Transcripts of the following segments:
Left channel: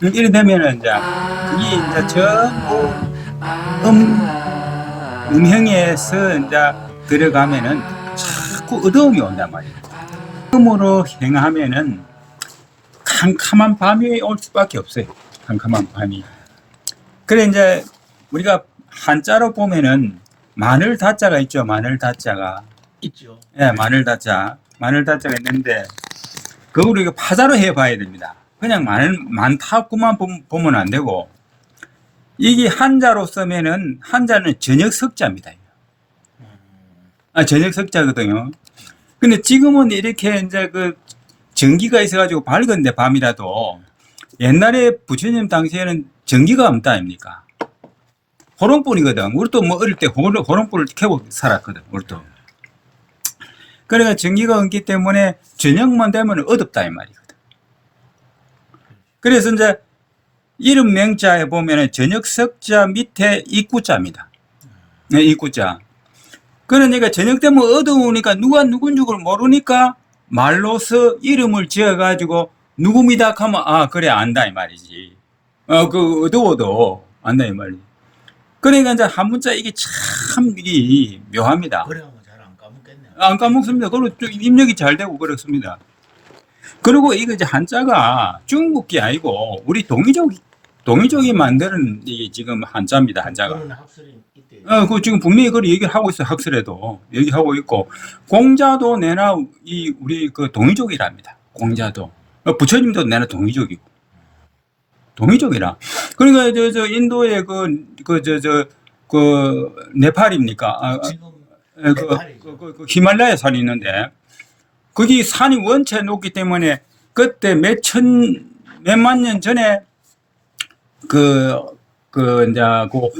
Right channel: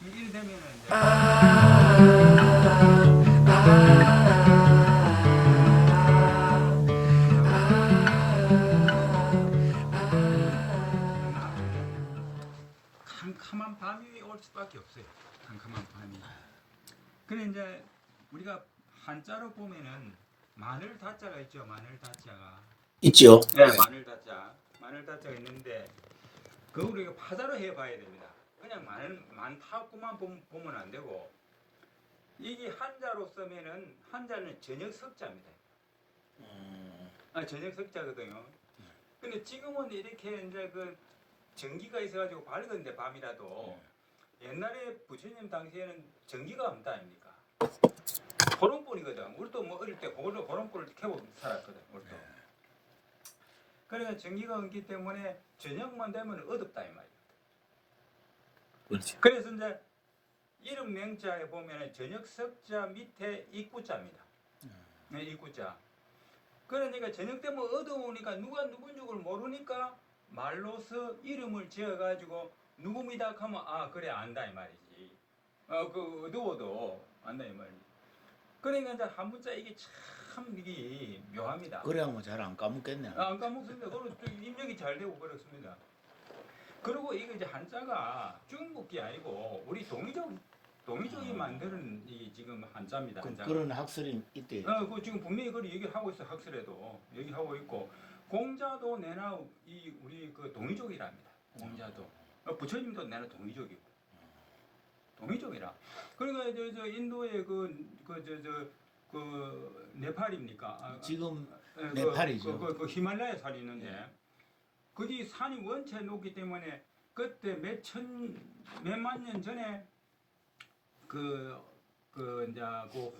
이래 되면은 이제 이 이제 전부 음형에서 이제 들어가면은 자꾸 어두움이 온단 말이에요. 음으로 행하면은 캄캄한 밤이 올 수밖에 없어요. 캄캄한 밤이. 그래 이제 우리가 한자로 보면은 마늘 다자가 있죠. 마늘 다자가. 있죠. 네, 마늘 다자. 마늘 다자가 있는데 그걸 우리가 파자로 해봐야 됩니다. 그냥 많다고만 보면 안 되고 이게 한자로 쓰면은 한자는 저녁 석자입니다. 저녁 석자거든요. 근데 지금은 이렇게 이제 그 전기가 있어가지고 밝은데 밤이라도 옛날에 부처님 당시에는 전기가 없다 아닙니까? 호롱불이거든. 우리도 뭐 어릴 때 호롱불을 켜고 살았거든. 우리도. 그러니까 전기가 없기 때문에 저녁만 되면 어둡다 이 말이거든. 그렇죠. 그래서 이제 이름 명자에 보면은 저녁 석자 밑에 입구자입니다. 네, 입구자. 그러니까 저녁 되면 어두우니까 누가 누군지 모르니까 말로서 이름을 지어가지고 누굽니다 하면 아 그래 안다 이 말이지. 그 어두워도 안다 이 말이지. 그러니까 이제 한문자 이게 참 일이 묘합니다. 그래야면 잘 안 까먹겠네. 안 까먹습니다. 그리고 좀 입력이 잘 되고 그렇습니다. 그리고 이거 이제 한자가 중국이 아니고 우리 동이족이 만드는 이 지금 한자입니다. 한자가. 그런 학설이 있대요. 그 지금 분명히 그걸 얘기를 하고 있어요. 학설에도 얘기하고 있고 공자도 내나 이 우리 그 동이족이랍니다. 공자도 부처님도 내나 동이족이고 동이족이라. 그러니까 저 인도의 그 네팔입니까? 지금 그 네팔이죠. 히말라야 산이 있는데 거기 산이 원체 높기 때문에 그때 몇만 년 전에 이제 그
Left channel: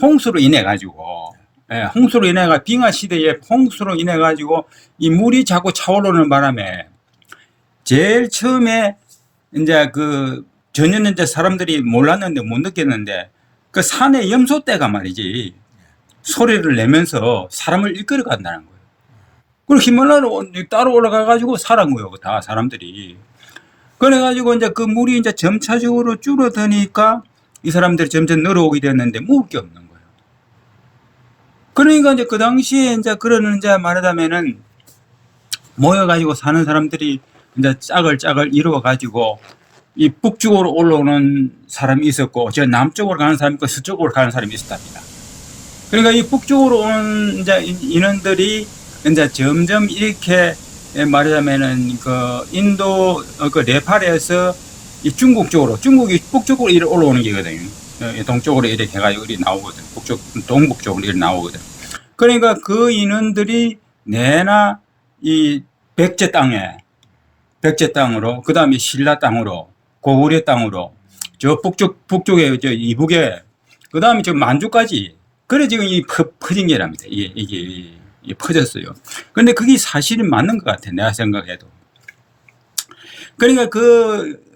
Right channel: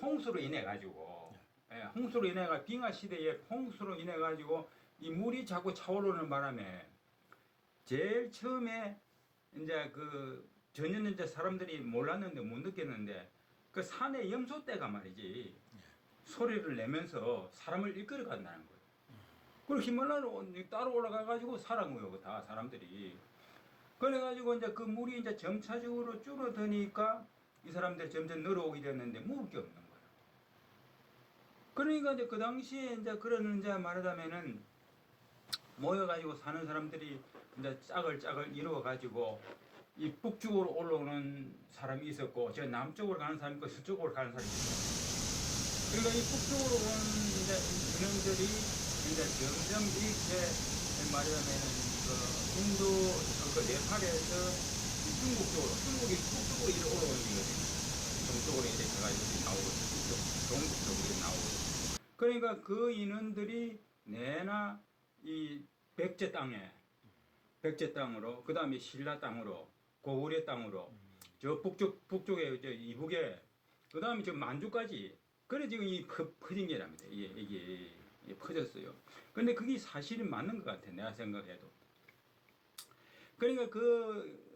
홍수로 인해 가지고, 홍수로 인해 가 빙하 시대에 홍수로 인해 가지고 이 물이 자꾸 차오르는 바람에 제일 처음에 이제 전에는 이제 사람들이 몰랐는데 못 느꼈는데 그 산에 염소떼가 말이지 소리를 내면서 사람을 이끌어 간다는 거예요. 그리고 히말라야로 따로 올라가 가지고 살은 거예요. 다 사람들이. 그래 가지고 이제 그 물이 이제 점차적으로 줄어드니까 이 사람들이 점점 늘어오게 됐는데 먹을 게 없는 거예요. 그러니까 이제 그 당시에 이제 그러는 이제 말하자면은 모여가지고 사는 사람들이 이제 짝을 이루어 가지고 이 북쪽으로 올라오는 사람이 있었고, 저 남쪽으로 가는 사람이 있고, 서쪽으로 가는 사람이 있었답니다. 그러니까 이 북쪽으로 오는 이제 인원들이 이제 점점 이렇게 말하자면은 그 인도 그 네팔에서 이 중국이 북쪽으로 이렇게 올라오는 게거든요. 동쪽으로 이렇게 해가지고 이렇게 나오거든. 동북쪽으로 이렇게 나오거든. 그러니까 그 인원들이 내나 이 백제 땅으로, 그 다음에 신라 땅으로, 고구려 땅으로, 저 북쪽에, 저 이북에, 그 다음에 저 만주까지. 그래 지금 이 퍼진 게랍니다. 이게 퍼졌어요. 근데 그게 사실은 맞는 것 같아. 내가 생각해도. 그러니까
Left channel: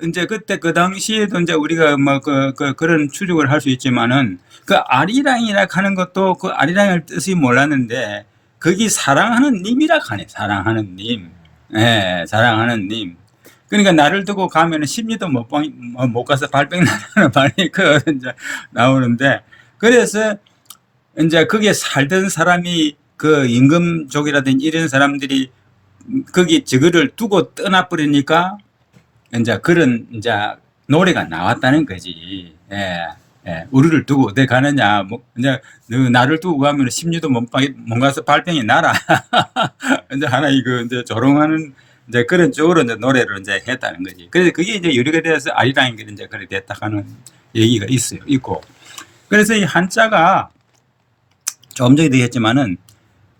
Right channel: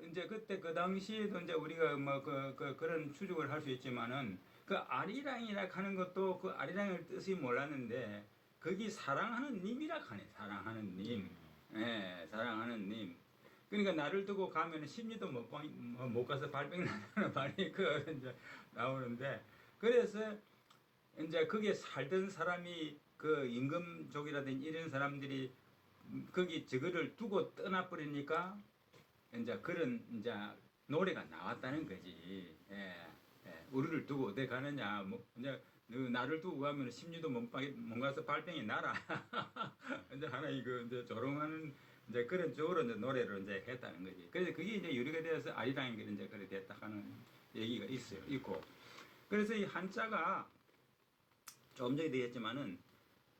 이제 그때 그 당시에도 이제 우리가 뭐 그런 추측을 할 수 있지만은 그 아리랑이라 하는 것도 그 아리랑의 뜻이 몰랐는데 거기 사랑하는 님이라 하네. 사랑하는 님. 예, 사랑하는 님. 그러니까 나를 두고 가면은 심리도 못 가서 발병 나는 말이 이제 나오는데 그래서 이제 거기에 살던 사람이 그 임금족이라든지 이런 사람들이 거기 저거를 두고 떠나버리니까 이제 그런 이제 노래가 나왔다는 거지. 우리를 두고 어디 가느냐. 뭐 이제 너 나를 두고 가면 심리도 못 가서 발병이 나라. 이제 하나 이제 조롱하는 이제 그런 쪽으로 이제 노래를 이제 했다는 거지. 그래서 그게 이제 유래가 돼서 아리랑이 이제 그렇게 됐다 하는 얘기가 있고. 그래서 이 한자가 조금 전에도 했지만은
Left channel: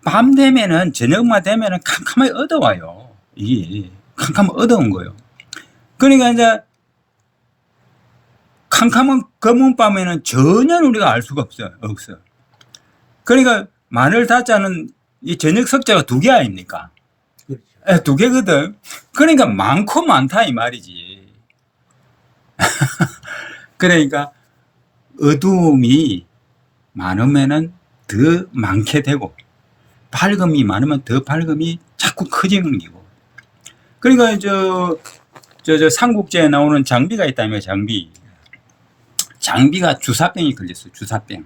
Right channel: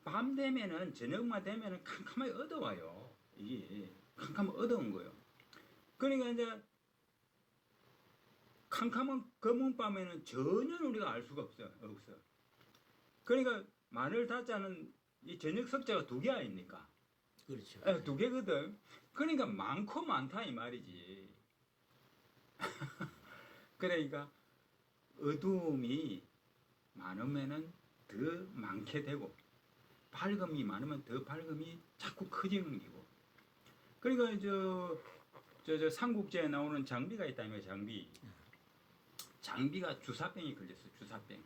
밤 되면은 저녁만 되면은 캄캄하게 어두워요. 이게 캄캄 어두운 거예요. 그러니까 이제 캄캄한 검은 밤에는 전혀 우리가 알 수가 없어. 그러니까 마늘 다자는 이 저녁 석자가 2개 아닙니까? 그렇죠. 2개거든. 그러니까 많고 많다 이 말이지. 그러니까 어두움이 많으면은 더 많게 되고 밝음이 많으면 더 밝음이 자꾸 커지는 거고. 그러니까 저 삼국지에 나오는 장비가 있다며 장비. 장비가 주사병이 걸렸어요. 주사병.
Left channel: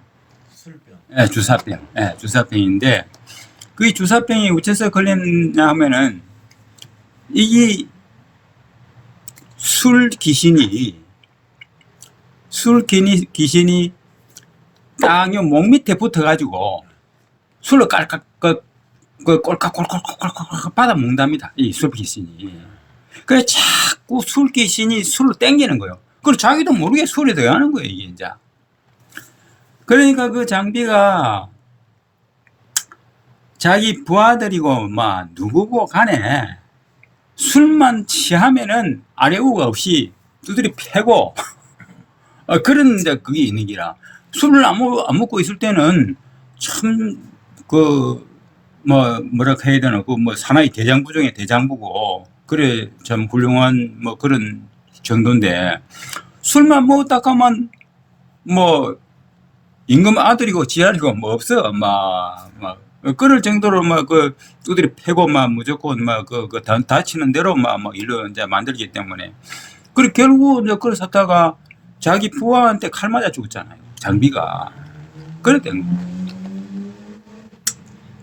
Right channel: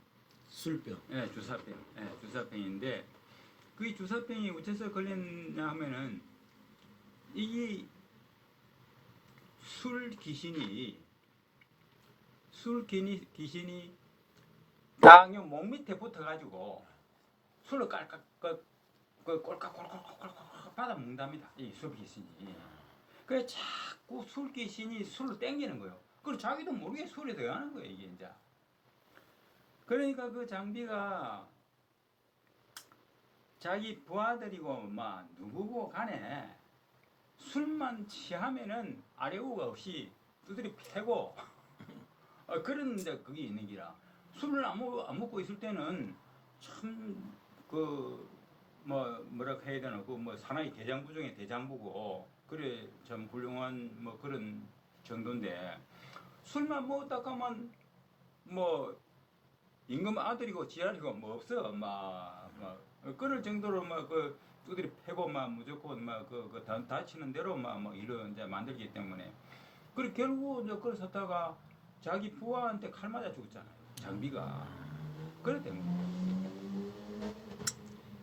술병. 예, 주사병. 예, 주사병인데 그 주사병이 어째서 걸렸냐 하면은 이게 술 귀신이 딱요 목 밑에 붙어가지고 술을 깔깍 꼴깍꼴깍꼴깍 받아 먹답니다. 이 술 귀신이. 그래 자꾸 술 귀신이 술을 땡기는 거예요. 그리고 자기도 모르게 술에 들어가는 거예요 이게 이제. 그러니까 그 장비가 자기 부하들이고 막 누구고 간에 술만 취하면은 아래우가 없이 두드리 패고 그런 이제 그게 있는 기라. 술을 안 먹고 있을 때는 참 뭐라 해야 되나 그 뭐 사나이 대장부 중에 대장부고 그래 참 훌륭한 뭐 그런 정도인데 술만 먹었다 가면 뭐 임금 아들이고 지아리고 뭐 없어 막 그럴 정도로 막 그 두드리 패고 막 무조건 막 다치는 대로 막 일로 이제 만들기 때문에 그리고 결국 이제 그걸 샀다가 자기 부하한테 칼 맞아 죽었잖아요. 장비가. 그랬던 거예요.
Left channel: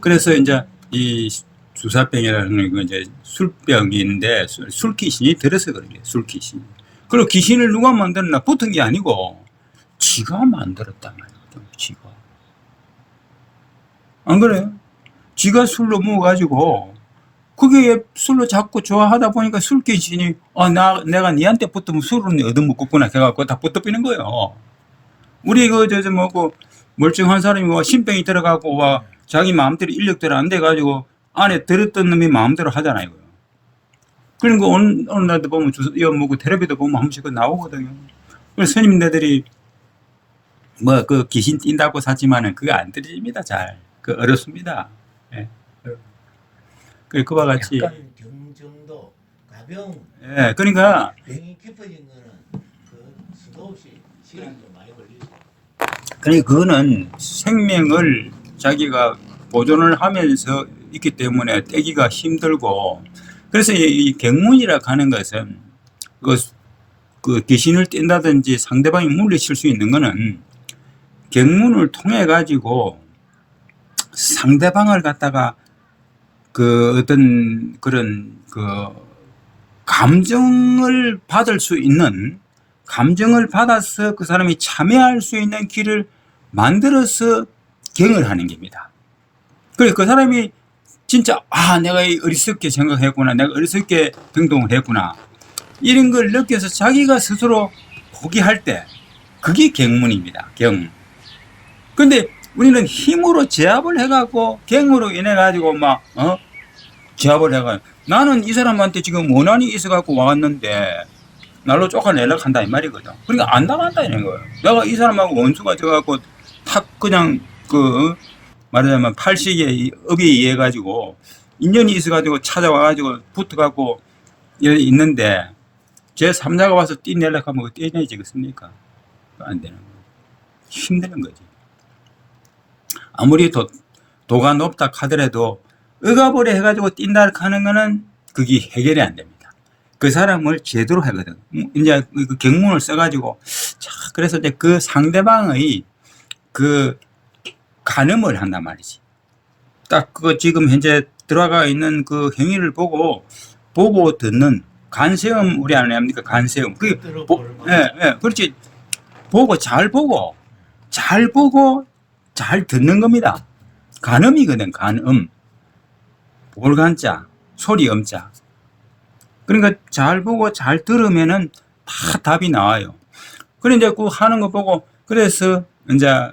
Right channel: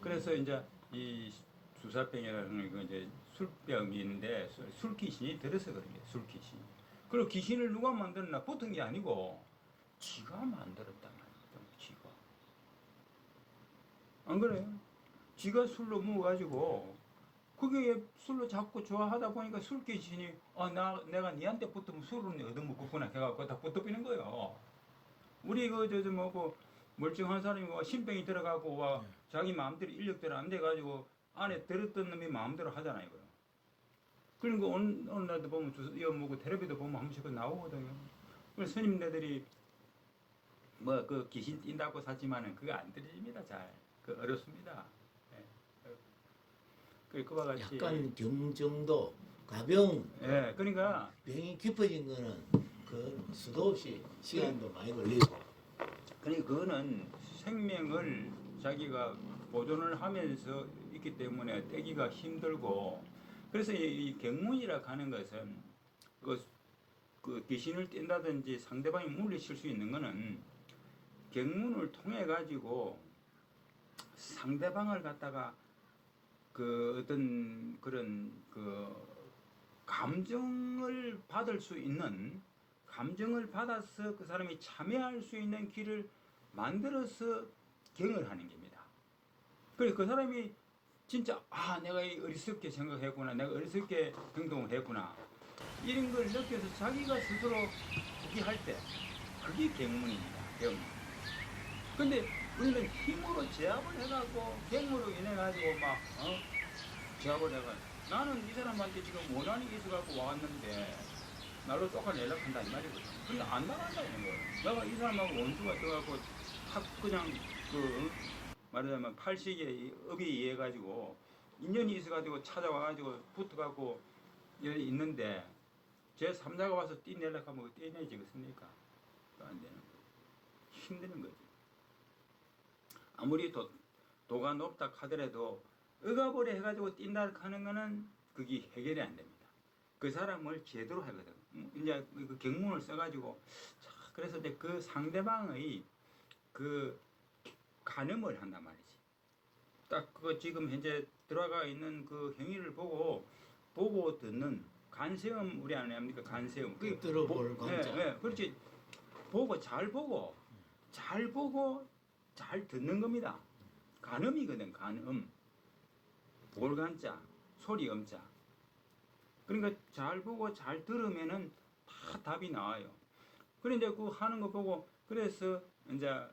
그래서 이제 이 주사병이라는 건 이제 술병인데 술귀신이 들어서 그런 게 술귀신. 그리고 귀신을 누가 만들었나 붙은 게 아니고 지가 만들었단 말이에요. 지가. 안 그래요? 지가 술로 먹어가지고 그게 술로 자꾸 좋아하다 보니까 술귀신이 내가 니한테 붙으면 술은 얻어먹겠구나 해갖고 다 붙어비는 거예요. 우리 뭐고 멀쩡한 사람이 뭐 신병이 들어가고 와 자기 마음대로 인력대로 안 돼가지고 안에 들었던 놈이 마음대로 하잖아요. 그러니까 어느 날도 보면 뭐고 텔레비도 보면 한 번씩 나오거든요. 그래서 스님네들이 뭐 그 귀신 띈다고 사지만은 그거 안 들립니다. 잘 어렵습니다. 예. 그와 같이 약간 경정도 가벼운. 예, 그러니까 병이 깊어진 거는 그 수도 없이 시간도 많이 걸리고. 그러니까 그거는 생명을 자기가 보존을 하면서 있기 때문에 떼기가 힘들고 그래서 이 경문이라고 하는 것은 그 귀신을 뗀다든지 상대방이 물리칠 수 있는 거는 경문을 통해 가지고 상대방을 갖다가 그 어떤 그런 그 감정을 받을 수 있는 감정을 받아서 그 사람이 참여할 수 있는 길을 만들어서 경을 하는 겁니다. 그래서 그 사람이 진짜 내가 어리석게 생각했구나, 내가 어리석게 행동을 했구나 이런 걸 느껴서 자기가 스스로 포기할 때 그게 경문입니다. 경. 근데 우리는 힘으로 제압을 해갖고 경으로 인해 가지고 제압을 해가지고 나는 이 사람한테 지금 원한이 있어갖고 왔는데 날로 쫓아내려고 한다 이 말이거든. 그러니까 안 나간다 이런 거예요. 내가 이 사람하고 원수가 져갖고 탁 그냥 말하자면 팔식의 업에 의해 가지고 인연이 있어가지고 찾아와가지고 붙어갖고 있는데 제 3자가 와서 떼내려고 하면 떼내지겠습니까? 안 되는 거예요. 힘드는 거지. 아무리 도가 높다 하더라도 억압을 해가지고 뛴다 하는 거는 그게 해결이 안 됩니다. 그 사람을 제대로 하거든. 이제 그 경문을 써가지고 그래서 이제 그 상대방의 그 간음을 한단 말이지. 딱 지금 현재 들어가 있는 그 행위를 보고 듣는 간세음 우리 안 합니까? 간세음. 그렇지. 잘 보고 잘 듣는 겁니다. 간음이거든. 간음. 볼간자, 소리 음자. 그러니까 잘 보고 잘 들으면은 다 답이 나와요. 그래 이제 그 하는 거 보고 그래서 이제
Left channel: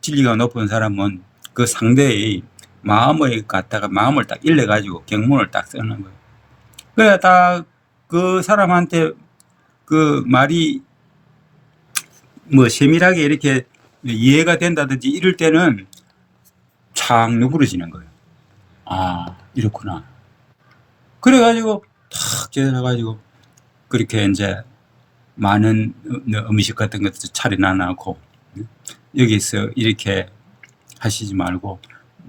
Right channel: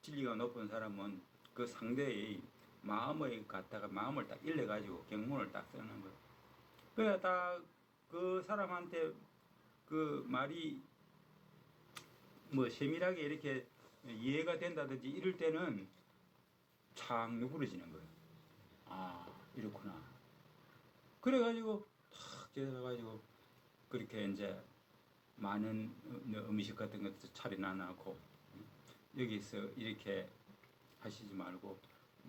진리가 높은 사람은 그 상대의 마음을 딱 일러가지고 경문을 딱 쓰는 거예요. 그래 딱 그 사람한테 그 말이 뭐 세밀하게 이렇게 이해가 된다든지 이럴 때는 착 누그러지는 거예요. 이렇구나. 그래가지고 탁 재려가지고 그렇게 이제 많은 음식 같은 것도 차려놔 놓고 여기서 이렇게 하시지 말고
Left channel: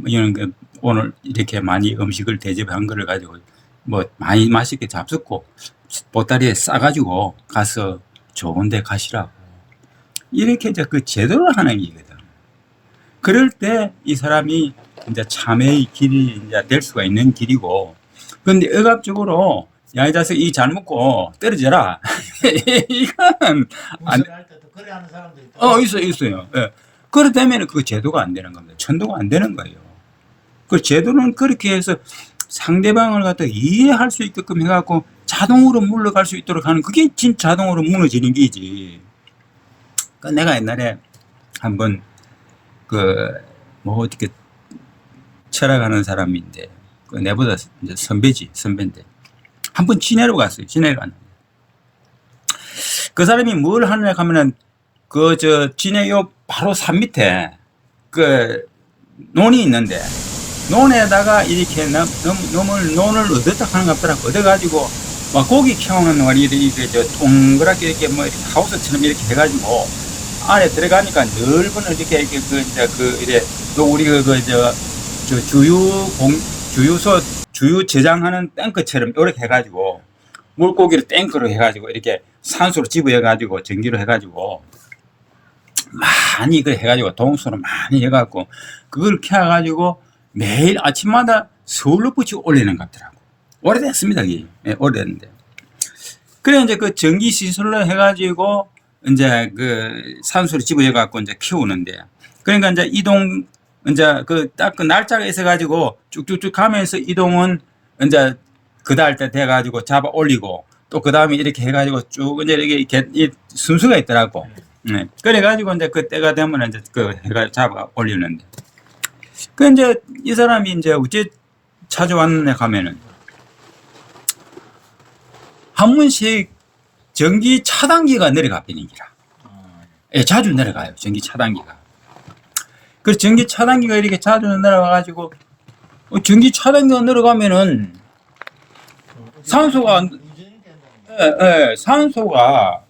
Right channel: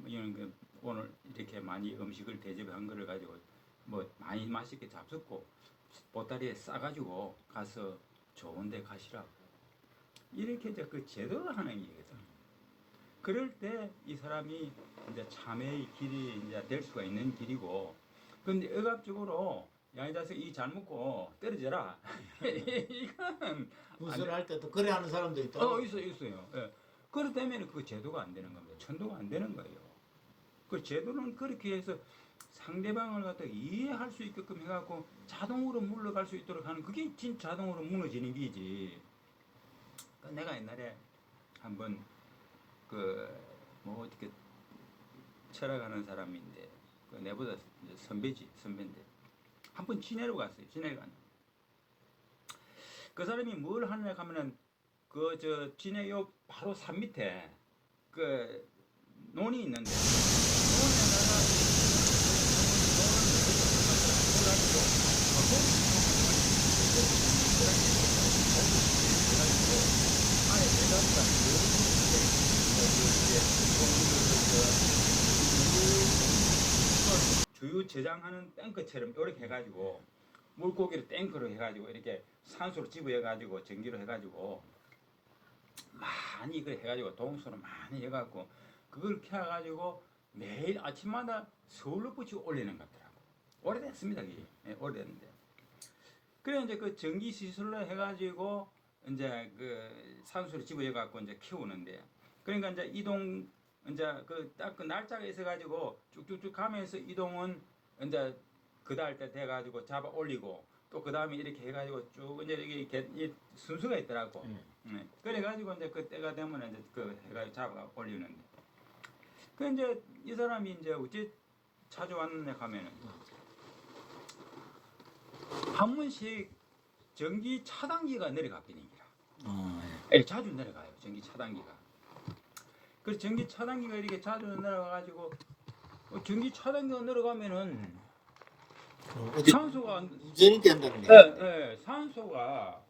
이런 오늘 이렇게 많이 음식을 대접한 거를 가지고 뭐 많이 맛있게 잡숫고 보따리에 싸가지고 가서 좋은 데 가시라고. 이렇게 이제 그 제도를 하는 게거든. 그럴 때 이 사람이 이제 참회의 길이 이제 될 수가 있는 길이고, 근데 억압적으로 야, 이 자식 이 잘 먹고 떨어져라. 이건 안, 문서를 할 때도 그래 하는 사람도 있다. 있어요. 예. 그렇다면 그 제도가 안 되는 겁니다. 천도가 안 되는 거예요. 그 제도는 그렇게 해서 상대방을 갖다 이해할 수 있게끔 해갖고 자동으로 물러갈 수 있도록 하는 그게 진짜 자동으로 무너지는 게지. 그 내가 옛날에 한번 뭐 어떻게 철학하는 사람인데 그 내보다 이제 선배인데 한번 진해로 갔어요. 진해로 갔는데 그 사람이 뭘 하느냐 하면은 진해 요 바로 산 밑에 그 논이 있는데 논에다가 이렇게 논을 얻었다 하는 것 같더라. 얻어가지고 막 고기 키우는 말이 이렇게 동그랗게 이렇게 뭐 이렇게 하우스처럼 이렇게 해가지고 안에 들어가니까 넓은 이렇게 이래 우리 주유 저장하는 탱크처럼 이렇게 해가지고 물고기를 탱크로 해가지고 이렇게 산소로 집어해가지고 전기로 해가지고 많이 해가지고 동수로 많이 해갖고 그걸 켜가지고 매일 아침마다 서울로 붙이고 올리는 것 같더라고. 오래됐습니다, 이게. 네, 오래됐는데. 그래, 이제 그 전기 시설로 해가지고 이제 그 산소를 집어해갖고 이제 키우는데. 그러니까 이제 이제 딱 그 날짜가 있어가지고 쭉쭉쭉 가면서 이동은 이제 그달 때 돼가지고 잡아 올리고 또 그 다음에 이렇게 해가지고 쭉 이제 이렇게 이 순서가 있더라고. 네. 그래가지고 이제 그 때가 되면 이제 해가 잡아 올리는데. 이제 이 사람이 이제 어째 찾아왔느냐 하면은 한 번씩 전기 차단기가 내려가 버리는 기라. 예, 자주 내려가요. 전기 차단기가. 그 전기 차단기가 이렇게 자주 내려가가지고 전기 차단기가 내려가면은 산소가 운전이 된다는 예, 산소가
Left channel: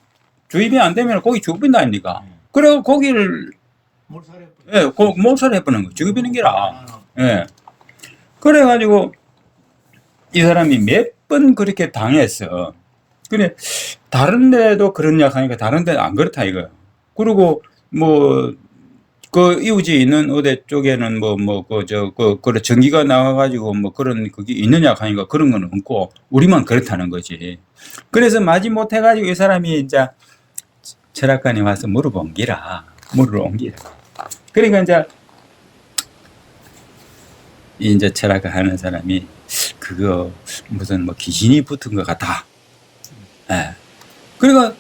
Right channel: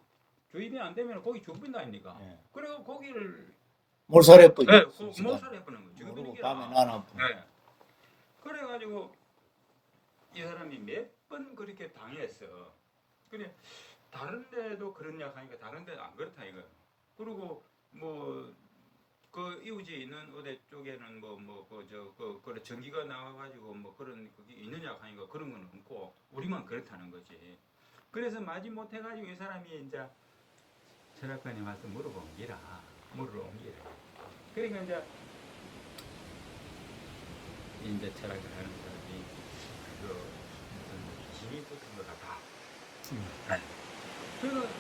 주입이 안 되면 고기 죽어버린다 아닙니까? 그래서 고기를 몰살해 버리. 예, 몰살을 해버리는 거. 죽어버리는 기라. 예. 그래가지고 이 사람이 몇 번 그렇게 당했어. 그래, 다른 데도 그러냐 하니까 다른 데는 안 그렇다 이거. 그리고 그 이웃이 있는 어디 쪽에는 그런 전기가 나와가지고 뭐 그런 그게 있느냐 하니까 그런 건 없고 우리만 그렇다는 거지. 그래서 마지 못해가지고 이 사람이 이제 철학관에 와서 물어본 기라. 그러니까 이제 철학을 하는 사람이 그거 무슨 뭐 귀신이 붙은 것 같다. 예. 그러니까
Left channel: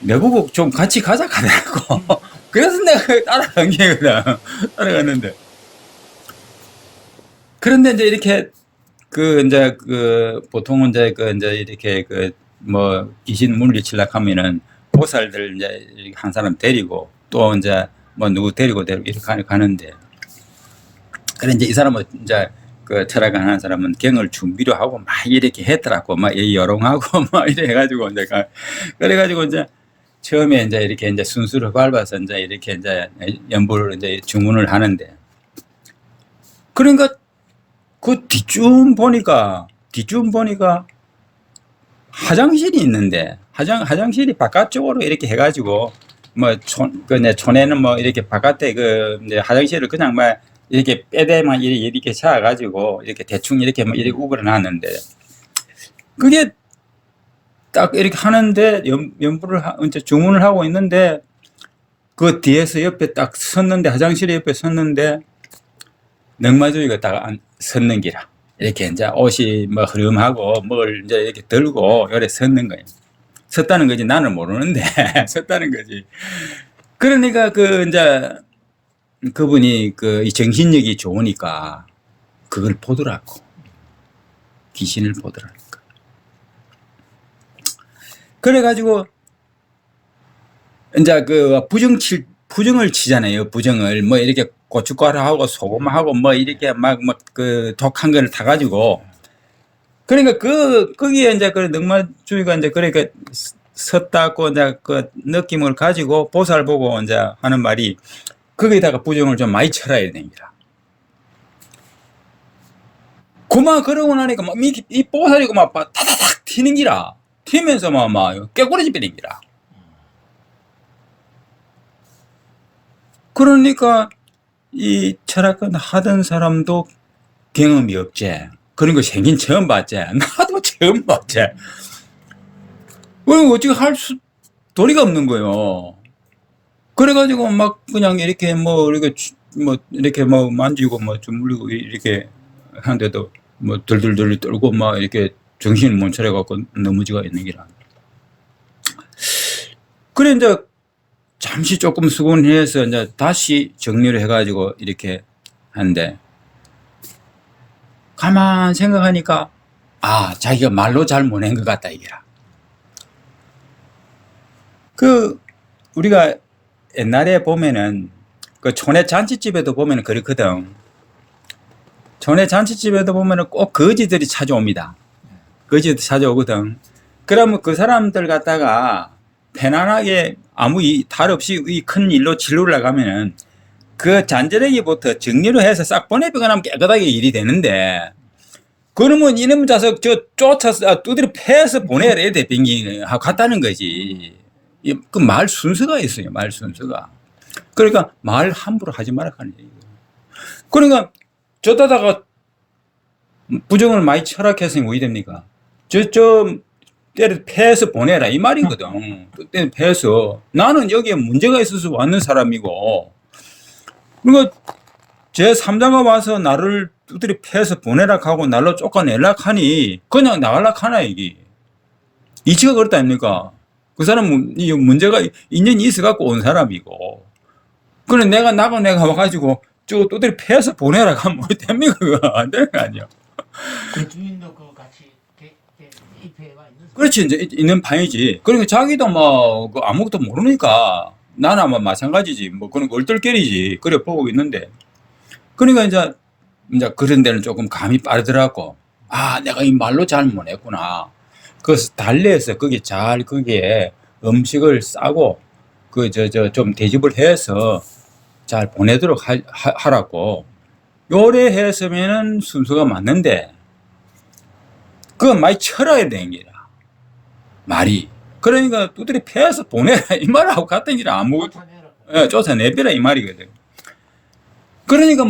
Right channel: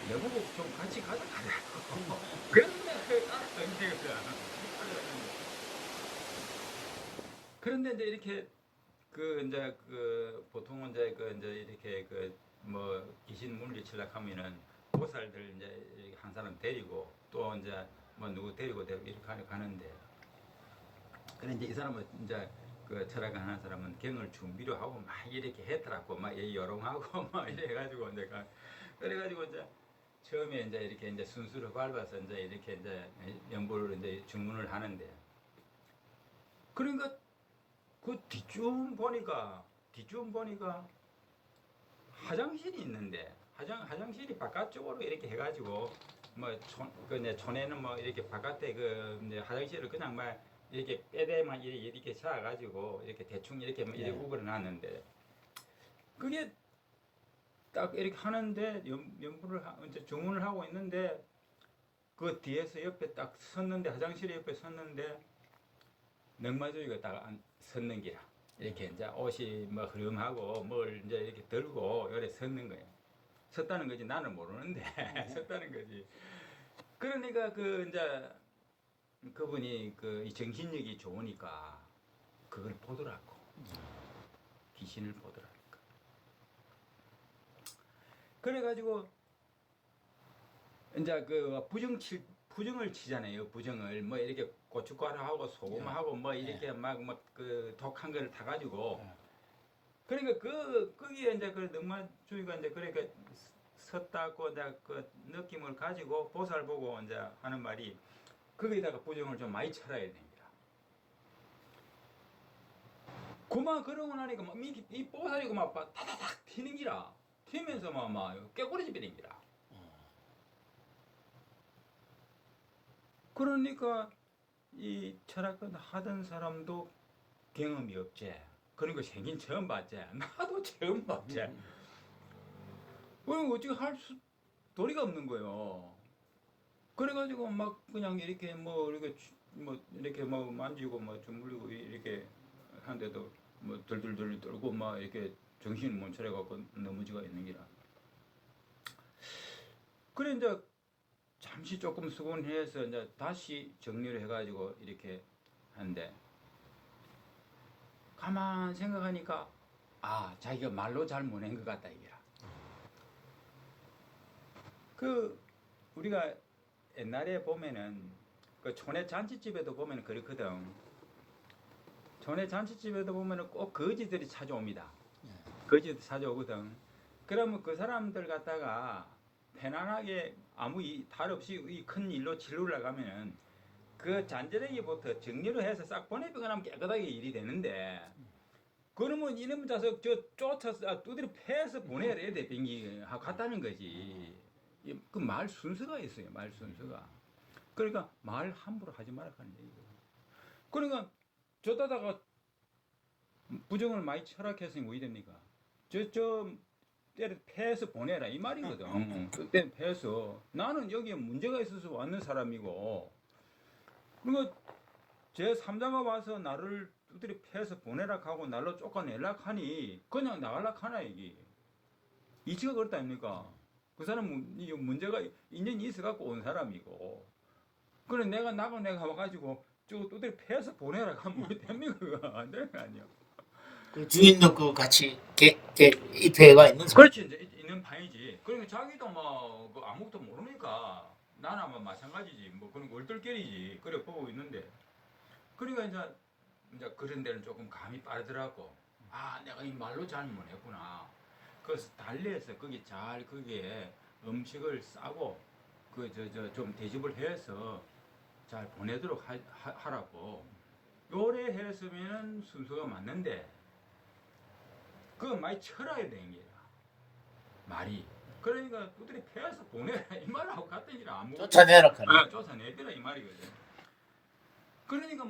내보고 좀 같이 가자 하더라고. 그래서 내가 따라간 게거든. 따라갔는데. 그런데 이제 이렇게 보통은 이제 이렇게 뭐 귀신 물리치려고 하면은 보살들 이제 한 사람 데리고 또 이제 뭐 누구 데리고 이렇게 가는데. 그래 이제 이 사람은 이제 그 철학을 하는 사람은 경을 준비를 하고 막 이렇게 했더라고. 막 여롱하고 막 이래 해가지고 이제 그래가지고 이제 처음에 이제 이렇게 이제 순수를 밟아서 이제 이렇게 이제 연부를 이제 주문을 하는데. 그러니까 그 뒤쯤 보니까 화장실이 있는데 화장실이 바깥쪽으로 이렇게 해가지고 뭐 촌에는 뭐 이렇게 바깥에 이제 화장실을 그냥 막 이렇게 빼대만 이렇게 차가지고 이렇게 대충 이렇게 뭐 이렇게 우그려 놨는데 그게 딱 이렇게 하는데 연부를 이제 주문을 하고 있는데 그 뒤에서 옆에 딱 섰는데 화장실 옆에 섰는데 넉마주이가 딱 섰는 기라. 이렇게 이제 옷이 뭐 흐름하고 뭘 이제 이렇게 들고 요래 섰는 거예요. 섰다는 거지 나는 모르는데 섰다는 거지. 그러니까 이제 그분이 이 정신력이 좋으니까 그걸 보더라고. 귀신을 보더라니까. 그래가지고 이제 부정을 치잖아요. 부정을 뭐 이렇게 고춧가루하고 소금하고 뭐 이렇게 막 독한 걸 타가지고 그러니까 거기에 이제 넉마주의가 이제 그러니까 섰다고 이제 그 느낌을 가지고 보살 보고 이제 하는 말이 거기다가 부정을 좀 많이 쳐라야 됩니다. 그만 그러고 나니까 막 이 보살이고 막 타다닥 튀는 기라. 튀면서 막 깨꾸러지 버린 기라. 그러니까 이 철학관 하던 사람도 경험이 없지. 그런 거 생긴 처음 봤지. 나도 처음 봤지. 그럼 어떻게 도리가 없는 거예요. 그래가지고 막 그냥 이렇게 이렇게 뭐 만지고 뭐 주물리고 이렇게 하는데도 뭐 들들들 떨고 막 이렇게 정신을 못 차려갖고 넘어지가 있는 기라. 그래 이제 잠시 조금 수곤해서 이제 다시 정리를 해가지고 이렇게 하는데 가만 생각하니까 자기가 말로 잘 못한 것 같다 이게라. 우리가 옛날에 보면은 그 촌의 잔치집에도 보면은 그렇거든. 촌의 잔치집에도 보면은 꼭 거지들이 찾아옵니다. 거지들이 찾아오거든. 그러면 그 사람들 갖다가 편안하게 아무 탈 없이 이 큰 일로 진로를 나가면은 그 잔재래기부터 정리를 해서 싹 보내비거나 하면 깨끗하게 일이 되는데 그러면 이놈 자석 쫓아서 두드려 패서 보내야 돼 비행기 갔다는 거지. 그 말 순서가 있어요. 말 순서가. 그러니까 말 함부로 하지 말라 하는 얘기예요. 그러니까 저다다가 부정을 많이 철학해서 왜 됩니까? 때려 패서 보내라 이 말이거든. 때려 패서 나는 여기에 문제가 있어서 왔는 사람이고 그러니까 제 3자가 와서 나를 두드려 패서 보내라 하고 날로 쫓아내라 하니 그냥 나갈라 하나 이게 이치가 그렇다 아닙니까? 그 사람은 이 문제가 인연이 있어 갖고 온 사람이고 그래 내가 와가지고 저 두드려 패서 보내라 하면 뭐 됩니까? 그거 안 되는 거 아니야. 그 주인도 그 같이 입회가 있는 사람. 그렇지 이제 있는 판이지. 그러니까 자기도 뭐 아무것도 모르니까 나나 뭐 마찬가지지 뭐 그런 얼떨결이지 그래 보고 있는데 그러니까 이제 그런 데는 조금 감이 빠르더라고. 내가 이 말로 잘 못했구나. 그래서 달래서 거기에 음식을 싸고 좀 대접을 해서 잘 보내도록 하라고 요래 했으면은 순서가 맞는데 그건 많이 철어야 되는 기라 말이. 그러니까 두드려 패서 보내라 이 말하고 같은 길 아무 쫓아내라. 쫓아내비라 이 말이거든. 그러니까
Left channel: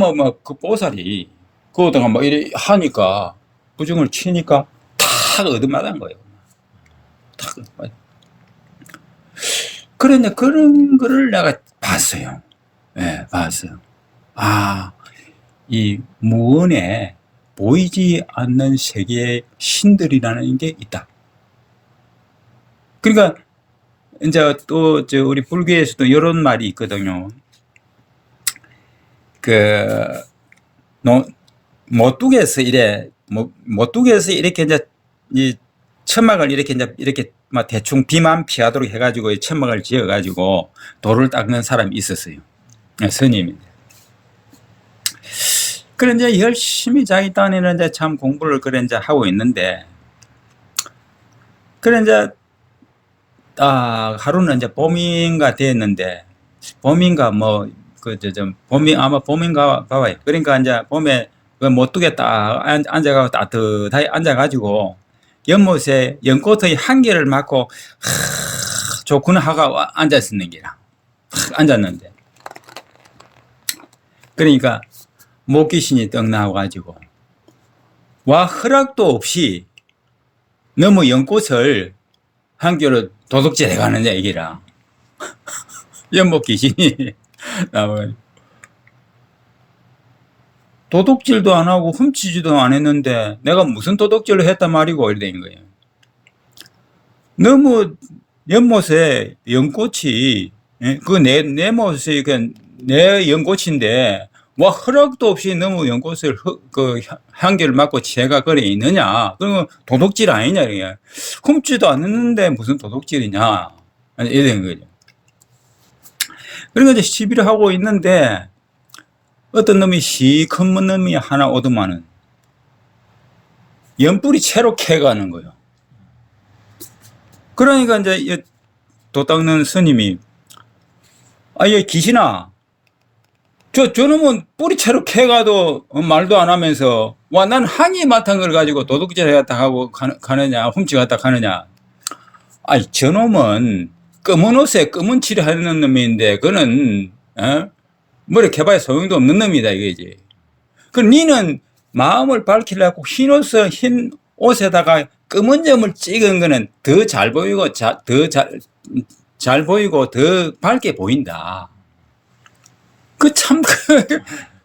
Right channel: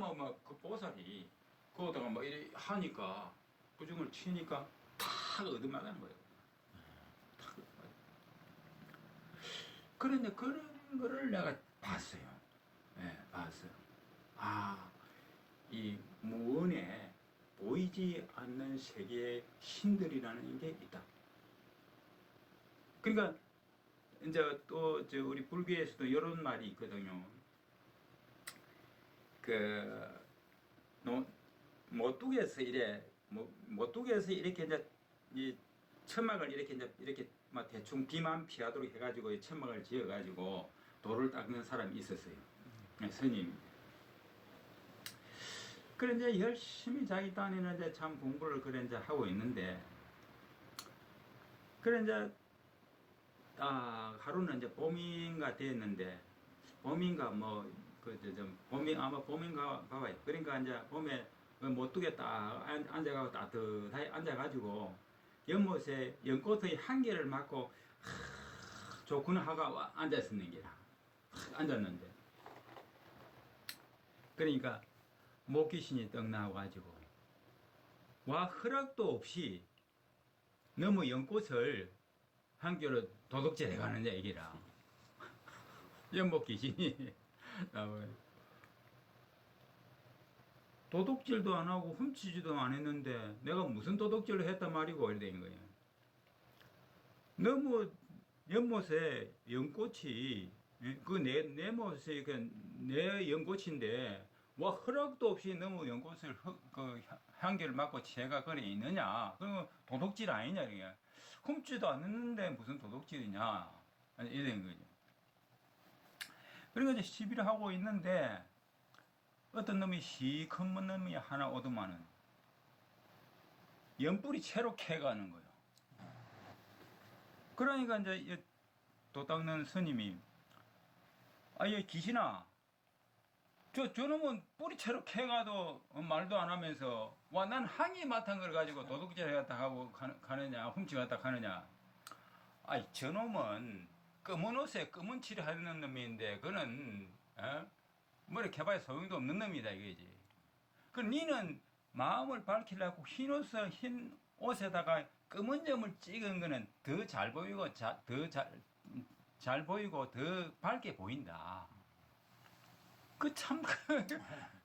그 보살이 그거다가 막 이래 하니까 부정을 치니까 탁 얻어맞은 거예요. 탁 얻어맞은. 그런데 그런 거를 내가 봤어요. 예, 봤어요. 이 무언에 보이지 않는 세계의 신들이라는 게 있다. 그러니까 이제 또 우리 불교에서도 이런 말이 있거든요. 모뚝에서 이렇게 이제 이 천막을 이렇게 막 대충 비만 피하도록 해가지고 천막을 지어가지고 돌을 닦는 사람이 있었어요. 스님인데. 그래 이제 열심히 자기 딴에는 이제 참 공부를 그래 이제 하고 있는데 그래 이제 하루는 이제 봄인가 됐는데 봄인가 아마 봄인가 봐요. 그러니까 이제 봄에 모뚝에 딱 앉아가지고 따뜻하게 앉아가지고 연못에 연꽃의 향기를 맡고 좋구나 하고 앉았었는 게라 앉았는데 그러니까 목귀신이 떡 나와가지고 허락도 없이 너무 연꽃을 향기로 도둑질해 가는 얘기라 연목귀신이 나와요. 도둑질도 안 하고 훔치지도 안 했는데 내가 무슨 도둑질을 했단 말이고 이래 된 거예요. 너무 연못에 연꽃이 내 못이 내 연꽃인데 허락도 없이 너무 연꽃을 향기를 맡고 제가 거리에 있느냐? 그러면 도둑질 아니냐? 이게 훔치도 않았는데 무슨 도둑질이냐? 이런 거죠. 그러니까 이제 시비를 하고 있는데 어떤 놈이 시큰 놈이 하나 오더만은 연불이 채로 캐가는 거예요. 그러니까 이제 도 닦는 스님이 얘 귀신아 저놈은 뿌리채로 캐가도 말도 안 하면서 난 항의 맡은 걸 가지고 도둑질 해갔다 하고 가느냐 훔치갔다 가느냐. 저놈은 검은 옷에 검은 칠을 하는 놈인데 그는 머리 캐봐야 소용도 없는 놈이다 이거지. 그 니는 마음을 밝히려고 흰 옷에다가 검은 점을 찍은 거는 더 잘 보이고 더 잘 보이고 더 밝게 보인다. 그 참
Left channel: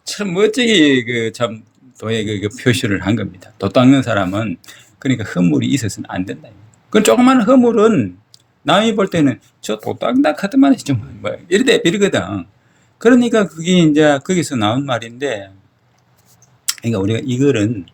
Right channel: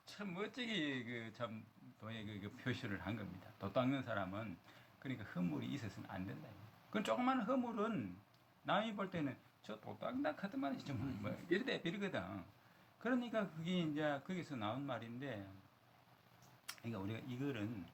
참 멋지게 그 참 도에 그 표시를 한 겁니다. 도 닦는 사람은 그러니까 허물이 있어서는 안 된다. 그 조그만 허물은 남이 볼 때는 저 도 닦는다 하더만 좀 뭐 이러대 버리거든. 그러니까 그게 이제 거기서 나온 말인데, 그러니까 우리가 이거는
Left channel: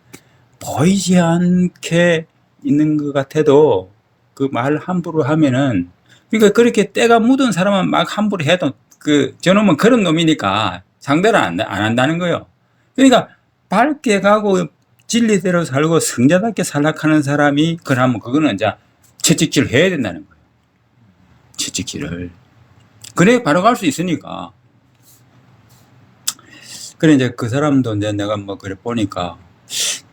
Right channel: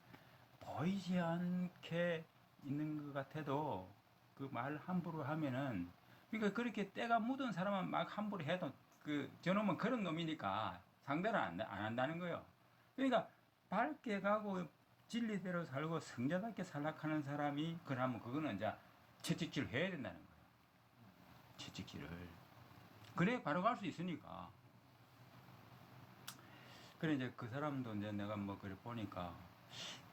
보이지 않게 있는 것 같아도 그 말 함부로 하면은, 그러니까 그렇게 때가 묻은 사람은 막 함부로 해도 그 저놈은 그런 놈이니까 상대를 안 한다는 거예요. 그러니까 밝게 가고 진리대로 살고 성자답게 살락하는 사람이 그러면 그거는 이제 채찍질을 해야 된다는 거예요. 채찍질을. 그래 바로 갈 수 있으니까. 그래 이제 그 사람도 이제 내가 뭐 그래 보니까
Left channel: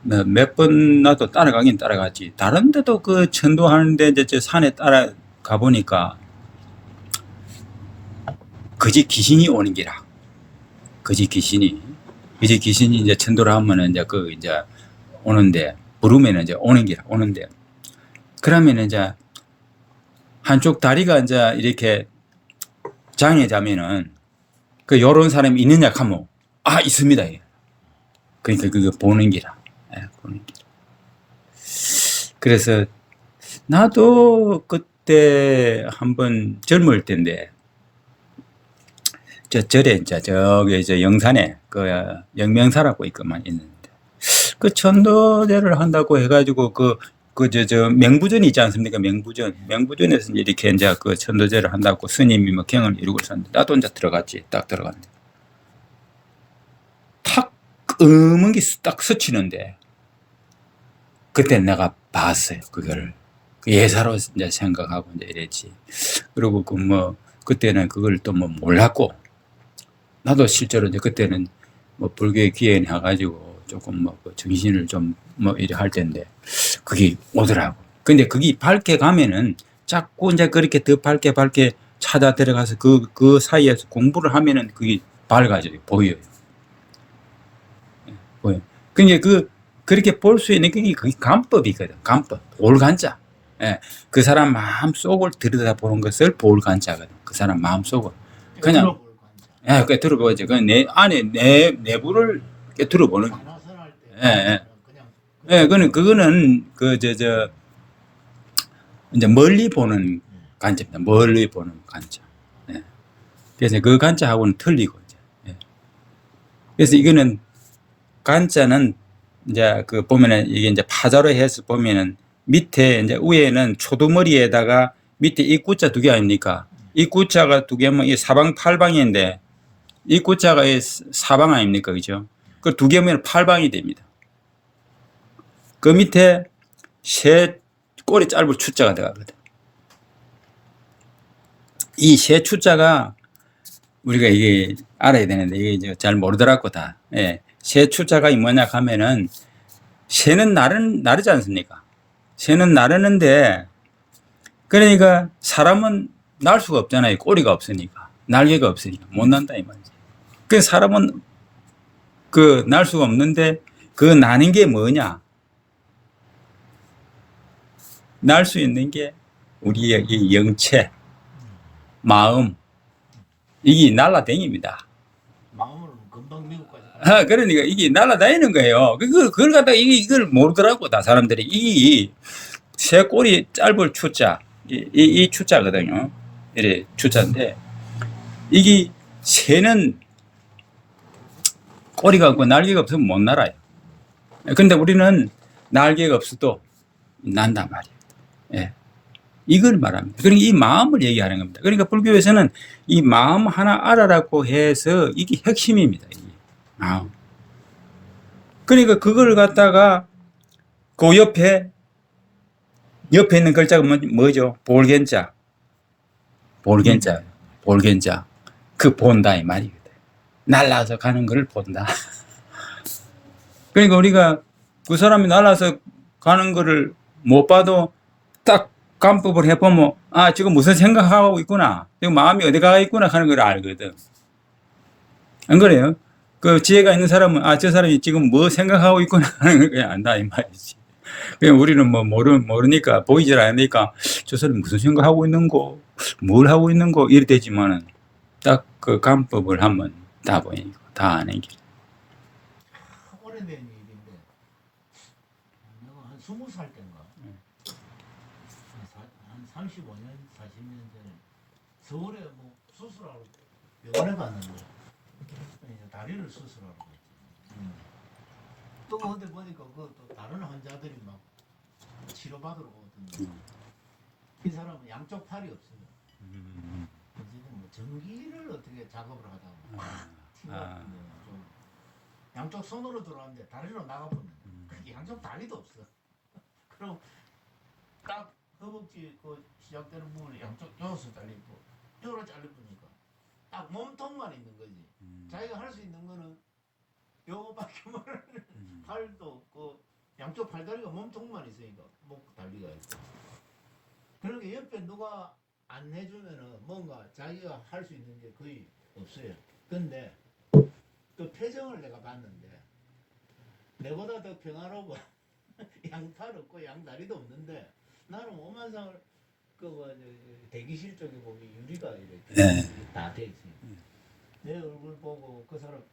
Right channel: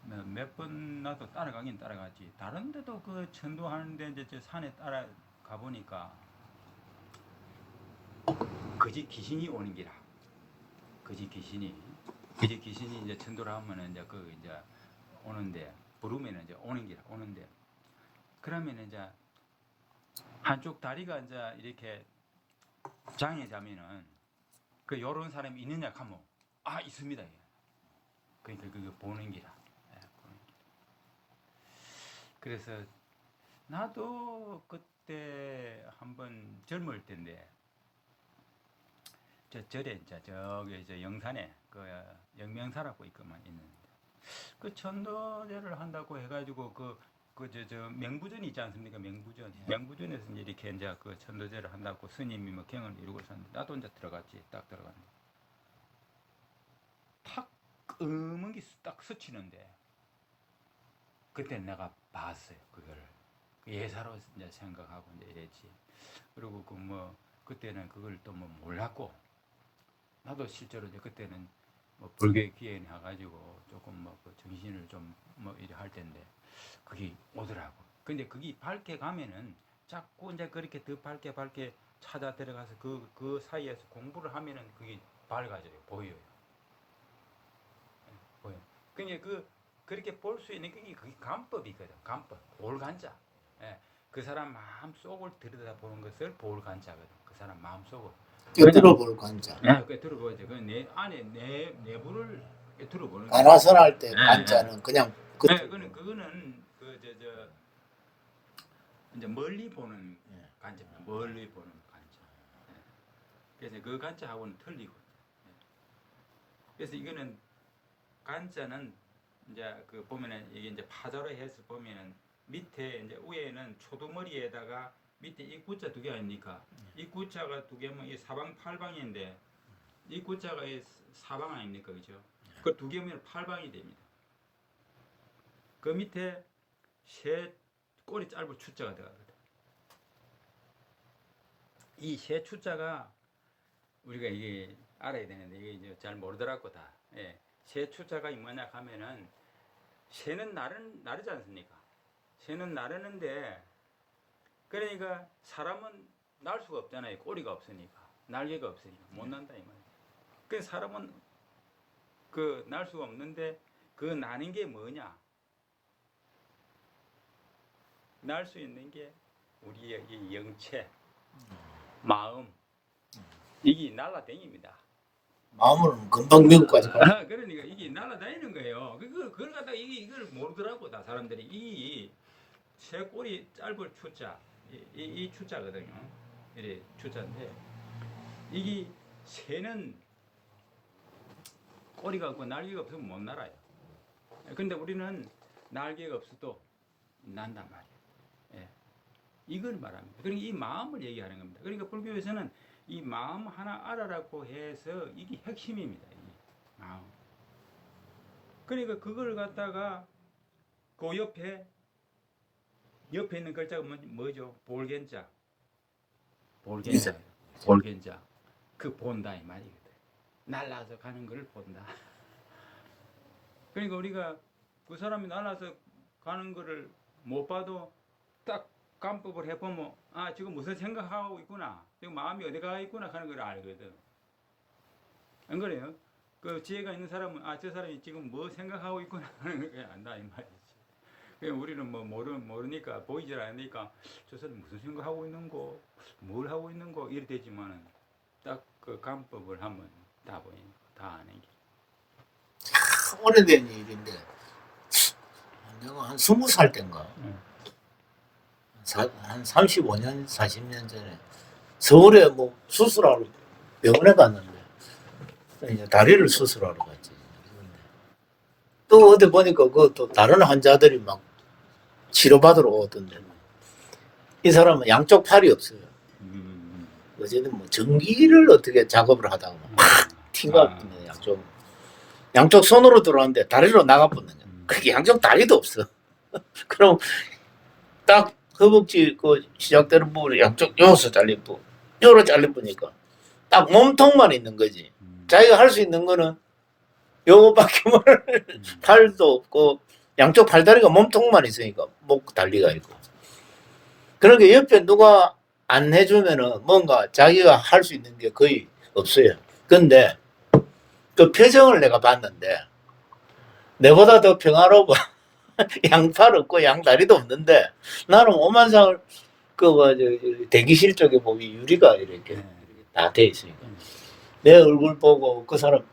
몇 번 나도 따라가긴 따라갔지. 다른 데도 그 전도하는데 이제 저 산에 따라가 보니까 그지 귀신이 오는 기라. 그지 귀신이 이제 천도를 하면은 이제 그 이제 오는데, 부르면은 이제 오는 기라 오는데, 그러면 이제 한쪽 다리가 이제 이렇게 장애자면은 그 요런 사람이 있느냐 하면 아 있습니다. 그러니까 그거 보는 기라. 보는 기라. 그래서 나도 그때 한번 젊을 때인데 저 절에 이제 저기 저 영산에 그 영명사라고 있구만 있는데, 그 천도제를 한다고 해가지고 저 명부전이 있지 않습니까? 명부전에서 이렇게 이제 그 천도제를 한다고 스님이 뭐 경을 이루고 있었는데, 나도 이제 들어갔지. 딱 들어갔는데 탁 검은 게 딱 스치는데, 그때 내가 봤어요. 그걸 예사로 이제 생각하고 이제 이랬지. 그리고 그 뭐 그때는 그걸 또 뭐 몰랐고, 나도 실제로 이제 그때는 뭐 불교에 기행해 가지고 조금 뭐 정신을 좀 뭐 이래 할 텐데 그게 오더라고. 근데 그게 밝게 가면은 자꾸 이제 그렇게 더 밝게 찾아 들어가서 그 사이에서 공부를 하면은 그게 밝아져요. 보여요. 보여. 그러니까 그렇게 볼 수 있는 그게 간법이거든. 간법. 볼간자. 예. 그 사람 마음 속을 들여다보는 것을 볼간자거든. 그 사람 마음 속을. 꿰뚫어볼 관자. 예, 꿰뚫어보지. 그 내 안에 내부를 꿰뚫어보는 거야. 나라설 때 관자는 그냥 예, 그거는 이제 멀리 보는 관자입니다. 멀리 보는 관자. 예. 그래서 그 관자하고는 틀리고 이제. 예. 그래서 이거는 관자는 이제 그 보면은 이게 이제 파자로 해서 보면은 밑에 이제 위에는 초두머리에다가 밑에 입구자 2개 아닙니까? 입구자가 2개면 이 사방 8방인데 입구자가 사방 아닙니까? 그죠? 그 2개면 8방이 됩니다. 그 밑에 새 꼬리 짧은 추자가 들어가거든. 이 새 추자가 우리가 이게 알아야 되는데 이게 이제 잘 모르더라고 다. 예. 새 추자가 뭐냐 하면은 새는 나르지 않습니까? 새는 나르는데, 그러니까 사람은 날 수가 없잖아요. 꼬리가 없으니까. 날개가 없으니까 못 난다 이 말이지. 그 사람은 그 날 수가 없는데 그 나는 게 뭐냐? 날 수 있는 게 우리의 이 영체, 마음, 이게 날라다닙니다. 마음으로는 금방 미국까지 가. 그러니까 이게 날아다니는 거예요. 그걸 갖다가 이걸 모르더라고 다 사람들이. 이 새 꼬리 짧을 추자, 이 추자거든요. 이래 추자인데, 이게 새는 꼬리가 없고 날개가 없으면 못 날아요. 근데 우리는 날개가 없어도 난단 말이에요. 예. 이걸 말합니다. 그러니까 이 마음을 얘기하는 겁니다. 그러니까 불교에서는 이 마음 하나 알아라고 해서 이게 핵심입니다. 이게 마음. 그러니까 그걸 갖다가 그 옆에 있는 글자가 뭐죠? 볼겐자. 그 본다 이 말이거든. 날라서 가는 걸 본다. 그러니까 우리가 그 사람이 날아서 가는 거를 못 봐도 딱 간법을 해보면 아 지금 무슨 생각하고 있구나, 지금 마음이 어디 가 있구나 하는 걸 알거든. 안 그래요? 그 지혜가 있는 사람은 저 사람이 지금 뭐 생각하고 있구나 하는 걸 그냥 안다 이 말이지. 그냥 우리는 뭐 모르니까 보이질 않으니까 저 사람이 무슨 생각하고 있는 거, 뭘 하고 있는 거 이래 되지만은 딱 그 감법을 하면 다 보이니까 다 아는 게. 오래된 일인데 내가 한 20살 때인가 한 35년 40년 전에 서울에 뭐 수술하러 병원에 갔는데 이제 다리를 수술하러 갔지. 또 어디 보니까 그 또 다른 환자들이 막 치료받으러 오던데 이 사람은 양쪽 팔이 없어요. 어제는 뭐 전기를 어떻게 작업을 하다가 막 튕가 양쪽 손으로 들어왔는데 다리로 나가버리는 거야. 그게 양쪽 다리도 없어. 그럼 딱 허벅지 그 시작되는 부분에 양쪽 요서 잘린 부분, 요로 잘린 부니까 딱 몸통만 있는 거지. 자기가 할 수 있는 거는 요거밖에 팔도 없고 양쪽 팔다리가 몸통만 있으니까 목 달리가 있고. 그러니까 옆에 누가 안 해주면은 뭔가 자기가 할 수 있는 게 거의 없어요. 근데 그 표정을 내가 봤는데 내보다 더 평화로워. 양팔 없고 양다리도 없는데 나는 오만상을 대기실 쪽에 보면 유리가 이렇게 다 돼 있으니까 내 얼굴 보고 그 사람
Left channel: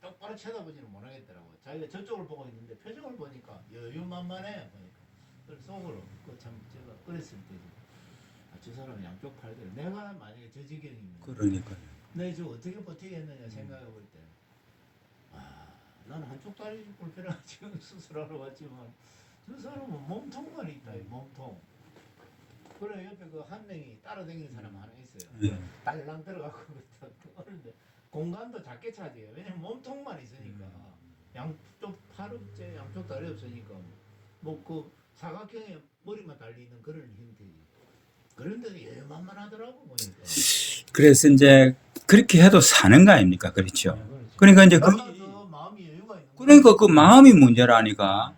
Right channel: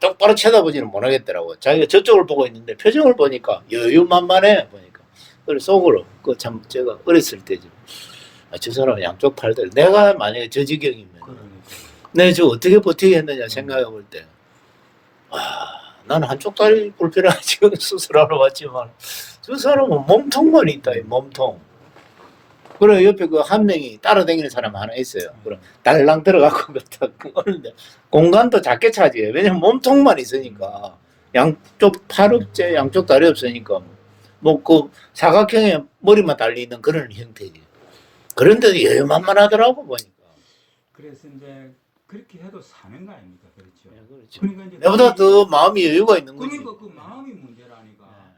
똑바로 쳐다보지는 못하겠더라고. 자기가 저쪽을 보고 있는데 표정을 보니까 여유만만해 보니까. 그래서 속으로 그 참 제가 어렸을 때지. 저 사람 양쪽 팔들 내가 만약에 저 지경이면 내가 저 어떻게 버티겠느냐 생각해 볼 때 나는 한쪽 다리 불편하게 지금 수술하러 왔지만 저 사람은 몸통만 있다. 몸통. 그래 옆에 그 한 명이 따라다니는 사람 하나 있어요. 그래 달랑 들어가고 그러는데 공간도 작게 차지해. 왜냐면 몸통만 있으니까 양쪽 팔 없제 양쪽 다리 없으니까 뭐 그 사각형의 머리만 달리는 그런 형태지. 그런데도 여유만만하더라고 보니까. 그래서 이제 그렇게 해도 사는 거 아닙니까? 그렇죠. 그러니까 이제 보다 더 마음이 여유가 있는 거죠. 그러니까 그 마음이 문제라니까.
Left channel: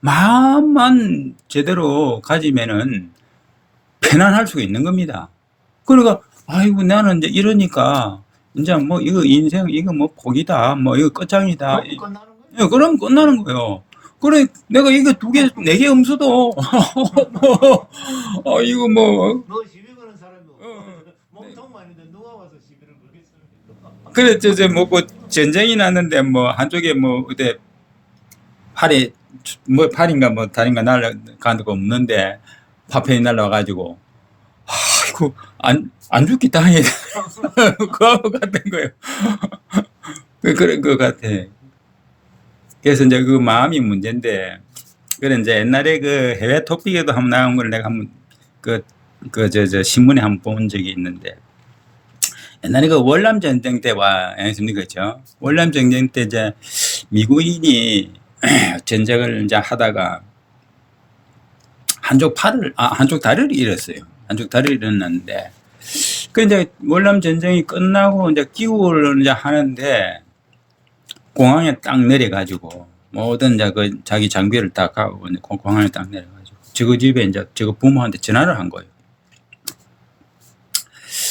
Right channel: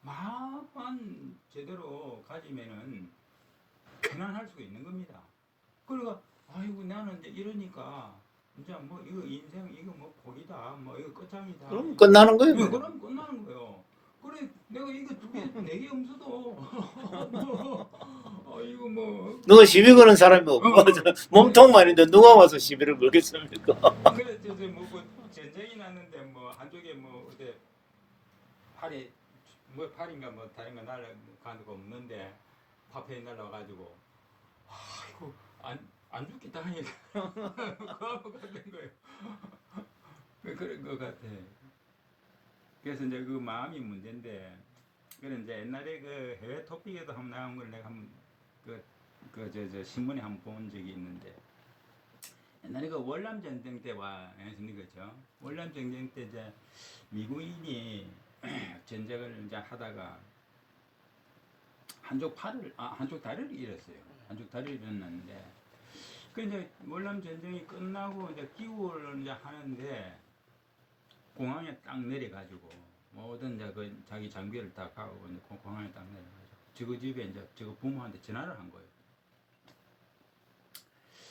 마음만 제대로 가지면은 편안할 수가 있는 겁니다. 그러니까 아이고 나는 이제 이러니까 이제 뭐 이거 인생 이거 뭐 복이다 뭐 이거 끝장이다. 끝나는 거예요. 예, 그럼 끝나는 거예요. 그래 내가 이거 2개 4개 음수도 이거 뭐 누가 시비 거는 사람이 없고 몸통만 있는데 누가 와서 시비를 걸겠습니까? 그래 저 뭐그 전쟁이 났는데 뭐 한쪽에 뭐 어때 팔이 뭐 팔인가 뭐 다리인가 날아가는 거 없는데 파편이 날아와가지고 아이고 안 죽기 다행이다 그거 같은 거예요. 그런 거 같아. 그래서 이제 그 마음이 문제인데 그래 이제 옛날에 그 해외 토픽에도 한번 나온 걸 내가 한번 저 신문에 한번 본 적이 있는데 옛날에 그 월남 전쟁 때와 아니십니까 그렇죠? 월남 전쟁 때 이제 미국인이 전쟁을 이제 하다가 한쪽 다리를 잃었어요. 한쪽 다리를 잃었는데 그 이제 월남 전쟁이 끝나고 이제 귀국을 이제 하는데 공항에 딱 내려가지고 모든 이제 그 자기 장비를 딱 하고 공항에 딱 내려가지고 저거 집에 이제 저거 부모한테 전화를 한 거예요.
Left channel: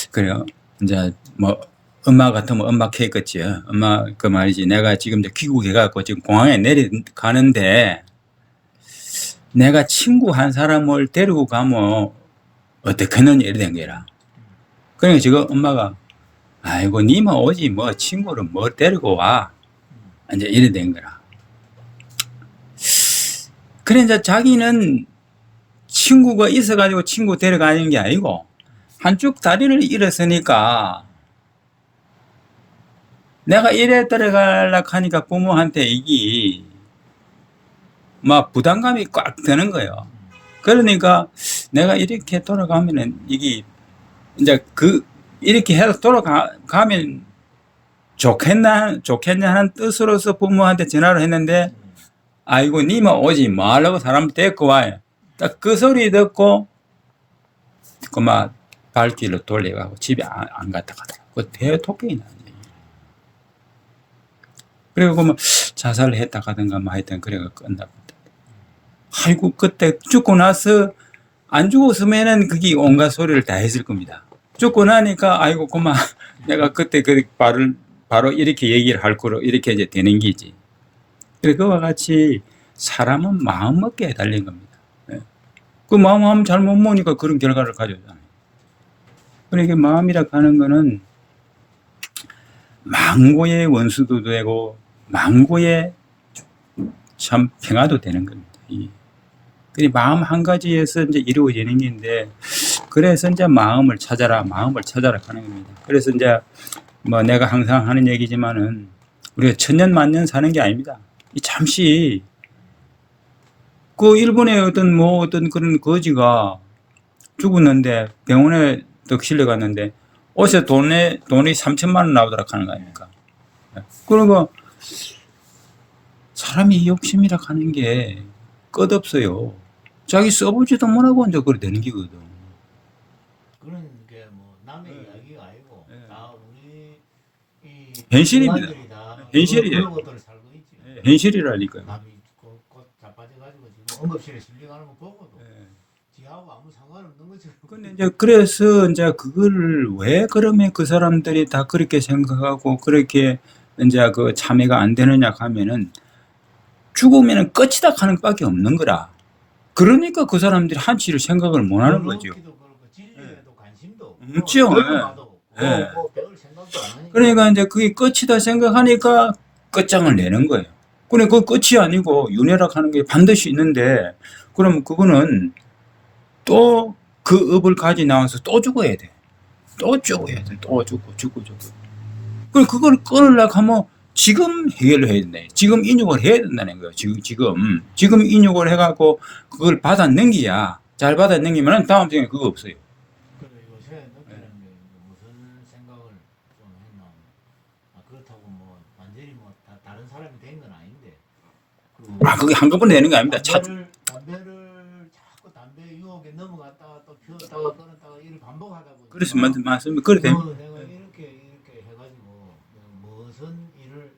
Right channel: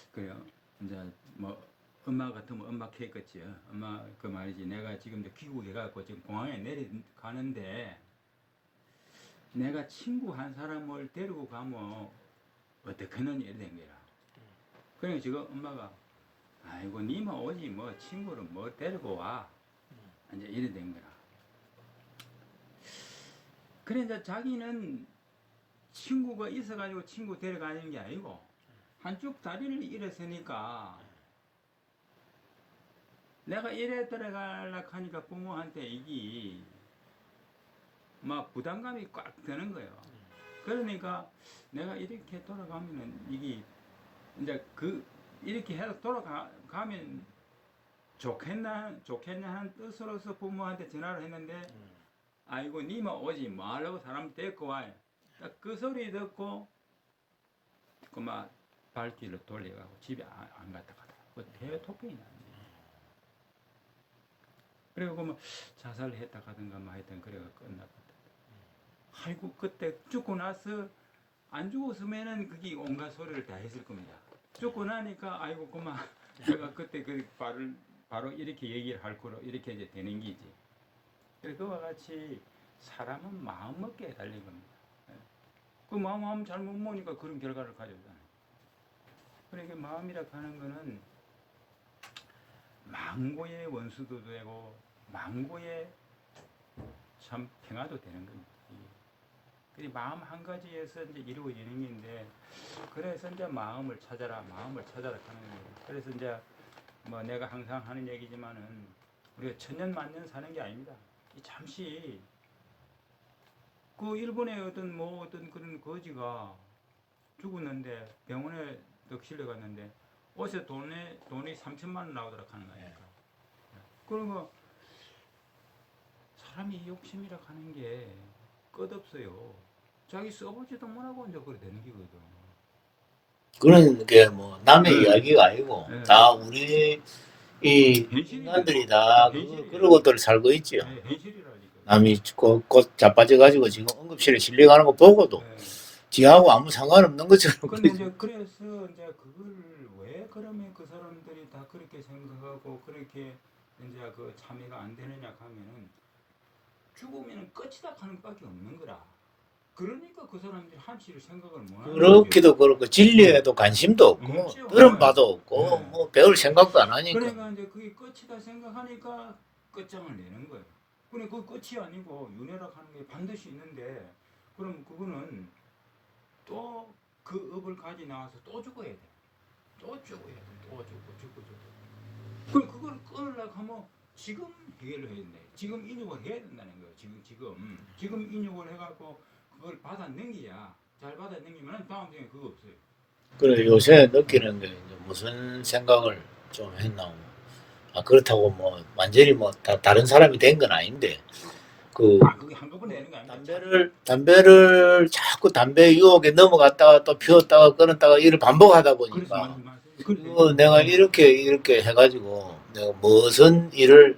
그래요. 이제 뭐 엄마 같으면 엄마 케이크지. 엄마 그 말이지. 내가 지금 이제 귀국해갖고 지금 공항에 내려가는데 내가 친구 한 사람을 데리고 가면 어떻게는 이래 된 거라. 그러니까 지금 엄마가 아이고 니만 오지 뭐 친구를 뭐 데리고 와. 이제 이래 된 거라. 그래 이제 자기는 친구가 있어가지고 친구 데려가는 게 아니고 한쪽 다리를 잃었으니까 내가 이래 데려가려고 하니까 부모한테 이게 막 부담감이 꽉 드는 거예요. 그러니까 내가 이렇게 돌아가면은 이게 이제 이렇게 해서 돌아가면 좋겠냐 하는 뜻으로서 부모한테 전화를 했는데 아이고 니만 오지 말라고 사람 데리고 와요. 딱 그 소리 듣고 그만 발길로 돌려가고 집에 안 갔다 가더라고. 그 대토끼이 나네. 그리고 뭐 자살을 했다 가든가 뭐 하여튼 그래가 끝나고. 아이고 그때 죽고 나서 안 죽었으면은 그게 온갖 소리를 다 했을 겁니다. 죽고 나니까 아이고 그만 내가 그때 그 발을 바로 이렇게 얘기를 할 거로 이렇게 이제 되는 기지. 그와 같이 사람은 마음 먹기에 달린 겁니다. 예. 그 마음 잘못 먹으니까 그런 결과를 가져오잖아요. 그러니까 마음이라 하는 거는 망고의 원수도 되고 망고의 참 평화도 되는 겁니다. 그 마음 한 가지에서 이제 이루어지는 건데, 그래서 이제 마음을 찾아라 하는 겁니다. 그래서 이제 뭐 내가 항상 하는 얘기지만은 우리가 천년 만년 사는 게 아닙니다. 잠시 그 일본의 어떤 그런 거지가 죽었는데 병원에 또 실려갔는데 옷에 돈이 3천만 원 나오더라 하는 거 아닙니까? 그리고 사람이 욕심이라 하는 게 끝없어요. 자기 써보지도 못하고 이제 그래 되는 기거든. 그런 게 뭐 남의 네. 이야기가 아니고 네. 다 우리 이 현실입니다. 인간들이 다 현실이에요. 그런 것들을 살고 있죠. 현실이라니까요. 남이 곧 자빠져가지고 지금 응급실에 실려가는 거 보고도 지하고 아무 상관없는 것처럼. 근데 이제 그래서 이제 그거를 왜 그러면 그 사람들이 다 그렇게 생각하고 그렇게 이제 그 참여가 안 되느냐 하면은 죽으면은 끝이다 하는 것밖에 없는 거라. 그러니까 그 사람들이 한치를 생각을 못 하는 거죠. 그렇기도 그렇고 진리에도 관심도 없고 없죠. 그런 네. 바도 없고 네. 뭐 배울 생각도 안 하니까. 그러니까 이제 그게 끝이다 생각하니까 끝장을 내는 거예요. 근데 그 끝이 아니고 윤회락 하는 게 반드시 있는데, 그럼 그거는 또 그 업을 가지 나와서 또 죽어야 돼. 또 죽어야 돼. 또 죽고. 그럼 그걸 끊으려고 하면 지금 해결을 해야 된다. 지금 인육을 해야 된다는 거예요. 지금 인육을 해갖고 그걸 받아 넘기야. 잘 받아 넘기면 다음 생에 그거 없어요. 그래 요새 느끼는 게 이제 무슨 생각을 좀 했나. 그렇다고 뭐 완전히 뭐 다른 사람이 된 건 아닌데 그게 한꺼번에 되는 게 아닙니다. 담배를 자꾸 담배 유혹에 넘어갔다가 또 피웠다가 끊었다가 이를 반복하다 보니까. 그래서 맞습니다. 그래 뭐 내가 이렇게 해가지고 내가 무슨 일을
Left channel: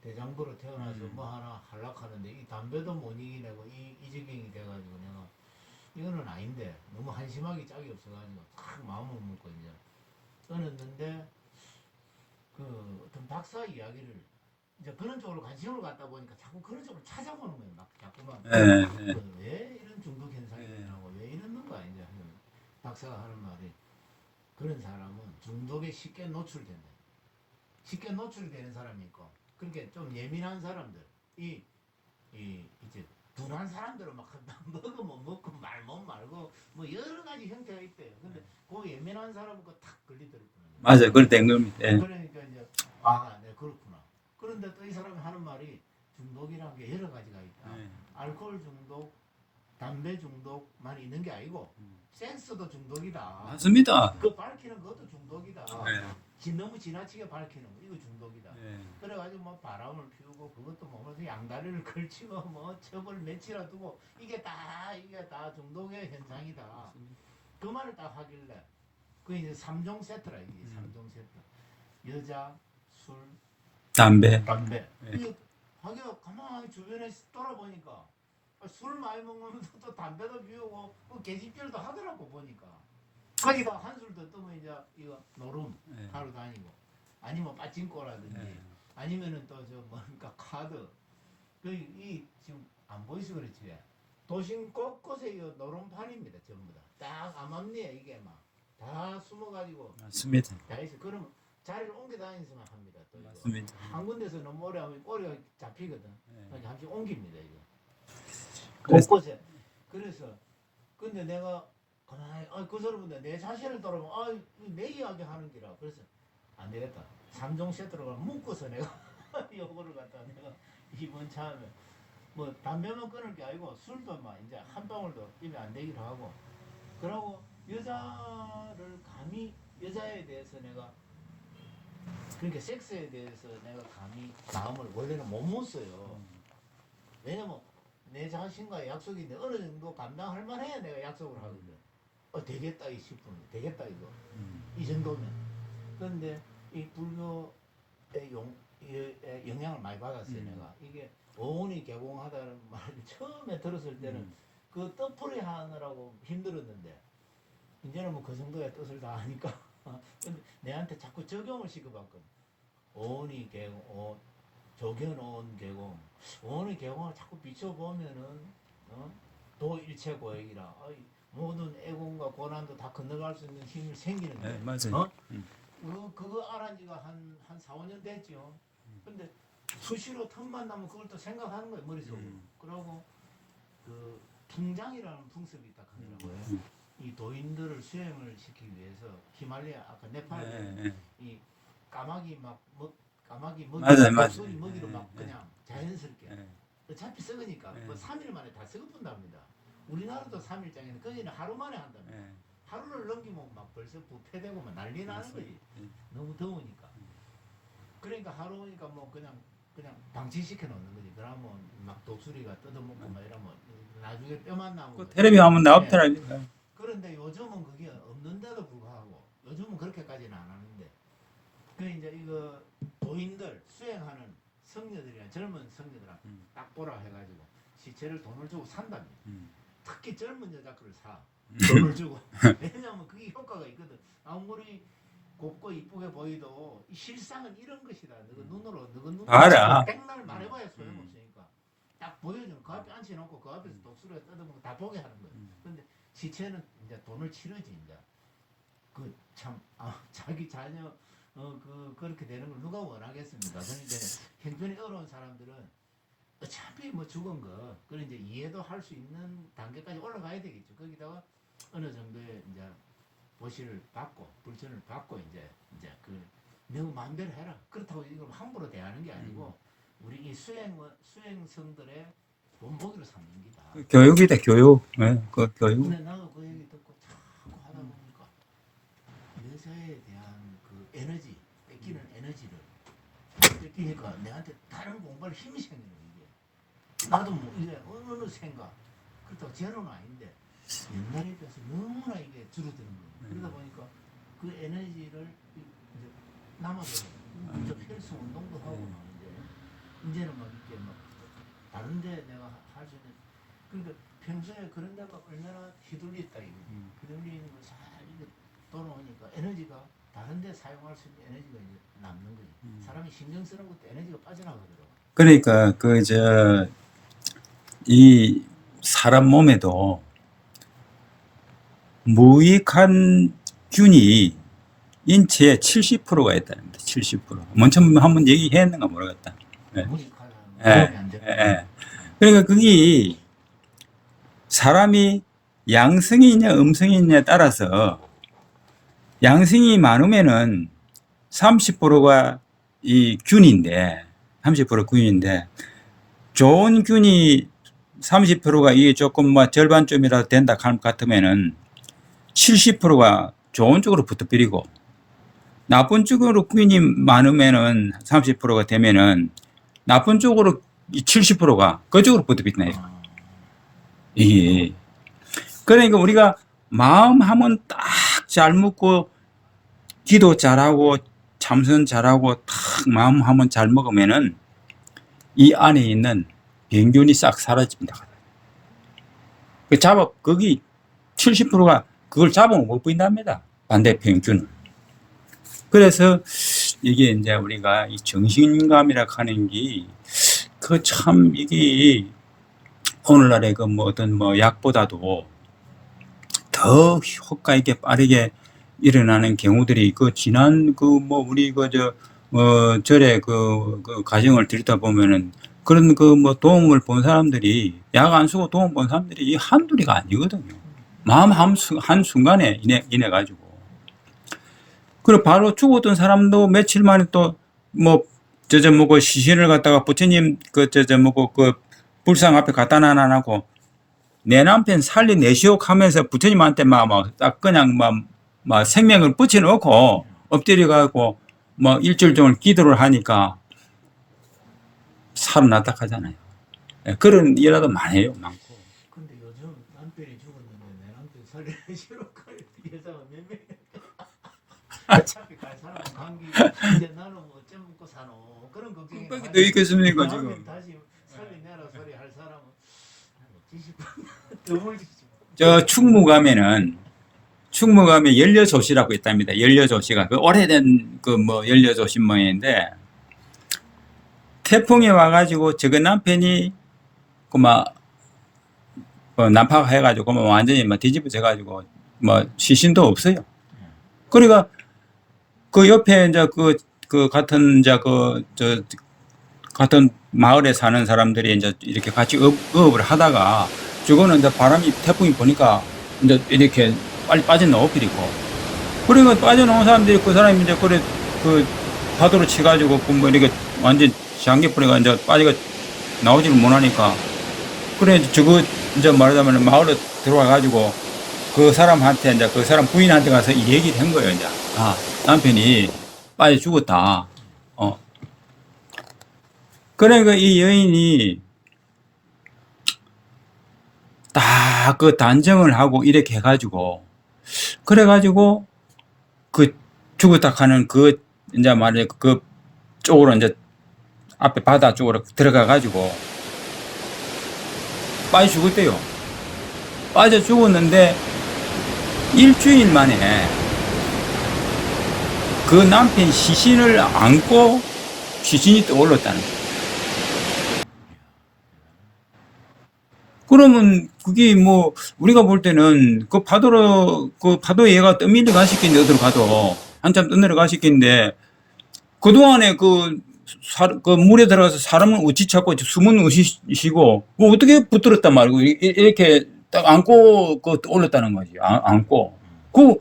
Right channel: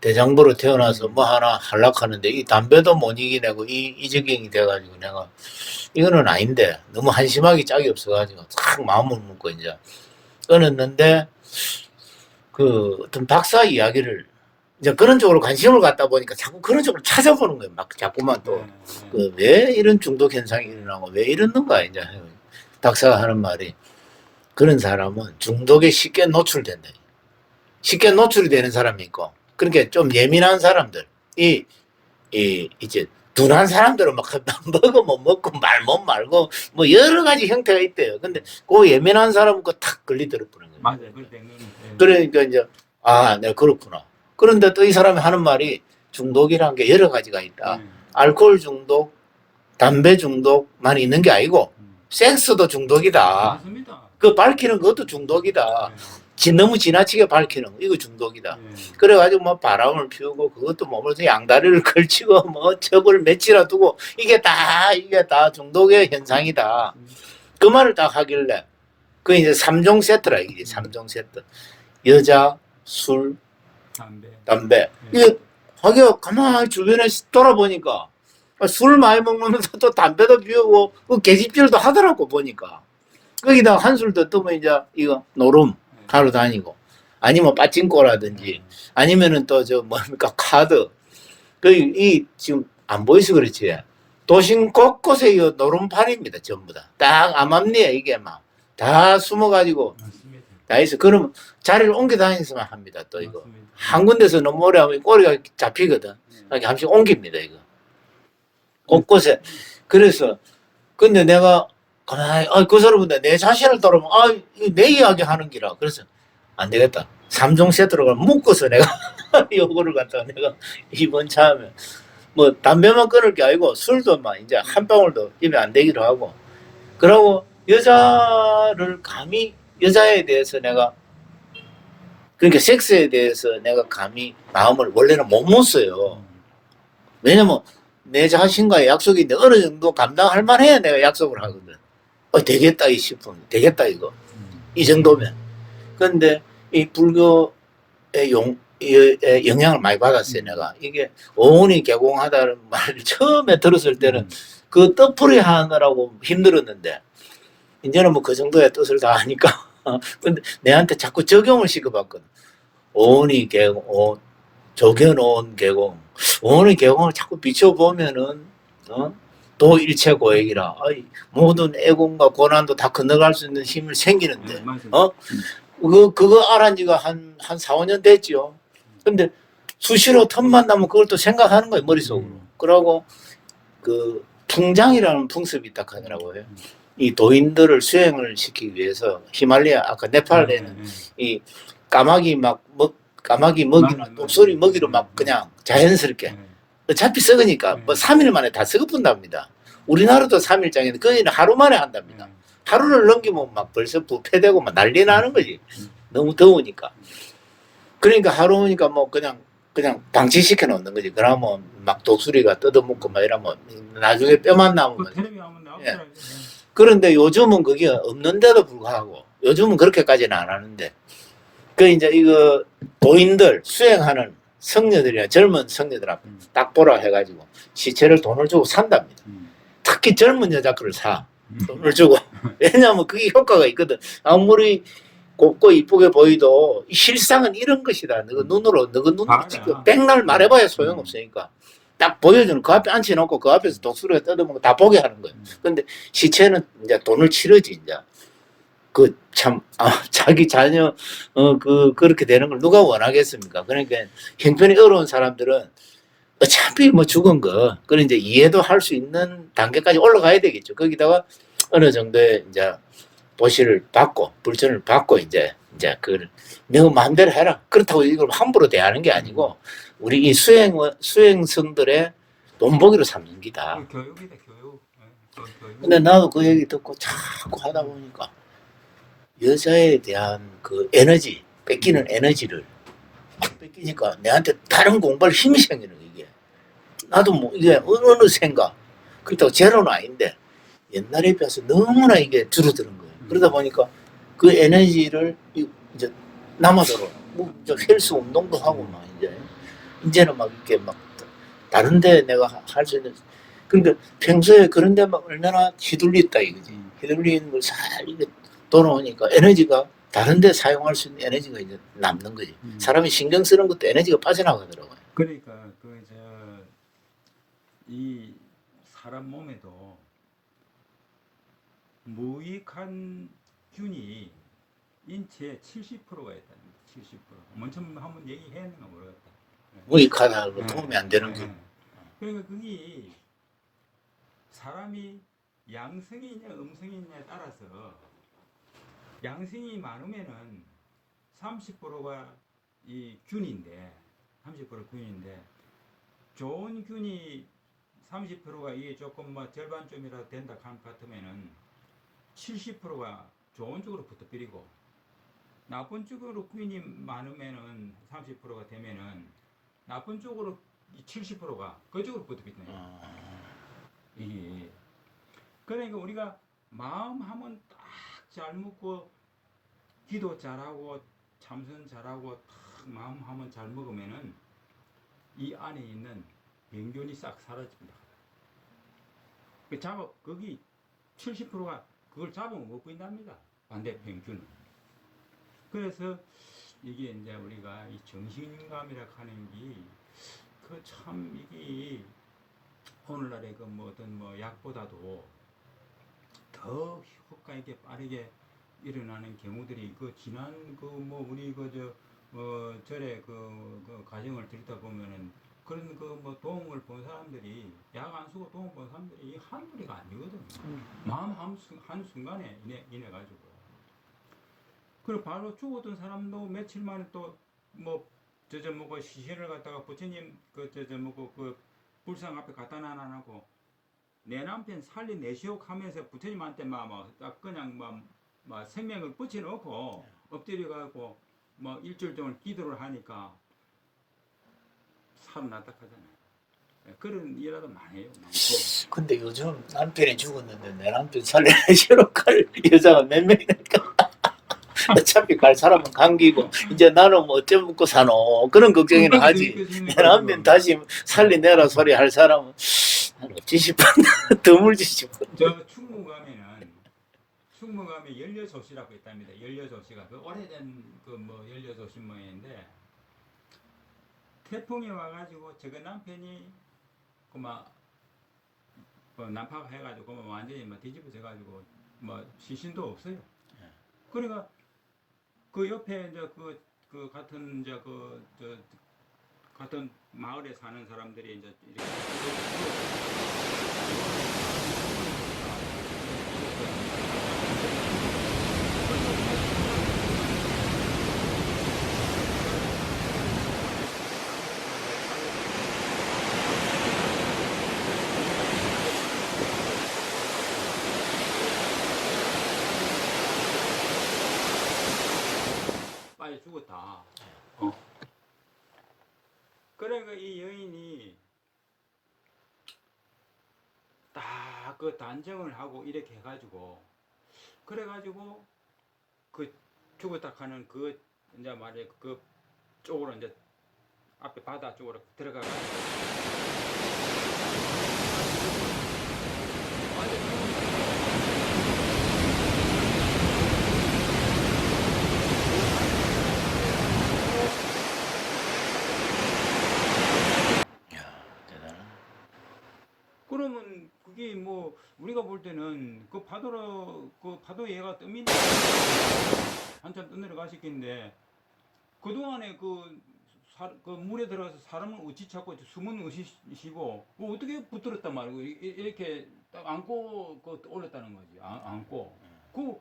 대장부로 태어나서 뭐 하나 하려하는데 이 담배도 못 이기내고 이 지경이 돼가지고 내가 이거는 아닌데 너무 한심하게 짝이 없어가지고 탁 마음을 먹고 이제 끊었는데 그 어떤 박사 이야기를 이제 그런 쪽으로 관심을 갖다 보니까 자꾸 그런 쪽으로 찾아보는 거예요. 막 자꾸만 또 왜 이런 중독 현상이 일어나고 왜 이러는가 이제 박사가 하는 말이, 그런 사람은 중독에 쉽게 노출된다. 쉽게 노출이 되는 사람이 있고, 그러니까 좀 예민한 사람들, 이제 둔한 사람들은 막 먹어 못 먹고 말 못 말고 뭐 여러 가지 형태가 있대요. 근데 그 예민한 사람은 탁 걸리더라고요. 맞아요. 그럴 땐 건. 그러니까 이제 내가 그렇구나. 그런데 또 이 사람이 하는 말이 중독이라는 게 여러 가지가 있다. 알코올 중독, 담배 중독만 있는 게 아니고 섹스도 중독이다. 맞습니다. 그 밝히는 것도 중독이다. 너무 지나치게 밝히는 거, 이거 중독이다. 그래가지고 뭐 바람을 피우고 그것도 몸을 양다리를 걸치고 뭐 첩을 며칠이나 두고 이게 다 중독의 현상이다. 그 말을 딱 하길래 그 이제 3종 세트라 이게 3종 세트. 여자, 술, 담배. 이게 하기가 가만히 주변에 돌아보니까 술 많이 먹으면서 또 담배도 피우고 그 계집질도 하더라고 보니까. 거기다 한술 더 뜨면 이제 이거 노름 하러 다니고, 아니면 빠찡코라든지 아니면은 또 뭡니까 카드. 이 지금 안 보이서 그렇지. 도심 곳곳에 이 노름판입니다 전부 다. 딱 암암리에 이게 막 다 숨어가지고. 맞습니다. 다 있어. 그러면 자리를 옮겨 다니서만 합니다. 또 이거 맞습니다. 한 군데서 너무 오래 하면 꼬리가 잡히거든. 그러니까 한씩 옮깁니다 이거. 곳곳에. 그래서 근데 내가 가만히 그 사람은 내 자신을 돌아보면 내 이야기 하는 기라. 그래서 안 되겠다. 3종 세트로 묶어서 내가 요거를 갖다가 내가 이번 참에 뭐 담배만 끊을 게 아니고 술도 막 이제 한 방울도 입에 안 대기로 하고, 그러고 여자에 대해서 내가, 그러니까 섹스에 대해서 내가 감히 마음을 원래는 못 먹었어요. 왜냐면 내 자신과의 약속이 있는데 어느 정도 감당할 만해야 내가 약속을 하거든. 되겠다 싶으면 되겠다 이거. 이 정도면. 그런데 이 불교의 영향을 많이 받았어요 내가. 이게 오온이 개공하다는 말을 처음에 들었을 때는 그 뜻풀이 하느라고 힘들었는데 이제는 뭐 그 정도의 뜻을 다 하니까 근데 내한테 자꾸 적용을 시켜봤거든. 오은이 계곡, 조견오은 계곡, 오은이 계곡을 자꾸 비춰보면은 도일체 고액이라 모든 애공과 고난도 다 건너갈 수 있는 힘을 생기는데 네, 맞아요. 그거 알은 지가 한 4, 5년 됐죠. 근데 수시로 틈만 나면 그걸 또 생각하는 거예요, 머릿속으로. 그러고 그 풍장이라는 풍습이 딱 하더라고요. 이 도인들을 수행을 시키기 위해서 히말라야 아까 네팔에는 이 까마귀 까마귀 먹이 맞아요, 목소리 맞아요. 먹이로 막 그냥 자연스럽게 어차피 썩으니까 뭐 3일 만에 다 썩어뿐답니다. 우리나라도 3일장에는 거의는 하루 만에 한답니다. 하루를 넘기면 막 벌써 부패되고 막 난리 나는 거지. 너무 더우니까. 그러니까 하루니까 뭐 그냥 방치시켜 놓는 거지. 그러면 막 독수리가 뜯어먹고 막 이러면 나중에 뼈만 남으면. 텔레비 한번 나왔더라고요. 그런데 요즘은 그게 없는데도 불구하고 요즘은 그렇게까지는 안 하는데 그 이제 이거 도인들 수행하는 성녀들이나 젊은 성녀들 앞에 딱 보라 해가지고 시체를 돈을 주고 산답니다. 특히 젊은 여자 거를 사. 돈을 주고. 왜냐하면 그게 효과가 있거든. 아무리 곱고 이쁘게 보이도 실상은 이런 것이다. 너가 눈으로 알아. 찍고 백날 말해봐야 소용없으니까. 딱 보여주는 그 앞에 앉혀놓고 그 앞에서 독수리가 뜯어먹고 다 보게 하는 거예요. 근데 시체는 이제 돈을 치르지 이제. 그 참 자기 자녀 그렇게 되는 걸 누가 원하겠습니까? 그러니까 형편이 어려운 사람들은 어차피 뭐 죽은 거 그런 이제 이해도 할 수 있는 단계까지 올라가야 되겠죠. 거기다가 어느 정도의 이제 보시를 받고 불전을 받고 이제 그걸 너 마음대로 해라. 그렇다고 이걸 함부로 대하는 게 아니고 우리 이 수행성들의 돈보기로 삼는 기다. 교육이다, 교육. 네, 그 교육. 근데 나도 그 얘기 듣고 자꾸 하다 보니까 여자에 대한 그 에너지, 뺏기는 에너지를 뺏기니까 내한테 다른 공부할 힘이 생기는 거 이게. 나도 뭐 이게 어느 생각 그렇다고 제로는 아닌데 옛날에 비해서 너무나 이게 줄어드는 거예요. 그러다 보니까 그 에너지를 이제 남아도록 뭐 이제 헬스 운동도 하고 막 이제는 막 이렇게 막 다른데 내가 할 수 있는 그러니까 평소에 그런데 막 얼마나 휘둘렸다 이거지. 휘둘리는 걸 잘 이게 돌아오니까 에너지가 다른데 사용할 수 있는 에너지가 이제 남는 거지. 사람이 신경 쓰는 것도 에너지가 빠져나가더라고요. 그러니까 이 사람 몸에도 무익한 균이 인체에 70%가 있다는데 70%. 먼저 한번 얘기했는가 모르겠다. 무익하다고 도움이 안 되는 거예요. 그러니까 그게 사람이 양성이 있냐 음성이 있냐에 따라서 양성이 많으면은 30%가 이 균인데 30% 균인데 좋은 균이 30%가 이게 조금 뭐 절반쯤이라도 된다 같으면은 70%가 좋은 쪽으로 붙어버리고 나쁜 쪽으로 균이 많으면은 30%가 되면은 나쁜 쪽으로 70%가 그쪽으로 붙어버리네. 이게 그러니까 우리가 마음 하면 딱 잘 먹고 기도 잘하고 참선 잘하고 딱 마음 하면 잘 먹으면은 이 안에 있는 병균이 싹 사라집니다. 그 거기 70%가 그걸 잡으면 못 보인답니다. 반대 병균을. 그래서 이게 이제 우리가 이 정신감이라 하는 게 그 참 이게 오늘날의 그 뭐 어떤 뭐 약보다도 더 효과 있게 빠르게 일어나는 경우들이 그 지난 그 뭐 우리 절에 그 가정을 들다 보면은 그런 그 뭐 도움을 본 사람들이 약 안 쓰고 도움 본 사람들이 이 한둘이가 아니거든요. 마음 한 순간에 인해 가지고. 그리고 바로 죽었던 사람도 며칠 만에 또 뭐 뭐고 시신을 갖다가 부처님 뭐고 그 불상 앞에 갖다 놔놓고 내 남편 살려내시오 하면서 부처님한테 딱 그냥 막 생명을 붙여놓고 엎드려가고 뭐 일주일 동안 기도를 하니까 살아났다 하잖아요. 그런 일화도 많아요. 많고. 근데 요즘 남편이 죽었는데 내 남편 살려내시러 갈 여자가 몇 명이니까 어차피 갈 사람은 감기고 이제 나는 뭐 어째 먹고 사노 그런 걱정이나 하지. 내 남편 다시 살려내라 소리 할 사람은 없지 싶어. 드물지 싶어. 충무감에 연려조시라고 있답니다. 연려조시가 그 오래된 그 뭐 연려조시 모양인데 태풍이 와가지고 저거 남편이 그막 난파해가지고 뭐 완전히 막 뒤집어져가지고 뭐 시신도 없어요. 그러니까 그 옆에 이제 그 같은 이제 저 같은 마을에 사는 사람들이 이제 이렇게 같이 업을 하다가 저거는 이제 바람이 태풍이 보니까 이제 이렇게 빨리 빠져나와 버리고 그러니까 빠져나온 사람들이 그 사람이 이제 그래 그 파도로 치가지고 그 뭐 이렇게 완전 잠겨버리가 이제 빠지가 나오지는 못하니까 그래 저거 이제 말하자면 마을에 들어와가지고 그 사람한테 이제 그 사람 부인한테 가서 이 얘기를 한 거예요. 이제 아 남편이 빠져 죽었다. 그러니까 이 여인이 딱 그 단정을 하고 이렇게 해가지고 그래가지고 그 죽었다 하는 그 이제 말해 그 쪽으로 이제 앞에 바다 쪽으로 들어가가지고 빠져 죽었대요. 빠져 죽었는데 일주일 만에 그 남편 시신을 안고 시신이 떠올랐다는 거예요. 그러면 그게 뭐 우리가 볼 때는 그 파도 얘가 떠밀려 가시겠는데 어떤 파도 한참 떠내려 가시겠는데 그동안에 그 물에 들어가서 사람은 어찌 찾고 숨은 어찌시고 뭐 어떻게 붙들었단 말이고 이렇게 딱 안고 그 올렸다는 거지. 안고 그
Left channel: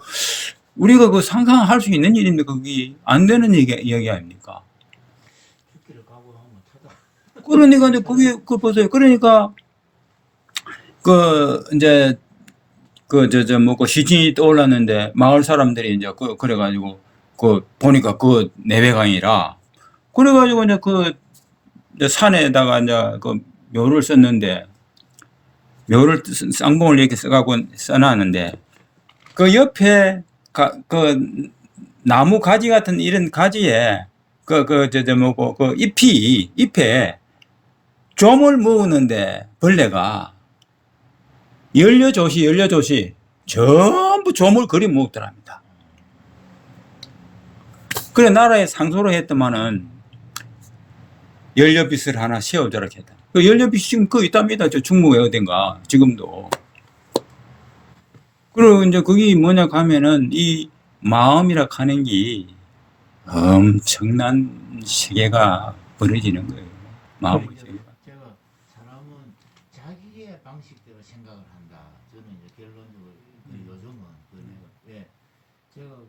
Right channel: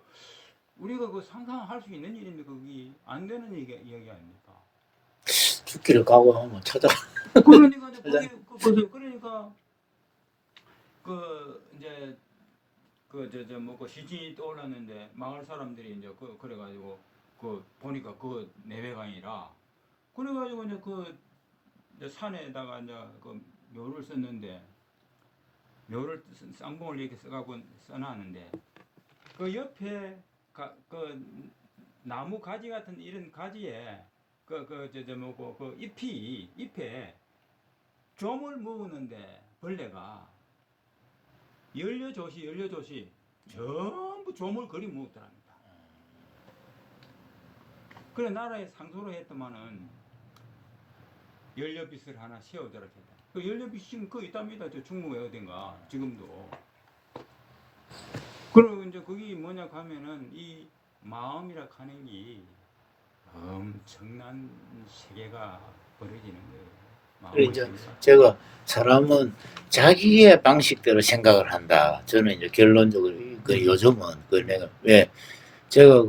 우리가 그 상상할 수 있는 일인데 그게 안 되는 이야기 아닙니까? 죽기를 각오하면 찾아. 그러니까 이제 그게 그 보세요. 그러니까 그 이제 그 뭐 시신이 떠올랐는데 마을 사람들이 이제 그래가지고 그 보니까 그 내외강이라 그래가지고 이제 그 이제 산에다가 이제 그 묘를 썼는데 묘를 쌍봉을 이렇게 써갖고 써놨는데 그 옆에 그 나무 가지 같은 이런 가지에 그 잎에 좀을 먹었는데 벌레가 열려조시 전부 좀을 그리 먹더랍니다. 그래 나라에 상소를 했더만은 연료빛을 하나 씌워줘라 했다. 그 연료빛 지금 그 있답니다. 저 충무에 어딘가 지금도. 그리고 이제 그게 뭐냐 하면은 이 마음이라 하는 게 엄청난 세계가 벌어지는 거예요. 마음. 이제 제가 사람은 자기의 방식대로 생각을 한다. 저는 이제 결론적으로 그 요즘은 그 내가 왜 제가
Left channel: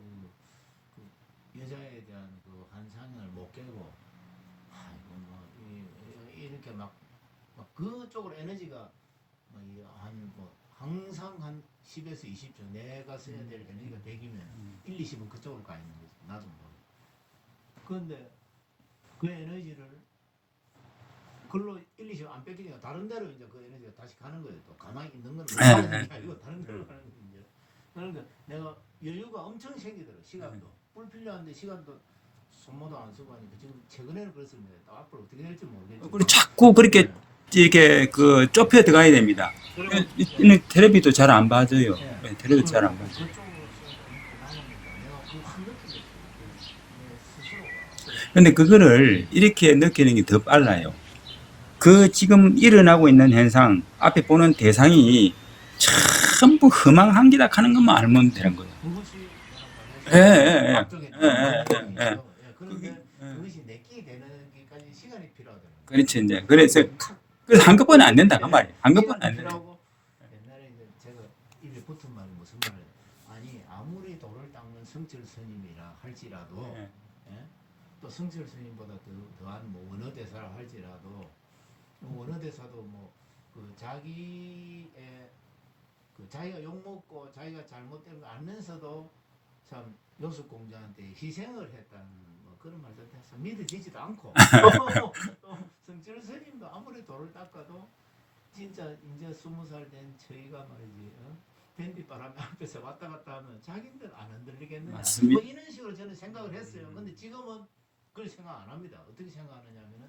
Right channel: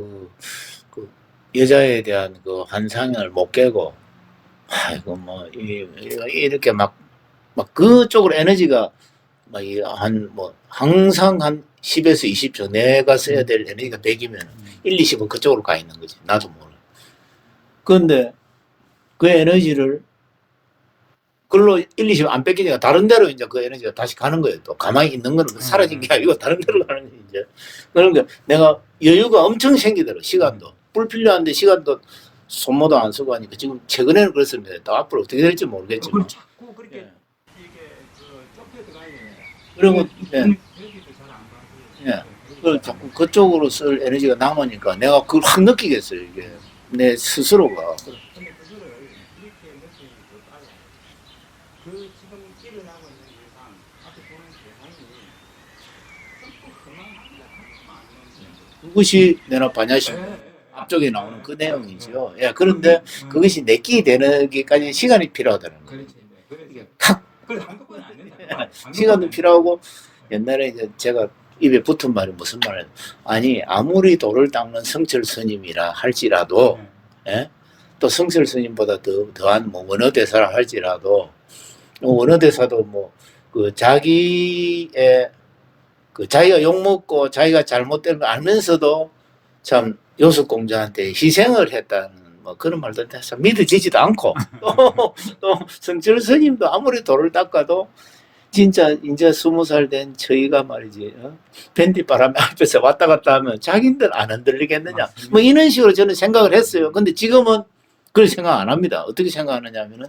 그 여자에 대한 그 환상을 못 깨고 아이고 뭐 이렇게 막 그쪽으로 에너지가 막 한 뭐 항상 한 10에서 20초 내가 써야 될 에너지가 100이면 1, 20은 그쪽으로 가 있는 거지. 나도 모르. 그런데 그 에너지를 그걸로 1, 20 안 뺏기니까 다른 데로 이제 그 에너지가 다시 가는 거예요. 또 가만히 있는 건 사라진 게 아니고 다른 데로 가는 거지 이제. 그러니까 내가 여유가 엄청 생기더라고. 시간도 불필요한데 시간도 손모도 안 쓰고 하니까 지금 최근에는 그렇습니다. 또 앞으로 어떻게 될지 모르겠지만. 그리고 자꾸 그렇게 이렇게 그 좁혀 들어가야 됩니다. 그러면 텔레비도 잘 안 봐줘요. 텔레비도 잘 안 봐요. 그쪽으로 쓸 에너지가 남으니까 내가 그걸 확 느끼겠어요. 이게 내 스스로가. 근데 그거를 이렇게 느끼는 게 더 빨라요. 그 지금 일어나고 있는 현상 앞에 보는 대상이 전부 허망한기다 하는 것만 알면 되는 거예요. 그것이 내가 반야신 앞쪽에 나오는 그 내용이죠. 그런데 그것이 내끼 되는 게까지 시간이 필요하다는 거예요. 그렇지 이제 그래서 한꺼번에 안 된다 그 말이에요. 시간도 필요하고 옛날에 이제 제가 입에 붙은 말이 무슨 말이에요? 아니 아무리 돌을 닦는 성철 스님이라 할지라도 또 성철 스님보다 더한 뭐 원어대사라 할지라도 원어대사도 뭐 그 자기의 그 자기가 욕먹고 자기가 잘못된 걸 알면서도 참 요술공자한테 희생을 했다는 뭐 그런 말도 참 믿어지지도 않고 또 성철 스님도 아무리 돌을 닦아도 진짜 이제 20살 된 저희가 말이지 밴디 바람에 앞에서 왔다 갔다 하면 자기들 안 흔들리겠느냐 맞습니다. 뭐 이런 식으로 저는 생각을 했어요. 근데 지금은 그런 생각 안 합니다. 어떻게 생각하느냐 하면은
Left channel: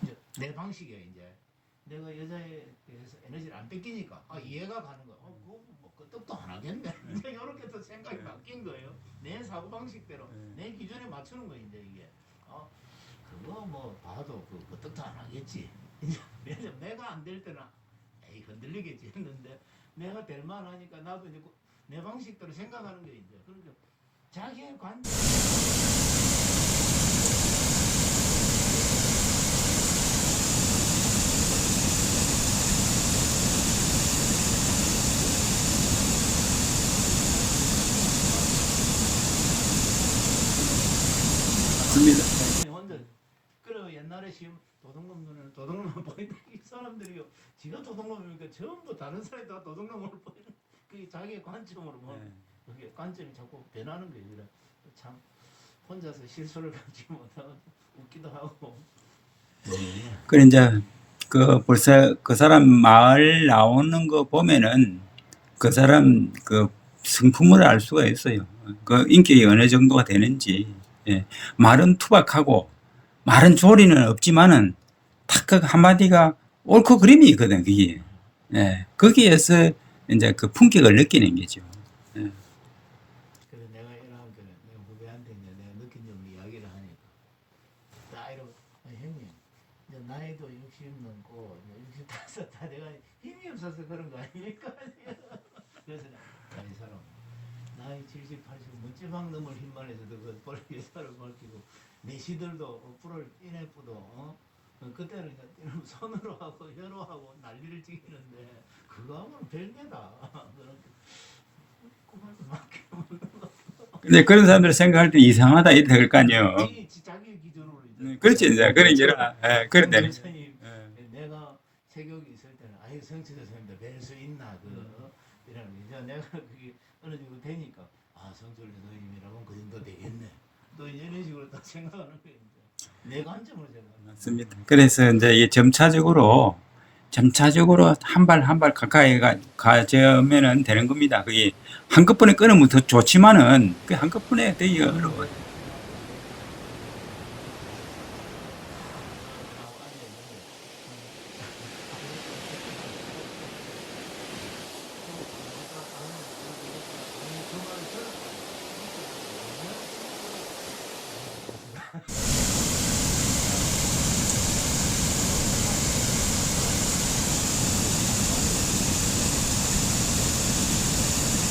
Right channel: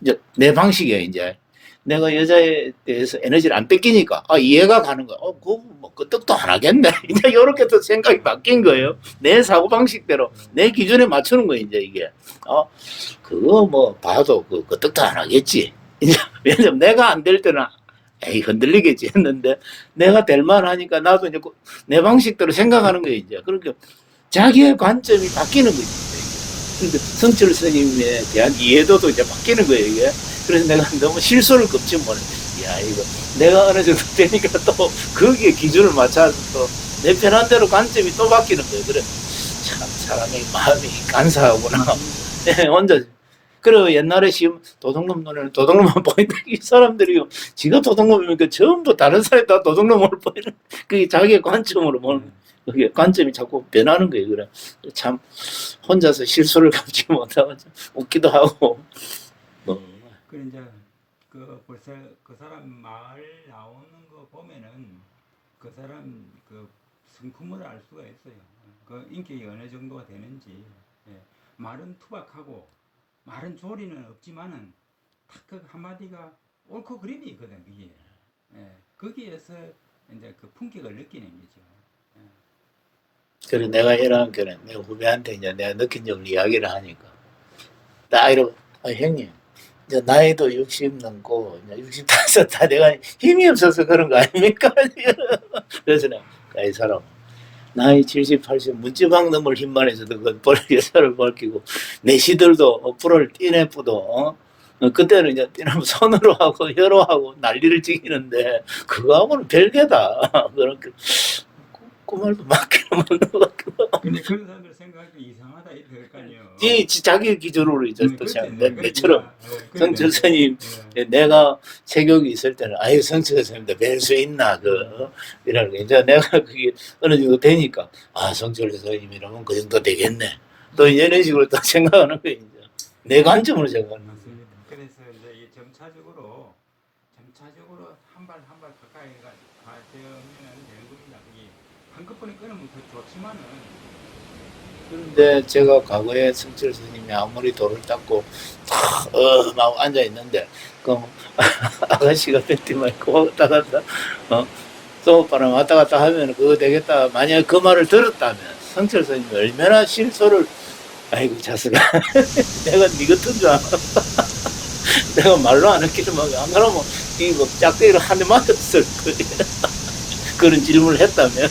이제 내 방식이에요. 이제 내가 여자에 대해서 에너지를 안 뺏기니까 이해가 가는 거야. 그거 뭐 끄떡도 안 하겠네. 이제 이렇게 또 생각이 바뀐 거예요. 내 사고 방식대로 내 기준에 맞추는 거예요. 이제 이게 그거 뭐 봐도 그 끄떡도 안 하겠지. 이제 왜냐면 내가 안 될 때는 에이 흔들리겠지 했는데 내가 될 만하니까 나도 이제 내 방식대로 생각하는 거예요. 이제 그러니까 자기의 관점이 바뀌는 거지. 그러니까 성철 스님에 대한 이해도도 이제 바뀌는 거예요, 이게. 그래서 내가 너무 실수를 겁지 못해. 야, 이거 내가 어느 정도 되니까 또 거기에 기준을 맞춰서 내 편한 대로 관점이 또 바뀌는 거예요. 그래. 참, 사람이 마음이 간사하구나. 네, 혼자. 그리고 옛날에 시험 도둑놈 눈에는 도둑놈만 보인다. 이 사람들이 지가 도둑놈이니까 전부 다른 사람이 다 도둑놈을 보이는 그게 자기의 관점으로 보는 그게 관점이 자꾸 변하는 거예요. 그래. 참 혼자서 실수를 감지 못하고 웃기도 하고. 그래 이제 그 벌써 그 사람 말 나오는 거 보면은 그 사람 그 성품을 알 수가 있어요. 그 인격이 어느 정도가 되는지. 예. 말은 투박하고 말은 조리는 없지만은 딱 그 한마디가 옳고 그름이 있거든 그게. 예. 거기에서 이제 그 품격을 느끼는 거죠. 예. 그래 내가 이런 거는 내 후배한테 이제 내가 느낀 점을 이야기를 하니까 딱 이러고 형님 이제 나이도 60 넘고 65 다 내가 힘이 없어서 그런 거 아닙니까? 그래서 내가 이 사람 나이 70, 80 문지방 넘을 힘만 해서도 그 여사를 밝히고 내 시들도 불을 띠내뿌도 그때는 이제 띠내면 손으로 하고 혀로 하고 난리를 지기는데 그거하고는 별개다. 그렇게 그 말도 맞기는 맞는 것 같기도 하고. 근데 그런 사람들 생각할 때 이상하다 이렇게 될 거 아니에요. 이 자기 기준으로 이제 그렇지 이제 그러니까. 성철 스님 내가 체격이 있을 때는 아유 성철 스님도 뵐 수 있나 이라는 거 이제 내가 그게 어느 정도 되니까 성철 스님이라면 그 정도 되겠네 또 이런 식으로 또 생각하는 거예요. 이제 내 관점으로 생각하는 거예요. 맞습니다. 그래서 이제 이게 점차적으로 한 발 한 발 가까이 가져면은 되는 겁니다. 그게 한꺼번에 끊으면 더 좋지만은 그 한꺼번에 되게 어려워요. 근데 제가 과거에 성철 스님이 아무리 돌을 닦고 막 앉아 있는데 그 아가씨가 뱉지 말고 왔다 갔다 소오빠랑 왔다 갔다 하면 그거 되겠다. 만약에 그 말을 들었다면 성철 스님이 얼마나 실소를 아이고 자식아 내가 니 같은 줄 알아. 내가 말로 안 했기는 안 그러면 이거 짝대기로 한 대 맞았을 거야. 그런 질문을 했다면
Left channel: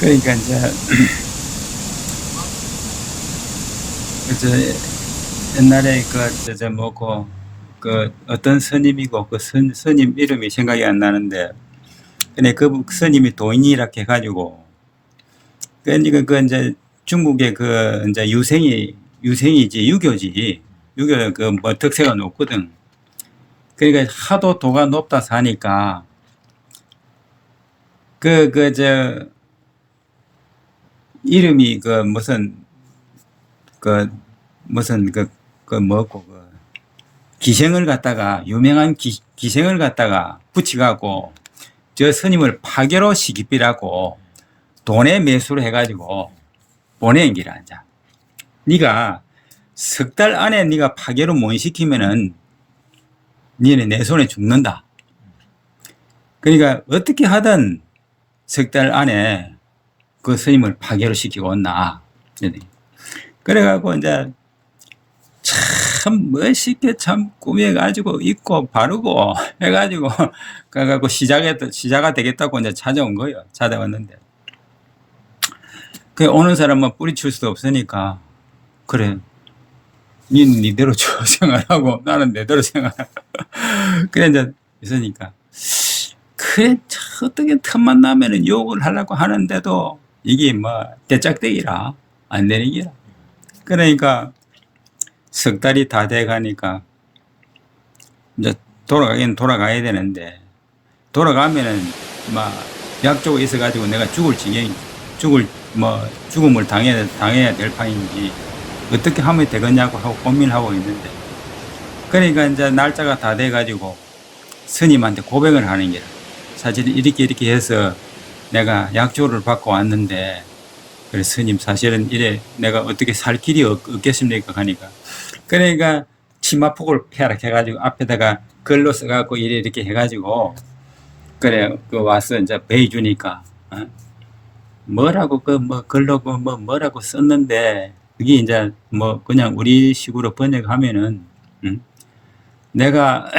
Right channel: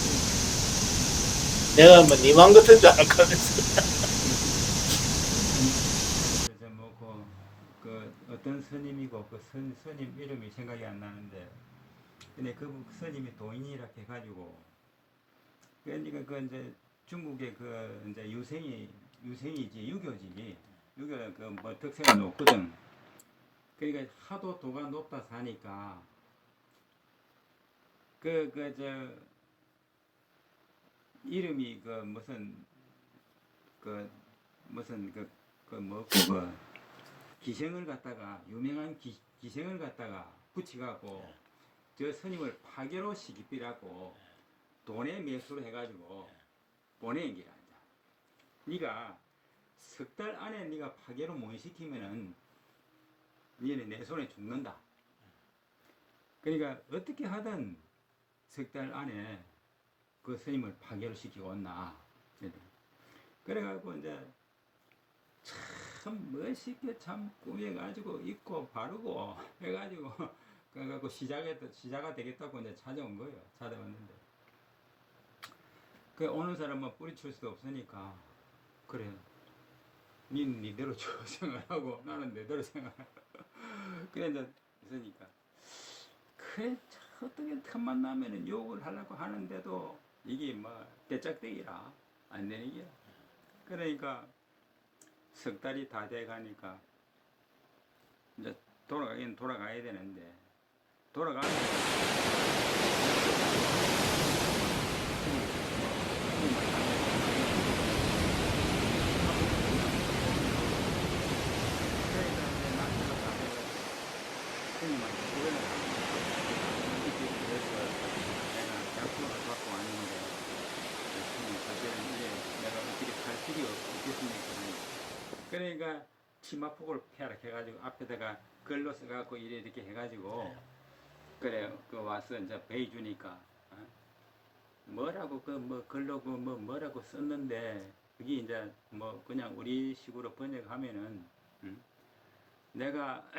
그러니까 이제 내가 뭐 니만 같은 줄 알았거든. 그래서 옛날에 그 어떤 스님이고 그 스님 이름이 생각이 안 나는데 근데 그 스님이 도인이라 해가지고 그러니까 그 이제 중국의 그 이제 유생이지 유교 그 뭐 덕세가 높거든. 그러니까 하도 도가 높다 사니까 이름이 기생을 갖다가 유명한 기생을 갖다가 붙여갖고 저 스님을 파괴로 시키비라고 돈에 매수를 해가지고 보낸 기라. 자, 네가 석 달 안에 네가 파괴로 못 시키면은 니네 내 손에 죽는다. 그러니까 어떻게 하든 석 달 안에 그 스님을 파괴로 시키고 온나. 그래갖고 이제 참 멋있게 참 꾸며가지고 입고 바르고 해가지고 가갖고 시자가 되겠다고 이제 찾아온 거예요. 찾아왔는데 그 오는 사람은 뿌리칠 수도 없으니까 그래. 니는 니대로 생활하고 나는 내대로 생활하고 그래 이제 있으니까 그래 어떻게 틈만 나면은 욕을 하려고 하는데도 이게 뭐 대짝대기라 안 되는 기라. 그러니까 석 달이 다 돼가니까 이제 돌아가긴 돌아가야 되는데 돌아가면은 막 약조가 있어가지고 내가 죽음을 당해야 될 판인지 어떻게 하면 되겠냐고 하고 고민하고 있는데 그러니까 이제 날짜가 다 돼가지고 스님한테 고백을 하는 게 사실 이렇게 해서 내가 약조를 받고 왔는데 그래 스님 사실은 이래 내가 어떻게 살 길이 없겠습니까 하니까 그러니까 치마폭을 폐하락 해가지고 앞에다가 글로 써갖고 이렇게 해가지고 그래 그 와서 이제 배이 주니까 뭐라고 그 뭐 글로 뭐라고 썼는데 그게 이제 뭐 그냥 우리 식으로 번역하면은 내가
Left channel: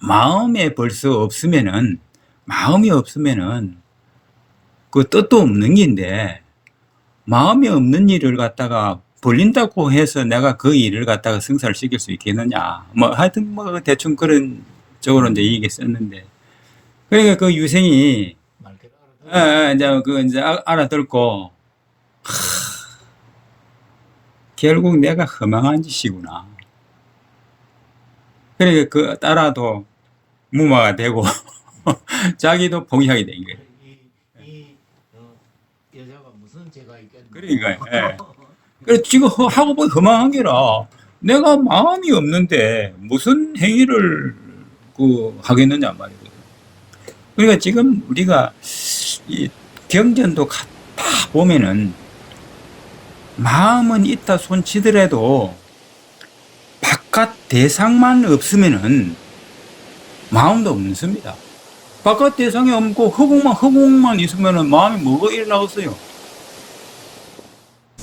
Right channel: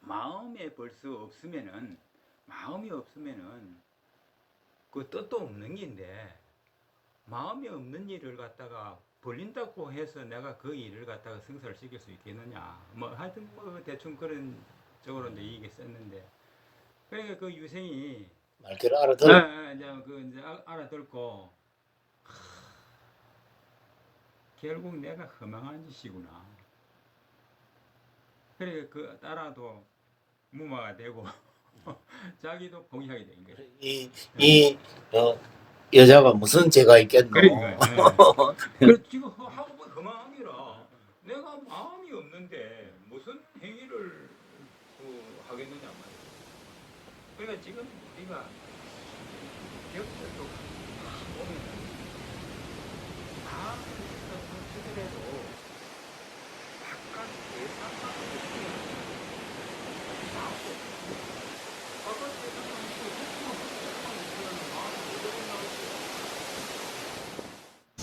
마음이 벌써 없으면은 마음이 없으면은 그 뜻도 없는 긴데 마음이 없는 일을 갖다가 벌린다고 해서 내가 그 일을 갖다가 성사를 시킬 수 있겠느냐 뭐 하여튼 뭐 대충 그런 쪽으로 이제 얘기 썼는데 그러니까 그 유생이 말귀를 알아들어. 이제 알아듣고 결국 내가 허망한 짓이구나. 그러니까 그 따라도 무마가 되고 자기도 봉양이 된 거예요. 이 여자가 무슨 죄가 있겠노? 그러니까요. 그래 지금 하고 보니 허망한 게라 내가 마음이 없는데 무슨 행위를 그 하겠느냐 말이거든. 그러니까 지금 우리가 이 경전도 다 보면은 마음은 있다 손치더라도 바깥 대상만 없으면은 마음도 없습니다. 바깥 대상이 없고 허공만 있으면은 마음이 뭐가 일어나겠어요?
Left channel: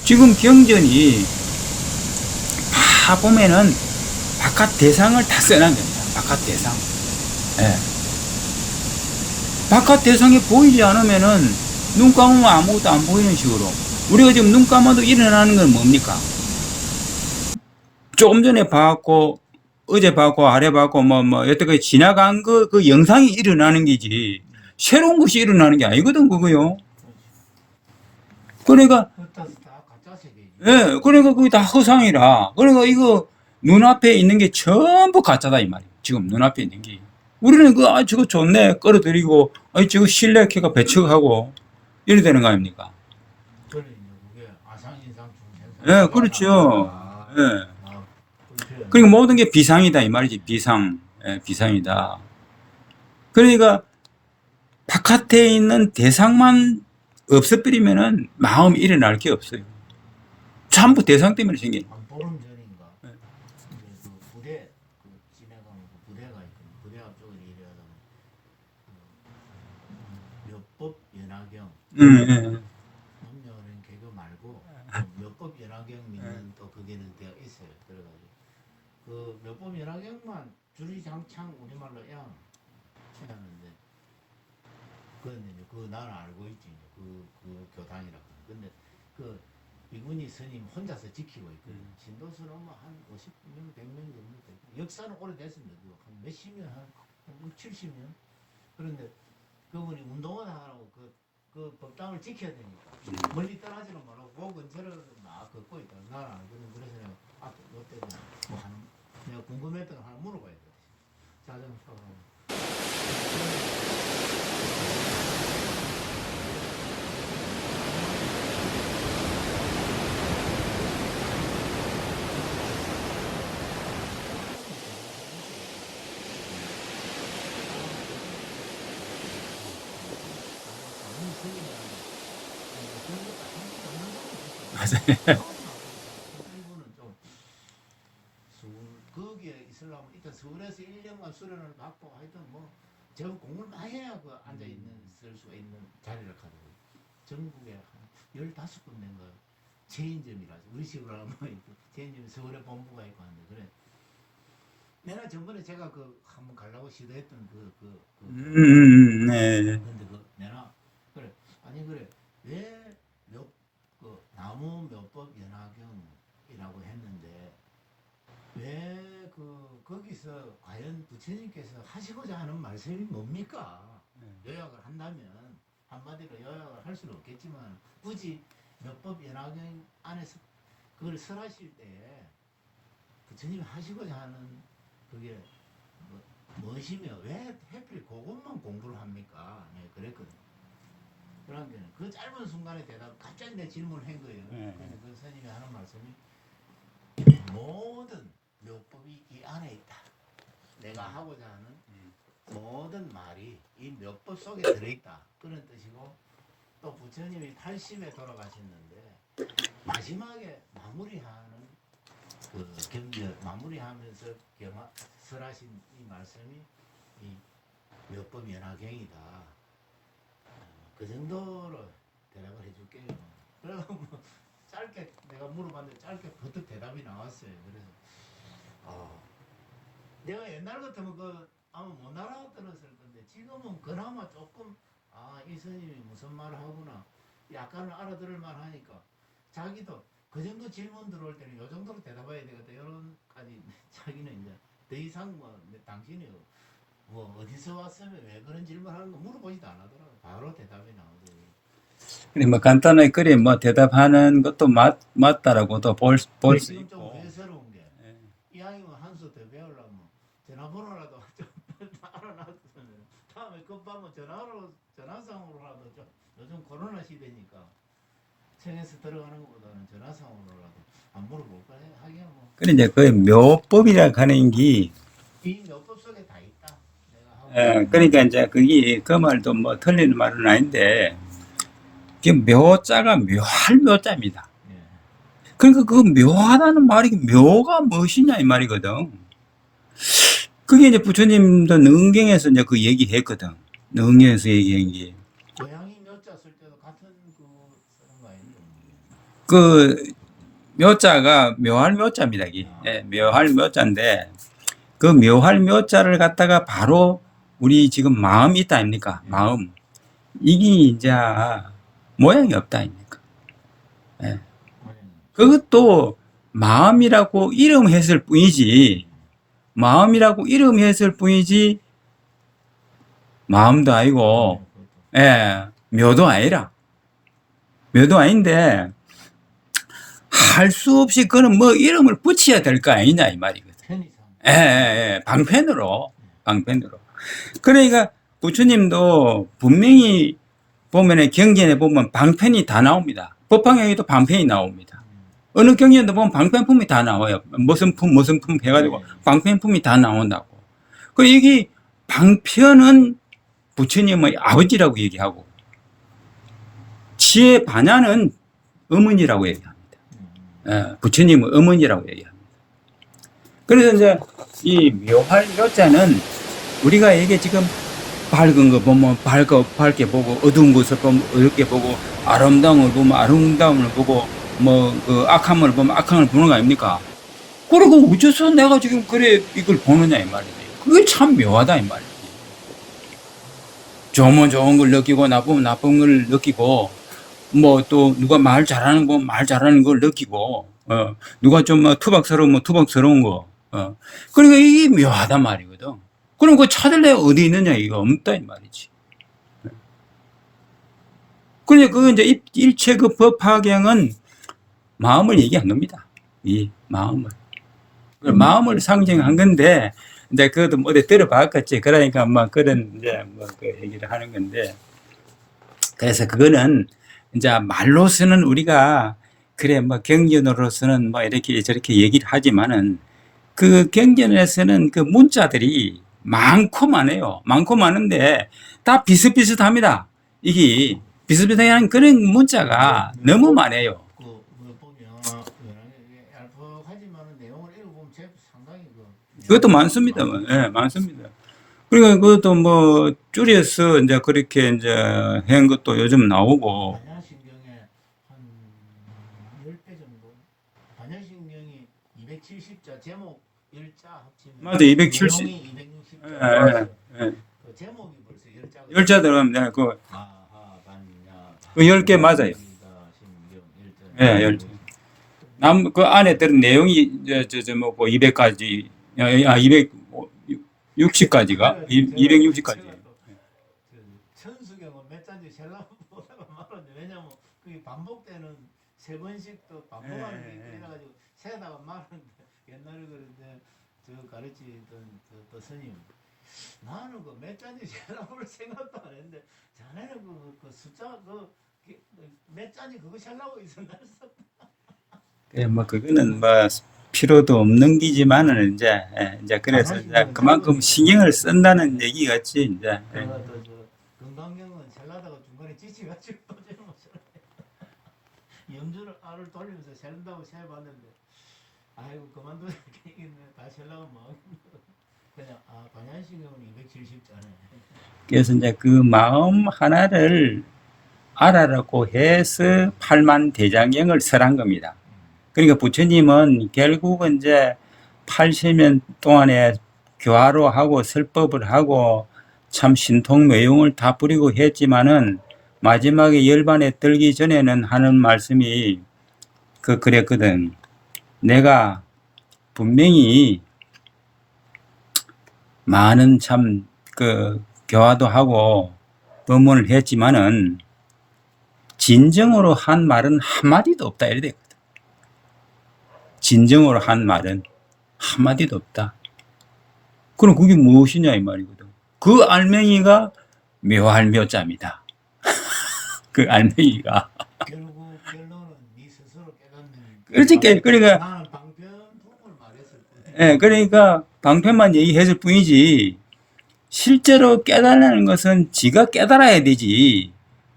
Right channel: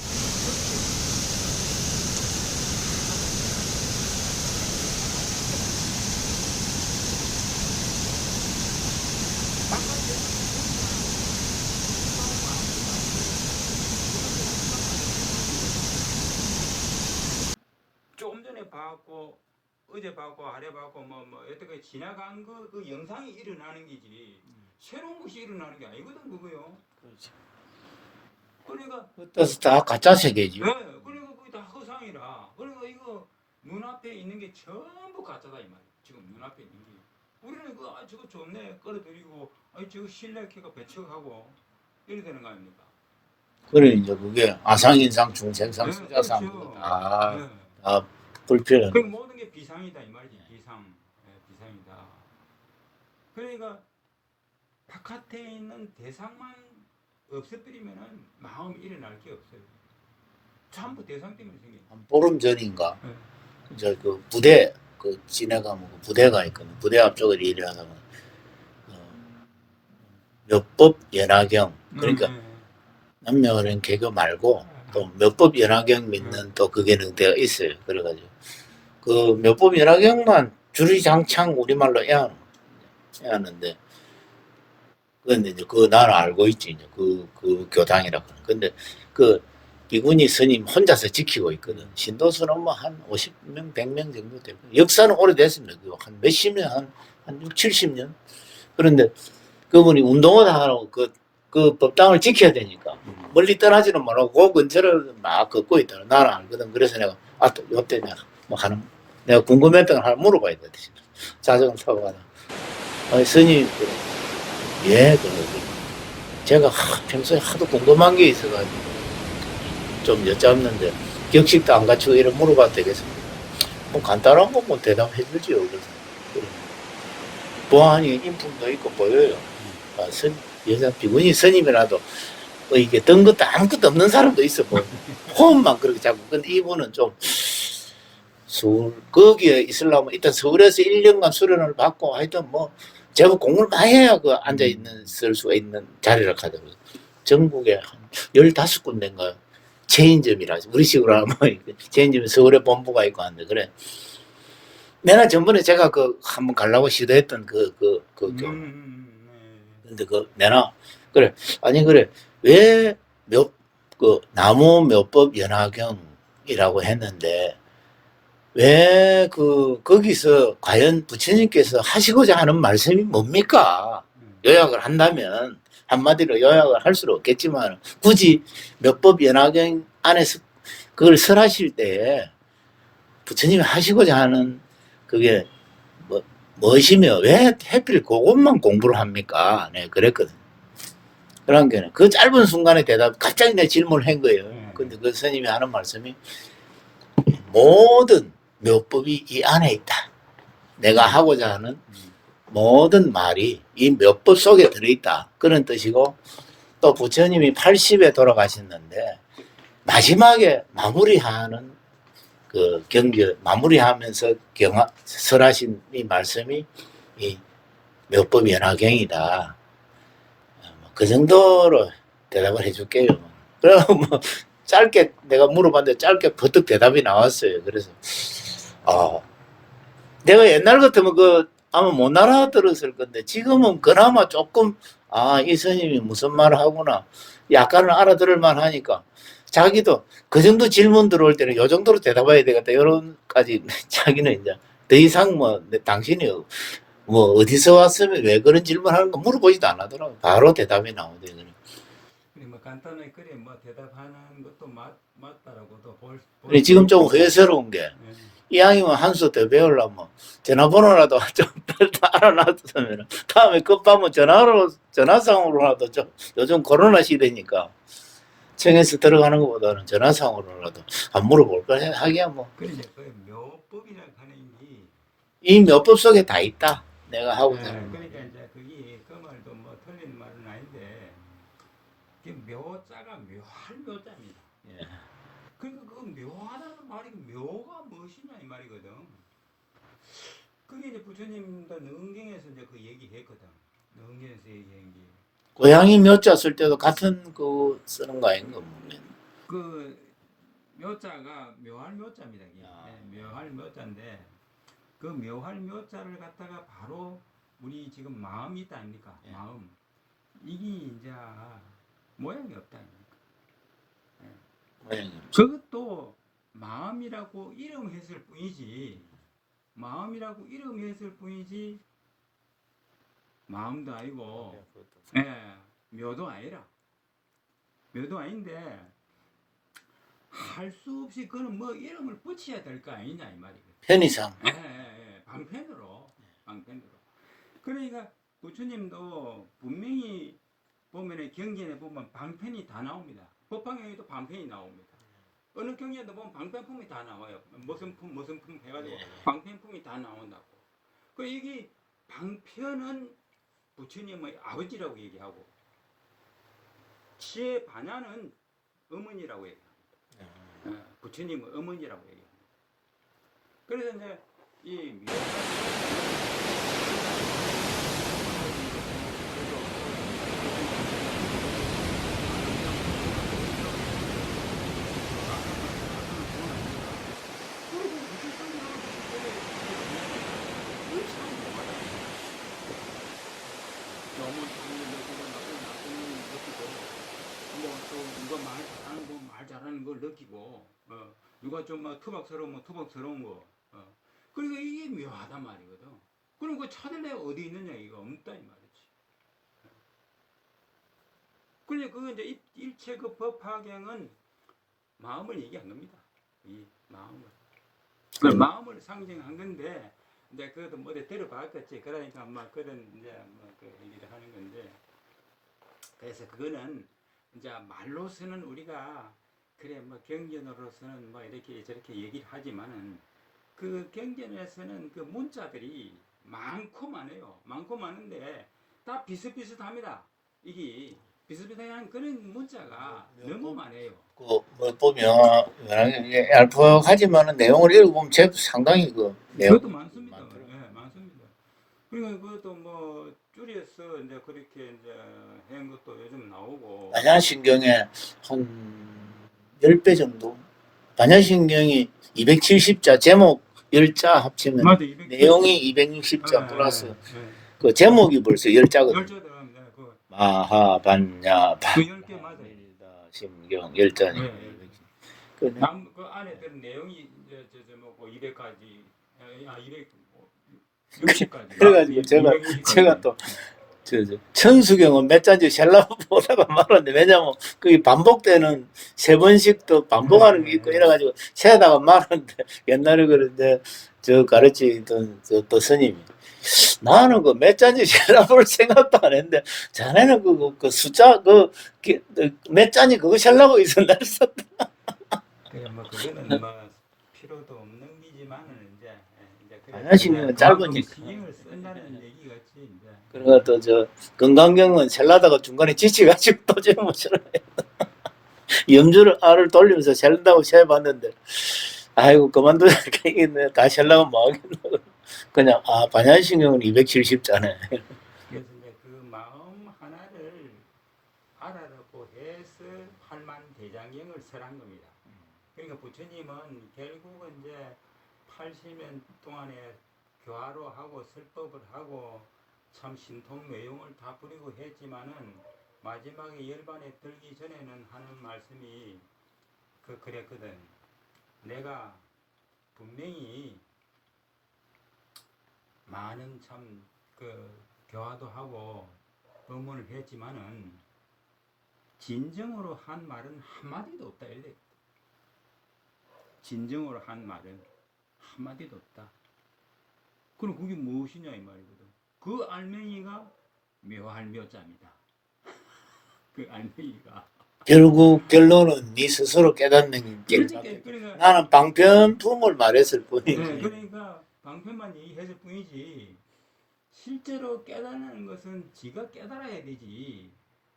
지금 경전이 다 보면은 바깥 대상을 다 써놨는 겁니다. 바깥 대상. 예. 바깥 대상이 보이지 않으면은 눈 감으면 아무것도 안 보이는 식으로 우리가 지금 눈 감아도 일어나는 건 뭡니까? 조금 전에 봐갖고 어제 봤고 아래 봤고 뭐 여태까지 지나간 그 영상이 일어나는 게지 새로운 것이 일어나는 게 아니거든 그거요. 그러니까 그래서 다 가짜 세계지. 예, 그러니까 그게 다 허상이라. 그러니까 이거 눈앞에 있는 게 전부 가짜다 이 말이에요. 지금 눈앞에 있는 게. 우리는 저거 좋네 끌어들이고 저거 신뢰해가 배척하고 이래 되는 거 아닙니까? 그래 이제 그게 아상인상 중생상. 예, 그렇죠. 아, 예. 아 불필요. 그러니까 모든 게 비상이다 이 말이지. 비상. 예, 비상이다. 그러니까 바깥에 있는 대상만 없애버리면은 마음이 일어날 게 없어요. 전부 대상 때문에 생긴. 보름 전인가 네. 이제 그 부대 그 지내가면 부대가 있거든. 부대 앞쪽을 일하다가 몇법 연화경 그러니까 남녀는 개교 말고 또 몇법 연화경 믿는 또 그게 능대가 있어요. 그래가지고 그 몇법 연화경만 주리장창 우리말로 하는데 근데 이제 그 나는 알고 있지 이제 그 교당이라고. 근데 그 비구니 스님 혼자서 지키고 있거든. 신도수는 뭐 한 50명, 100명 정도 되고 역사는 오래됐습니다. 한 몇십 년, 한 6, 70년. 그런데 그분이 운동을 하라고 그 법당을 지켜야 되니까 멀리 떠나지는 못하고 그 근처를 막 걷고 있더라. 나는 알거든. 그래서 내가 또 요때 내가 뭐 하는 내가 궁금했던 걸 하나 물어봐야 돼. 자전거 타고 가다. 스님 예, 제가 평소에 하도 궁금한 게 있어가지고 좀 여쭙는데 격식도 안 갖추고 이런 물어봐도 되겠습니까? 뭐 간단한 거 뭐 대답해 주지요. 그래서 보안이 인품도 있고 보여요. 여자 비구니 스님이라도 뭐 이게 든 것도 아무것도 없는 사람도 있어 보여. 호흡만 그렇게 자꾸. 근데 이분은 좀 거기에 있으려면 일단 서울에서 1년간 수련을 받고 하여튼 뭐 제법 공부를 많이 해야 그 앉아있는 쓸 수가 있는 자리를 가더라고요. 전국에 한 15군데인가 체인점이라 우리 식으로 하면 체인점이 서울에 본부가 있고 하는데 그래. 내가 전번에 제가 한번 가려고 시도했던 네. 근데 내가 그래 아니 그래 왜 나무 몇법 연화경이라고 했는데 왜 거기서 과연 부처님께서 하시고자 하는 말씀이 뭡니까? 요약을 한다면 한마디로 요약을 할 수는 없겠지만 굳이 몇법 연화경 안에서 그걸 설하실 때 부처님이 하시고자 하는 그게 무엇이며 왜 하필 그것만 공부를 합니까? 네, 그랬거든. 그런 게 그 짧은 순간에 갑자기 내 질문을 한 거예요. 근데 그 스님이 하는 말씀이 모든 묘법이 이 안에 있다. 내가 하고자 하는 모든 말이 이 묘법 속에 들어있다. 그런 뜻이고 또 부처님이 80에 돌아가셨는데 마지막에 마무리하는 그 경제 마무리하면서 설하신 이 말씀이 이 묘법 연화경이다. 그 정도로 대답을 해줄게요. 그럼 뭐 짧게 내가 물어봤는데 짧게 버뜩 대답이 나왔어요. 그래서 내가 옛날 같으면 그 아마 못 알아들었을 건데 지금은 그나마 조금 이 스님이 무슨 말을 하구나 약간은 알아들을 만하니까 자기도 그 정도 질문 들어올 때는 요 정도로 대답해야 되겠다 이런까지 자기는 이제 더 이상 뭐 당신이 뭐 어디서 왔으면 왜 그런 질문하는 거 물어보지도 안 하더라고. 바로 대답이 나오더라고요. 그래 뭐 간단하게 그래 뭐 대답하는 것도 맞다라고도 근데 지금 좀 회사스러운 게 이 양이면 한 수 더 배우려면 전화번호라도 좀 알아놨으면 다음에 끝밤은 전화상으로라도 좀 요즘 코로나 시대니까 청에서 들어가는 것보다는 전화상으로라도 안 물어볼까 하기야 뭐. 그래 이제 그 묘법이라 하는 게 이 묘법 속에 다 있다. 내가 하고 있는. 그러니까 이제 그게 그 말도 뭐 틀리는 말은 아닌데 그 묘자가 묘할 묘자입니다. 예. 그러니까 그 묘하다는 말이 묘가 무엇이냐 이 말이거든. 그게 이제 부처님도 능경에서 이제 그 얘기했거든. 능경에서 얘기한 게. 고양이 묘자 쓸 때도 같은 그 쓰는 거 아닌가 보면. 그 묘자가 묘할 묘자입니다. 이게. 예, 묘할 묘자인데 그 묘할 묘자를 갖다가 바로 우리 지금 마음이 있다 아닙니까? 마음. 이게 이제 모양이 없다 아닙니까? 예. 그것도 마음이라고 이름했을 뿐이지 마음이라고 이름했을 뿐이지 마음도 아니고 묘도 아니라 묘도 아닌데 할 수 없이 그는 뭐 이름을 붙여야 될 거 아니냐 이 말이거든. 편의상. 방편으로. 그러니까 부처님도 분명히 보면은 경전에 보면 방편이 다 나옵니다. 법화경에도 방편이 나옵니다. 어느 경전도 보면 방편품이 다 나와요. 무슨 품 해가지고 방편품이 다 나온다고. 그리고 여기 방편은 부처님의 아버지라고 얘기하고 지혜 반야는 어머니라고 얘기합니다. 부처님의 어머니라고 얘기합니다. 그래서 이제 이 묘할 묘자는 우리가 이게 지금 밝은 거 보면 밝게 보고 어두운 것을 보면 어둡게 보고 아름다운 걸 보면 아름다움을 보고 뭐 그 악함을 보면 악함을 보는 거 아닙니까? 그리고 어째서 내가 지금 그래 이걸 보느냐 이 말이지. 그게 참 묘하다 이 말이지. 좋으면 좋은 걸 느끼고 나쁘면 나쁜 걸 느끼고 뭐 또 누가 말 잘하는 거 말 잘하는 걸 느끼고 누가 좀 투박스러우면 투박스러운 거 그러니까 이게 묘하단 말이거든. 그럼 그 찾을래 어디 있느냐 이거 없다 이 말이지. 그러니까 그 이제 일체 그 법화경은 마음을 얘기한 겁니다. 이 마음을. 그 마음을 상징한 건데 이제 그것도 뭐 어디 들어봤겠지. 그러니까 막 그런 이제 뭐 그 얘기를 하는 건데 그래서 그거는 이제 말로서는 우리가 그래 뭐 경전으로서는 뭐 이렇게 저렇게 얘기를 하지만은 그 경전에서는 그 문자들이 많고 많아요. 많고 많은데 다 비슷비슷합니다. 이게 비슷비슷한 그런 문자가 너무 많아요. 뭐 보면 알파하지만은 내용을 읽어보면 상당히 그 내용. 그것도 많습니다. 예, 많습니다. 그러니까 그것도 뭐 줄여서 이제 그렇게 이제 한 것도 요즘 나오고. 반야신경에 한 10배 정도. 반야신경이 270자 제목 10자 합치면 맞아, 270. 내용이 260자 플러스 그 제목이 벌써 10자거든요. 10자 들어가면 그 아하 반야 그 10개 맞아요. 신경 10자. 예, 10자. 그 안에 들은 내용이 뭐 200까지 260까지가 260까지. 제가 또 천수경은 몇 잔지 셀라 보다가 말았는데 왜냐면 그게 반복되는 3번씩 또 반복하는 게 있고 이래가지고 세다가 말았는데 옛날에 그런데 저 가르치던 또 스님이 나는 그 몇 잔지 셀라 볼 생각도 안 했는데 자네는 그 숫자 몇 잔이 그거 셀라고 있었나 했었다. 예, 뭐 그거는 뭐 필요도 없는 기지만은 이제 그래서 이제 그만큼 짧으니까. 신경을 쓴다는 얘기 같지 이제. 그러니까 또 저 건강경은 셀라다가 중간에 지치가지고 또 제못 셀어요. 염주를 알을 돌리면서 셀다고 세봤는데 아이고 그만두자 이게 다시 하려면 뭐 하겠노. 그냥 반야신경은 270자네. 그래서 이제 그 마음 하나를 알아라고 해서 팔만대장경을 설한 겁니다. 그러니까 부처님은 결국은 이제 80년 동안에 교화로 하고 설법을 하고 참 신통매용을 다 부리고 했지만은 마지막에 열반에 들기 전에는 하는 말씀이 그랬거든. 내가 분명히 많은 참 교화도 하고 법문을 했지만은 진정으로 한 말은 한마디도 없다 이래 되거든. 진정으로 한 말은 한마디도 없다. 그럼 그게 무엇이냐 이 말이거든. 그 알맹이가 묘할묘자입니다. 그 알맹이가. 결국 결론은 네 스스로 깨닫는 게. 그렇지. 그러니까 나는 방편품을 말했을 뿐이지. 예, 그러니까 방편만 얘기했을 뿐이지 실제로 깨달는 것은 지가 깨달아야 되지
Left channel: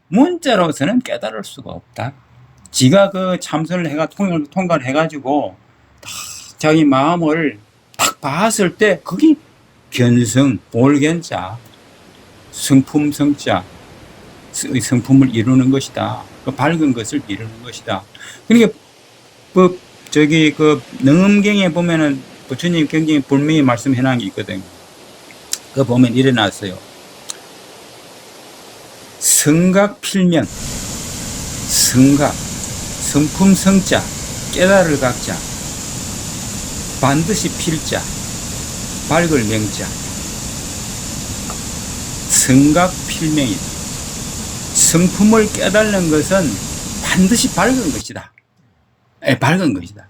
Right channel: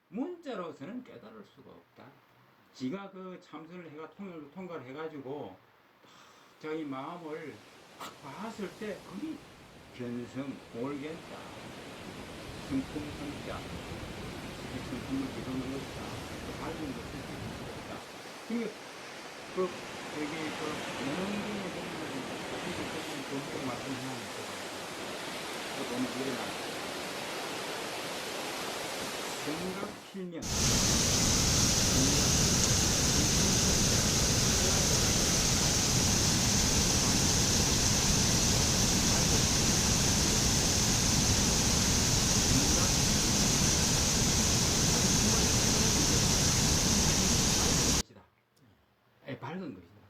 문자로서는 깨달을 수가 없다. 지가 그 참선을 해가 통과를 해가지고 딱 자기 마음을 딱 봤을 때 그게 견성, 볼견자, 성품성자, 성품을 이루는 것이다. 그 밝은 것을 이루는 것이다. 그러니까 그 능엄경에 보면은 부처님 굉장히 분명히 말씀해 놓은 게 있거든. 그 보면 일어났어요. 성각 필면, 성각, 성품 성자, 깨달을 각자, 반드시 필자, 밝을 명자. 성각 필명이다. 성품을 깨달는 것은 반드시 밝은 것이다. 밝은 것이다.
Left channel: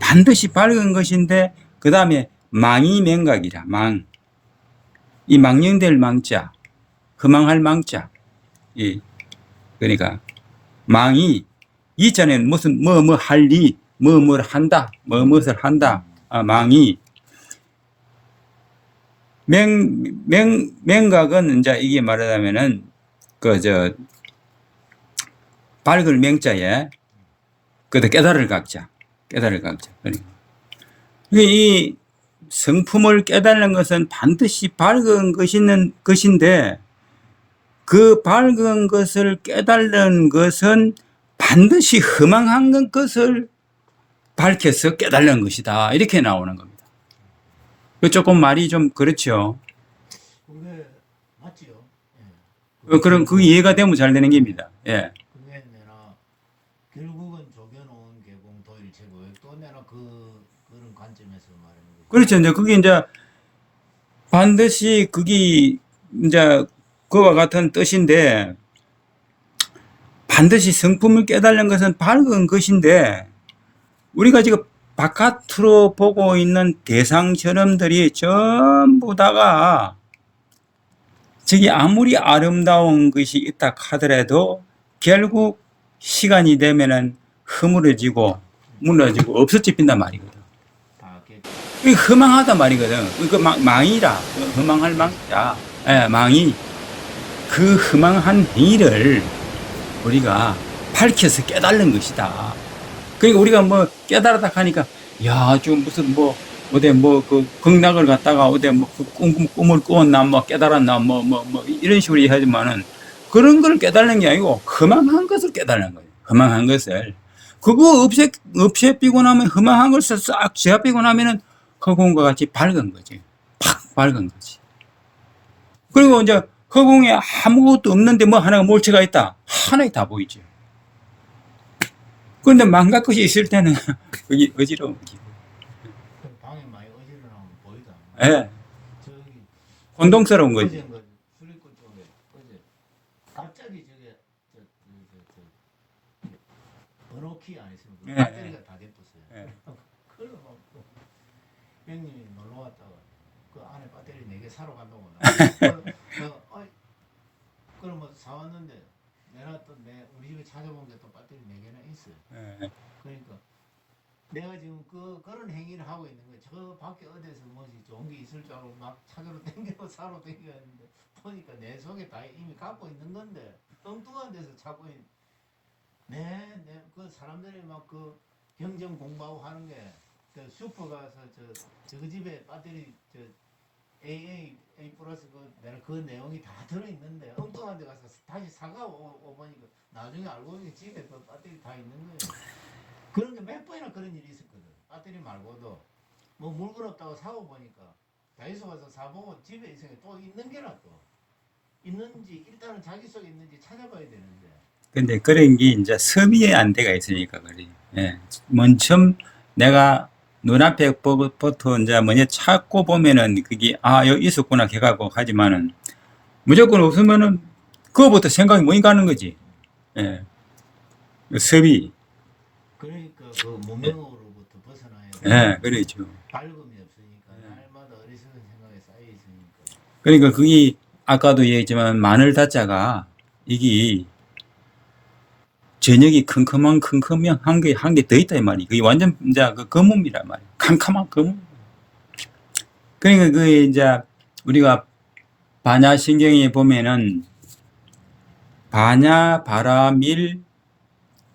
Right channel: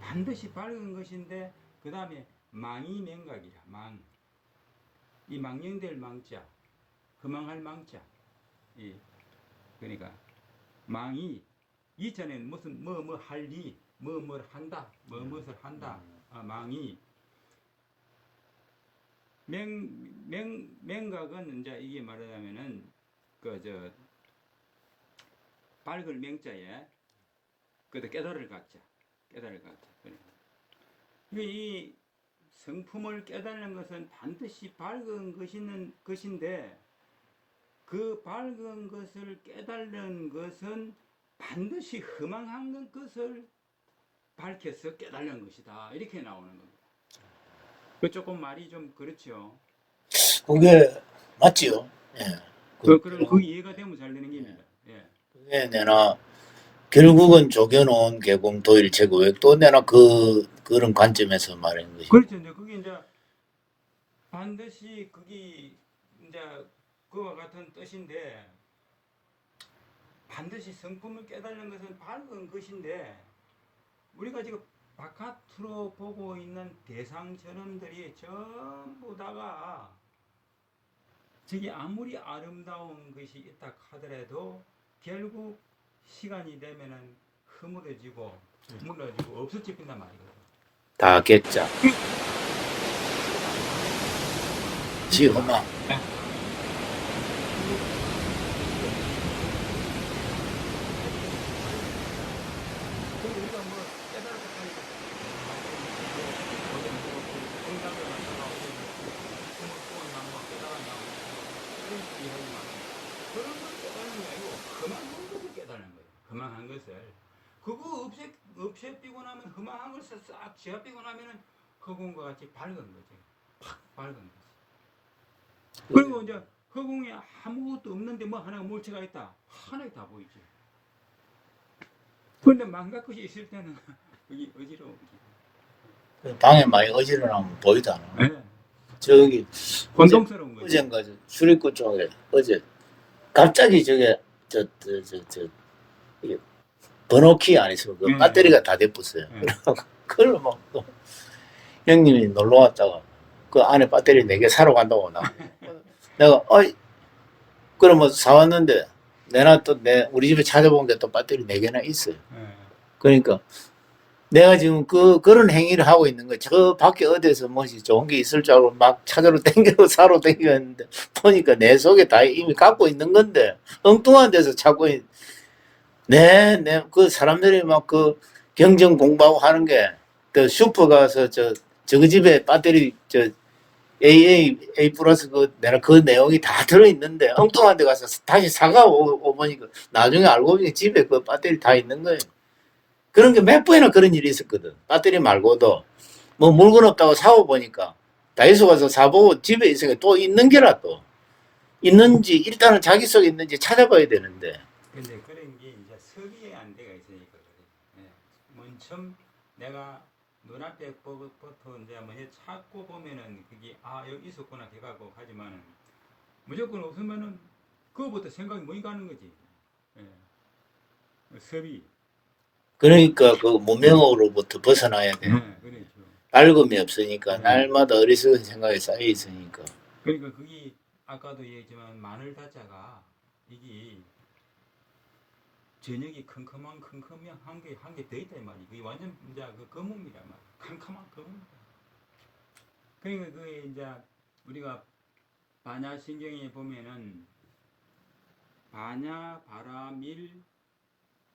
반드시 밝은 것인데 그 다음에 망이 맹각이라. 망. 이 망령될 망자, 허망할 망자. 그러니까 망이 이전에는 무슨 할 리, 뭘 한다, 무엇을 한다. 망이 맹각은 이제 이게 말하자면은 밝을 맹자에 깨달을 각자. 그러니까 이 성품을 깨달는 것은 반드시 밝은 것인데 그 밝은 것을 깨달는 것은 반드시 허망한 것을 밝혀서 깨달는 것이다. 이렇게 나오는 겁니다. 조금 말이 좀 그렇죠. 그게 맞지요. 예. 그럼 그 이해가 되면 잘 되는 겁니다. 예. 그게 내가 결국은 조견온 개공 도일 최고획 또 내가 그런 관점에서 말하는 것이. 그렇죠. 이제 그게 이제 반드시 그게 이제 그와 같은 뜻인데 반드시 성품을 깨달는 것은 밝은 것인데 우리가 지금 바깥으로 보고 있는 대상처럼들이 전부 다가 저기 아무리 아름다운 것이 있다 하더라도 결국 시간이 되면은 허물어지고 무너지고 없어져 빈단 말이거든. 다 개자. 이게 허망하단 말이거든. 이거 망이라. 허망할 망이라. 예, 망이. 그 허망한 행위를 우리가 밝혀서 깨달는 것이다. 그러니까 우리가 뭐 깨달았다 하니까 야, 좀 무슨 어디 극락을 갔다가 어디 꿈을 꾸었나 깨달았나 이런 식으로 얘기하지만은 그런 걸 깨달는 게 아니고 허망한 것을 깨달는 거예요. 허망한 것을. 그거 없애비고 나면 허망한 것을 싹 제압비고 나면은 허공과 같이 밝은 거지. 팍 밝은 거지. 그리고 이제 허공에 아무것도 없는데 하나가 몰체가 있다. 하나에 다 보이지. 그런데 망각 것이 있을 때는 그게 어지러운 거지. 방에 많이 어지러우면 보이다. 네. 저기 혼동스러운 거지. 어젠가 출입구 쪽에 어제 갑자기 저게 이게 번호키 안 있으면 그 배터리가 다 돼버렸어요. 그걸 막 또 형님이 놀러 왔다가 그 안에 배터리 4개 사러 간다고 나가. 내가 그러면 사왔는데 내가 또 우리 집에 찾아본 게 또 배터리 4개나 있어요. 그러니까 내가 지금 그런 행위를 하고 있는 거야. 저 밖에 어디서 뭐지 좋은 게 있을 줄 알고 막 찾으러 댕기고 사러 댕기는데 보니까 내 속에 다 이미 갖고 있는 건데 엉뚱한 데서 찾고 그 사람들이 막 경정 공부하고 하는 게 그 슈퍼 가서 저거 집에 배터리 A 플러스 내가 그 내용이 다 들어있는데 엉뚱한 데 가서 다시 사가 보니까 나중에 알고 보니 집에 그 배터리 다 있는 거예요. 그런 게 몇 번이나 그런 일이 있었거든. 배터리 말고도 뭐 물건 없다고 사고 보니까 다이소 가서 사보고 집에 있으니까 또 있는 게라 또 있는지 일단은 자기 속에 있는지 찾아봐야 되는데 근데 그런 게 이제 섭외의 안대가 있으니까 그래. 예. 먼저 내가 눈앞에 부터 이제 뭐냐 찾고 보면은 그게 여기 있었구나 해가고 하지만은 무조건 없으면은 그거부터 생각이 못 가는 거지. 예. 섭외. 그러니까 그 무명으로부터 벗어나야 돼. 예, 그렇죠. 밝음이 없으니까 날마다 어리석은 생각이 쌓여 있으니까. 그러니까 그게 아까도 얘기했지만 마늘 다자가 이게 저녁이 컴컴한 한 개 더 있다 이 말이. 그게 완전 이제 그 거품이란 말이야. 캄캄한 거품. 그러니까 그 이제 우리가 반야신경에 보면은 반야 바라밀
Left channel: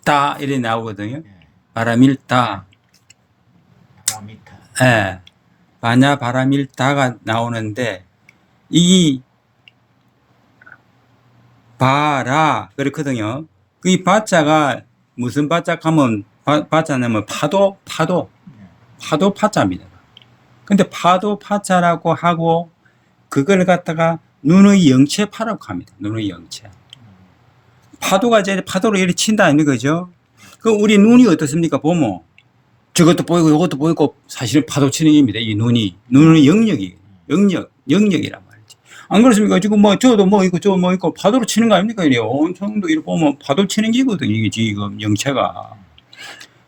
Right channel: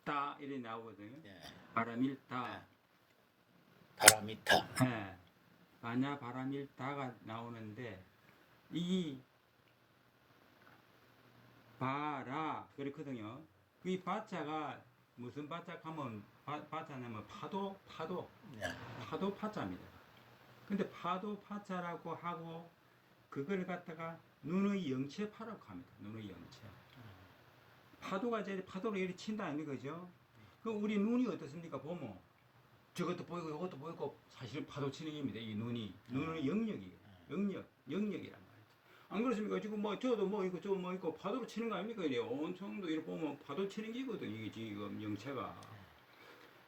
다 이래 나오거든요. 바라밀 다. 바람이타. 예. 반야 바라밀 다가 나오는데 이 바라 그렇거든요. 그 바자가 무슨 바자 하면 바자냐면 파도 파자입니다. 근데 파도 파자라고 하고 그걸 갖다가 눈의 영체파라고 합니다. 눈의 영체. 파도가 이제 파도로 이렇게 친다 아닙니까? 그죠? 그 우리 눈이 어떻습니까? 보면 저것도 보이고 이것도 보이고 사실은 파도 치는 겁니다. 이 눈의 영역이란 말이지. 안 그렇습니까? 지금 뭐 저도 뭐 있고 저 뭐 있고 파도로 치는 거 아닙니까? 이래 온천도 이렇게 보면 파도 치는 기거든 이게 지금 영체가.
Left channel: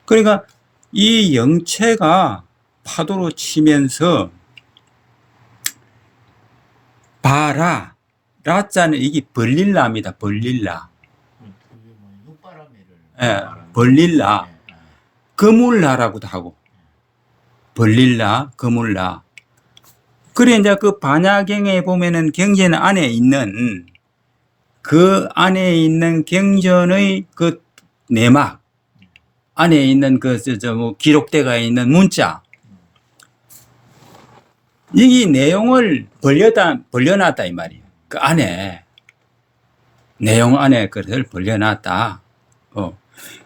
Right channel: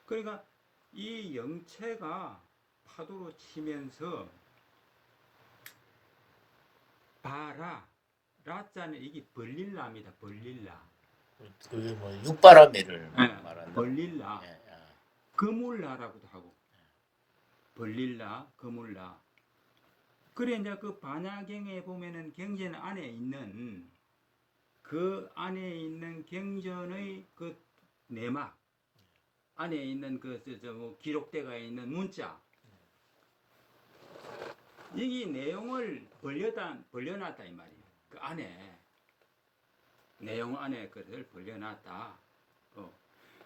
그러니까 이 영체가 파도로 치면서 라자는 이게 벌릴라입니다. 벌릴라. 그게 뭐 육바라밀을 예, 벌릴라. 거물라라고도 하고. 벌릴라, 거물라. 그래 이제 그 반야경에 보면은 경전 안에 있는 그 안에 있는 경전의 그 내막 안에 있는 그 뭐 기록대가 있는 문자 이 내용을 벌려놨다 이 말이에요. 그 안에 내용 안에 그것을 벌려놨다.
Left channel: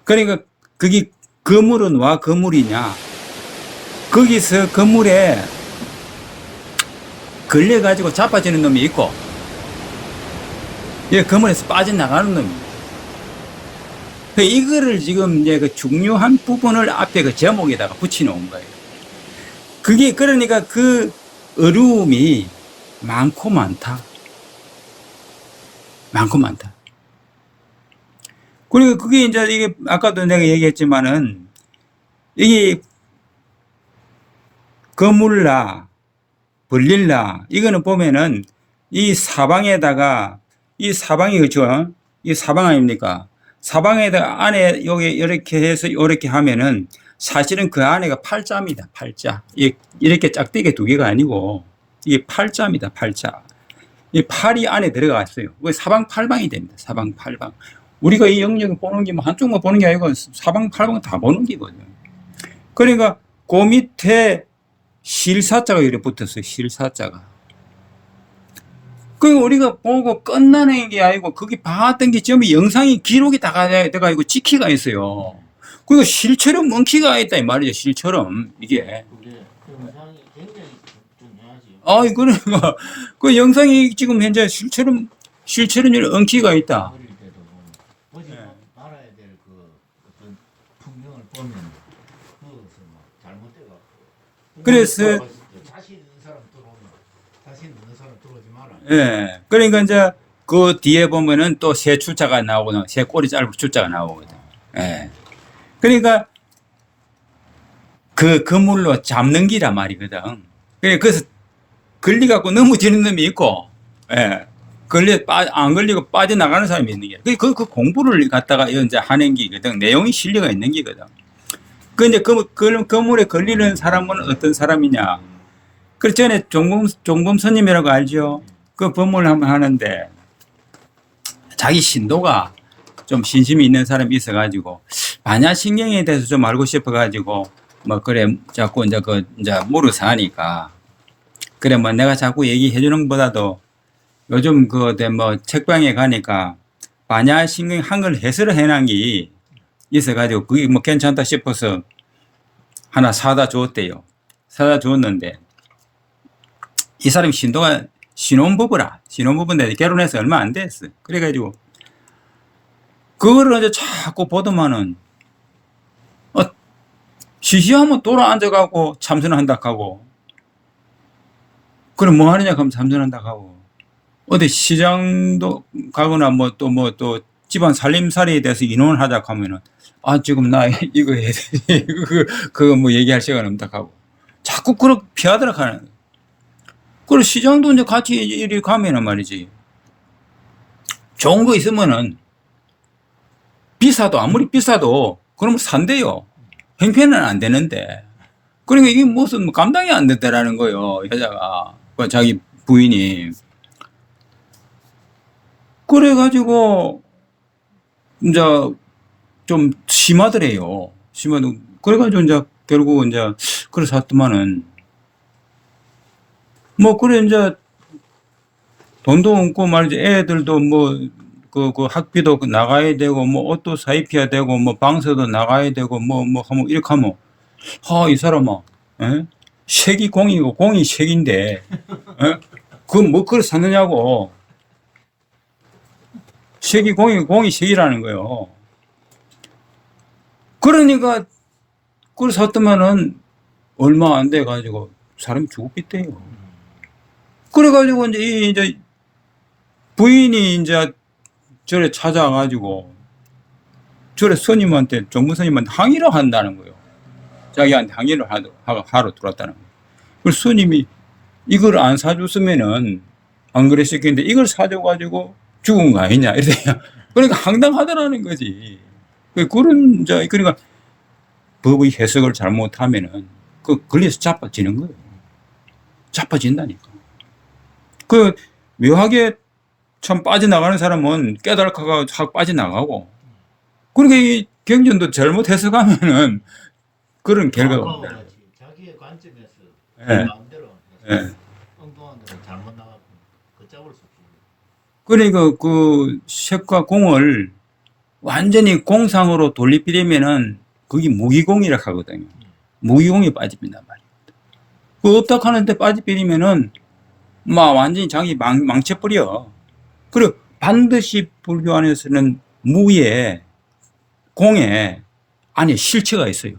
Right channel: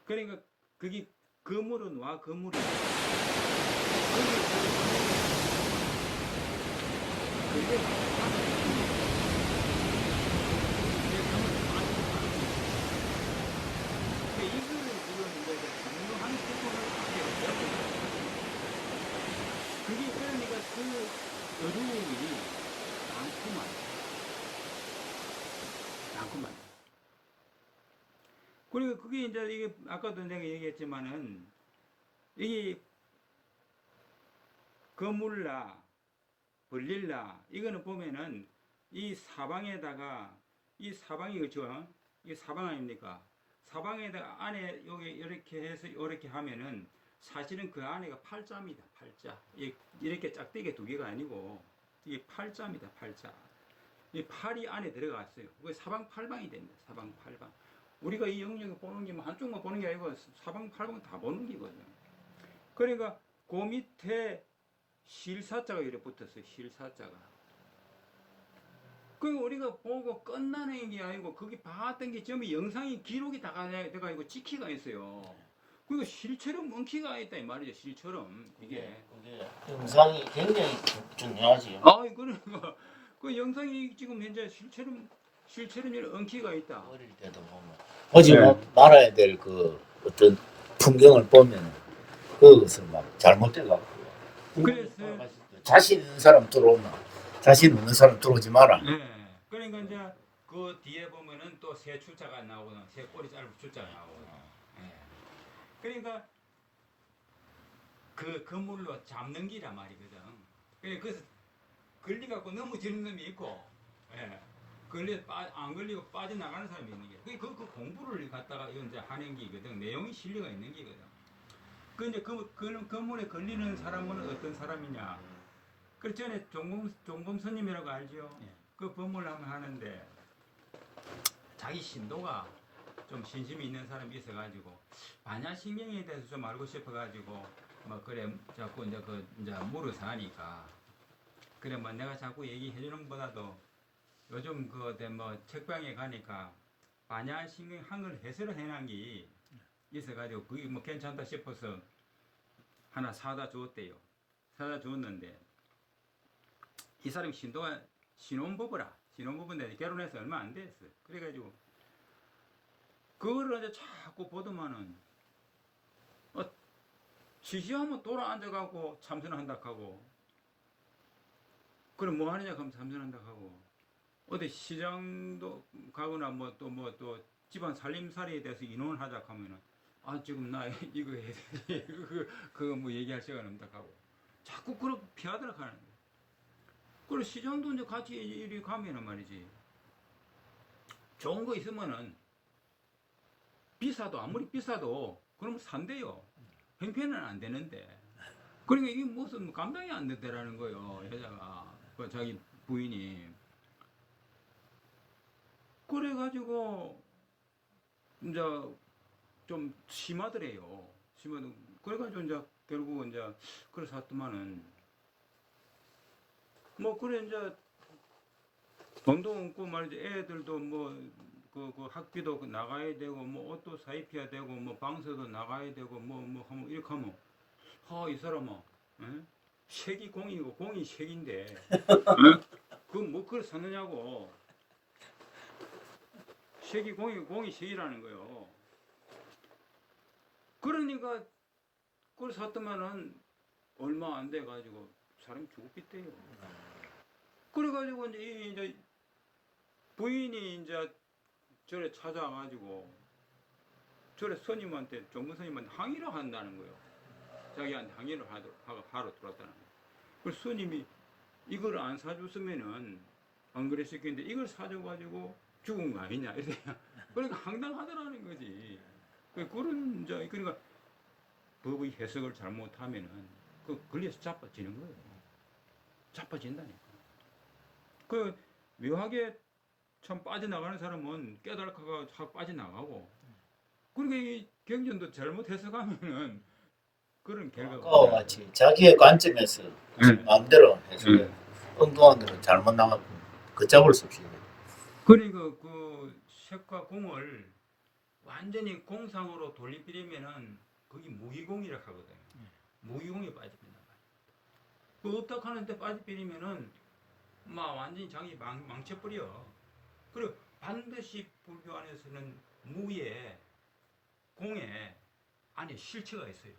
그러니까 그게 거물은 와 거물이냐? 거기서 거물에 걸려가지고 자빠지는 놈이 있고, 거물에서 빠져나가는 놈이. 이거를 지금 이제 그 중요한 부분을 앞에 그 제목에다가 붙여놓은 거예요. 그게 그러니까 그 어려움이 많고 많다. 많고 많다. 그리고 그게 이제 이게 아까도 내가 얘기했지만은 이게 거물라, 벌릴라 이거는 보면은 이 사방에다가 이 사방이 그죠? 이 사방 아닙니까? 사방에다가 안에 여기 이렇게 해서 이렇게 하면은 사실은 그 안에가 팔자입니다. 팔자. 이렇게 짝대기 두 개가 아니고 이게 팔자입니다. 팔자. 이 팔이 안에 들어갔어요. 사방팔방이 됩니다. 사방팔방. 우리가 이 영역을 보는 게 뭐 한쪽만 보는 게 아니고 사방팔방 다 보는 거거든요. 그러니까 그 밑에 실사자가 이렇게 붙었어요. 실사자가. 그 우리가 보고 끝나는 게 아니고 거기 봤던 게 전부 영상이 기록이 다 돼가지고 찍히가 있어요. 그리고 실처럼 엉키가 있다 이 말이죠. 실처럼 이게. 영상이 굉장히 중요하지. 그러니까 그 영상이 지금 현재 실처럼 엉키가 있다. 하지 네. 말아야 될 그 어떤 풍경을 보면 그것을 막 잘못돼갖고. 그래서 자신 있는 사람 들어오나 자신 없는 사람 들어오지 마라. 예. 그러니까 이제 그 뒤에 보면은 또 새 출자가 나오거든. 새 꼬리 짧은 출자가 나오거든. 예. 그러니까 그 그물로 잡는 기라 말이거든. 그래서 걸리갖고 넘어지는 놈이 있고, 예. 안 걸리고 빠져나가는 사람이 있는 게. 그 공부를 갖다가 이제 하는 기거든. 내용이 실려가 있는 기거든. 근데 그물에 걸리는 사람은 어떤 사람이냐. 그 전에 종범 스님이라고 알죠? 그 법문을 한번 하는데 자기 신도가 좀 신심이 있는 사람이 있어가지고 반야신경에 대해서 좀 알고 싶어가지고 뭐 그래 자꾸 이제 이제 물어서 하니까 그래 뭐 내가 자꾸 얘기해 주는 것보다도 요즘 뭐 책방에 가니까 반야신경 한글 해설을 해놓은 게 있어가지고 그게 뭐 괜찮다 싶어서 하나 사다 줬대요. 사다 줬는데 이 사람이 신혼부부인데 결혼해서 얼마 안 됐어. 그래가지고 그거를 이제 자꾸 보더만은 시시하면 돌아 앉아가고 참선한다 하고 그럼 뭐 하느냐 하면 참선한다 하고 어디 시장도 가거나 뭐 또 집안 살림살이에 대해서 인원을 하자 하면은 지금 나 이거 해야 돼. 그거 뭐 얘기할 시간 없다 하고 자꾸 그렇게 피하더라 하는 거예요. 그리고 시장도 이제 같이 이리 가면은 말이지 좋은 거 있으면은 비싸도 아무리 비싸도 그러면 산대요. 형편은 안 되는데. 그러니까 이게 무슨 감당이 안 됐다라는 거예요. 여자가 자기 부인이. 그래가지고 이제 좀 심하더래요. 심하도 그래가지고 이제 결국 이제 그래서 했더만은 뭐 그래 이제 돈도 없고 말이지 애들도 뭐 그 학비도 나가야 되고 뭐 옷도 사입혀야 되고 뭐 방세도 나가야 되고 뭐 하면 이렇게 하면 이 사람아 색이 공이고 공이 색인데 그 뭐 그걸 샀느냐고 색이 공이고 공이 색이라는 거예요. 그러니까 그걸 샀더만은 얼마 안 돼 가지고 사람이 죽었겠대요. 그래가지고 이제 부인이 이제 절에 찾아가지고 절에 스님한테 정부 스님한테 항의를 한다는 거예요. 자기한테 항의를 하러 들어왔다는 거예요. 그래서 스님이 이걸 안 사줬으면은 안 그랬었겠는데 이걸 사줘가지고 죽은 거 아니냐 이래요. 그러니까 황당하더라는 거지. 그런 이제 그러니까 법의 해석을 잘못하면은 걸려서 자빠지는 거예요. 자빠진다니까. 묘하게 참 빠져나가는 사람은 깨달아가 확 빠져나가고, 그러니까 이 경전도 잘못 해석하면은 그런 결과가 그거 같이 자기의 관점에서 그 네. 마음대로 해서 네. 엉뚱한 데는 잘못 나가고 걷잡을 수 없이. 그러니까 그 색과 공을 완전히 공상으로 돌리피려면은 그게 무기공이라 하거든요. 무기공이 빠집니다 말이에요. 그 업닥 하는데 빠져버리면은 막 완전히 자기 망쳐버려. 그리고 반드시 불교 안에서는 무에 공에 안에 실체가 있어요.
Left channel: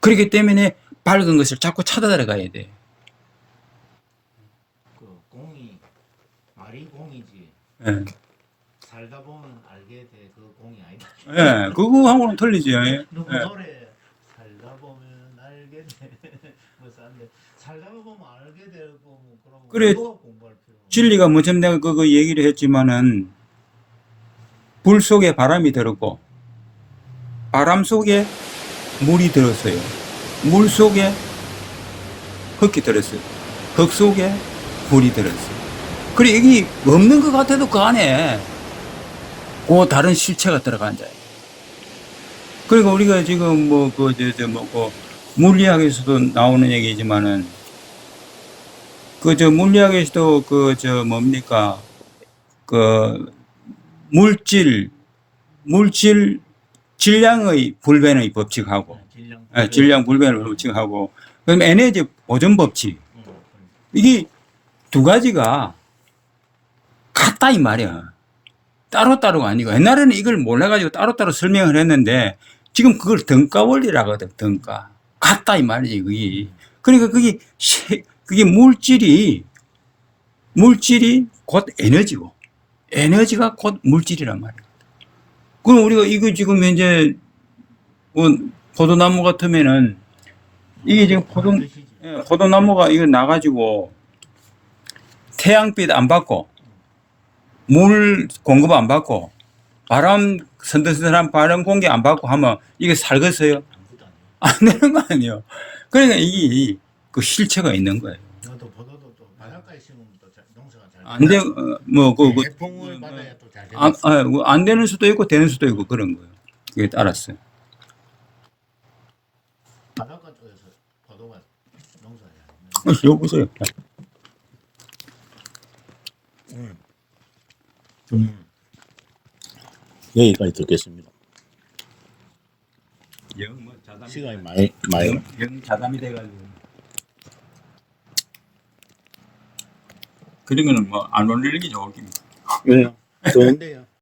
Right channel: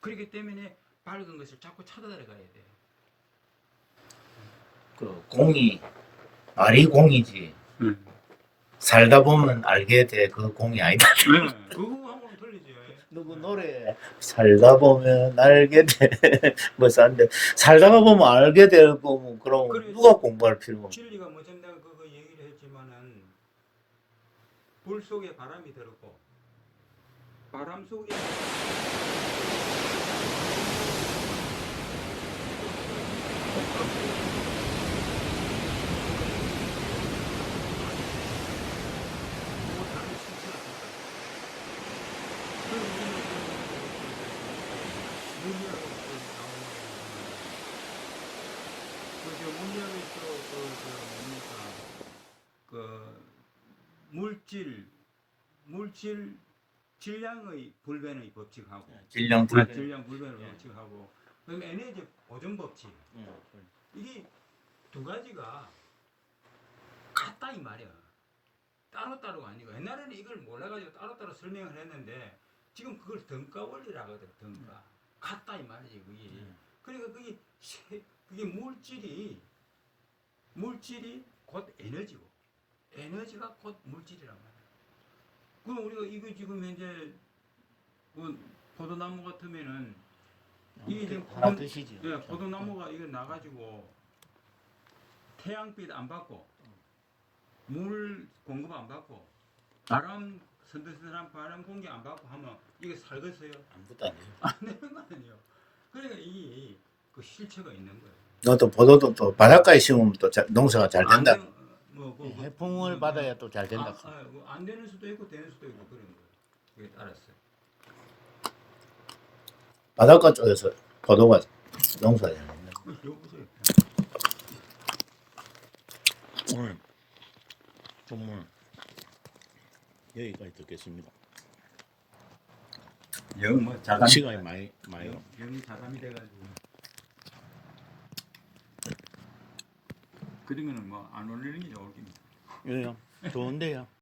그렇기 때문에 밝은 것을 자꾸 찾아 들어가야 돼. 그 공이 말이 공이지 네. 살다 보면 알게 돼 그 공이 아니다. 네. 그거하고는 틀리지. 누구 네. 노래 살다 보면 알게 돼. 뭐 싼데 살다가 보면 알게 되고 뭐 그럼 그래. 누가 공부할 필요가 없어. 진리가 뭐좀 내가 그거 얘기를 했지만은 불 속에 바람이 들었고 바람 속에 물이 들었어요. 물 속에 흙이 들었어요. 흙 속에 불이 들었어요. 그래 이게 없는 것 같아도 그 안에 그 다른 실체가 들어간다. 그러니까 우리가 지금 물리학에서도 나오는 얘기지만은 물리학에서도 물질 질량의 불변의 법칙하고 질량 불변의 법칙하고 그다음에 에너지 보존 법칙 이게 두 가지가 같다 이 말이야. 따로따로가 아니고 옛날에는 이걸 몰라가지고 따로따로 설명을 했는데 지금 그걸 등가 원리라고 하거든. 등가 같다 이 말이지 그게. 그러니까 그게 물질이 곧 에너지고 에너지가 곧 물질이란 말이야. 그럼 우리가 이거 지금 현재 포도나무 같으면은 이게 지금 포도나무가 이거 나가지고 태양빛 안 받고 물 공급 안 받고 바람 선선한 바람 공기 안 받고 하면 이게 살겠어요? 안 되는 거 아니에요. 그러니까 이게 그 실체가 있는 거예요. 너도 포도도 또 바닷가에 심으면 또 농사가 잘 된다. 안 돼, 그, 해풍을 받아야 또 잘 된다. 안 되는 수도 있고 되는 수도 있고 그런 거예요. 그게 알았어요. 바닷가 쪽에서 포도가 농사가 잘 된다. 이거 보세요. 여기까지 듣겠습니다. 영 뭐 자담, 시간이 많이 영 자담이 돼가지고. 그런 거는 뭐 안 올리는 게 좋을 겁니다. 왜요? 좋은데요.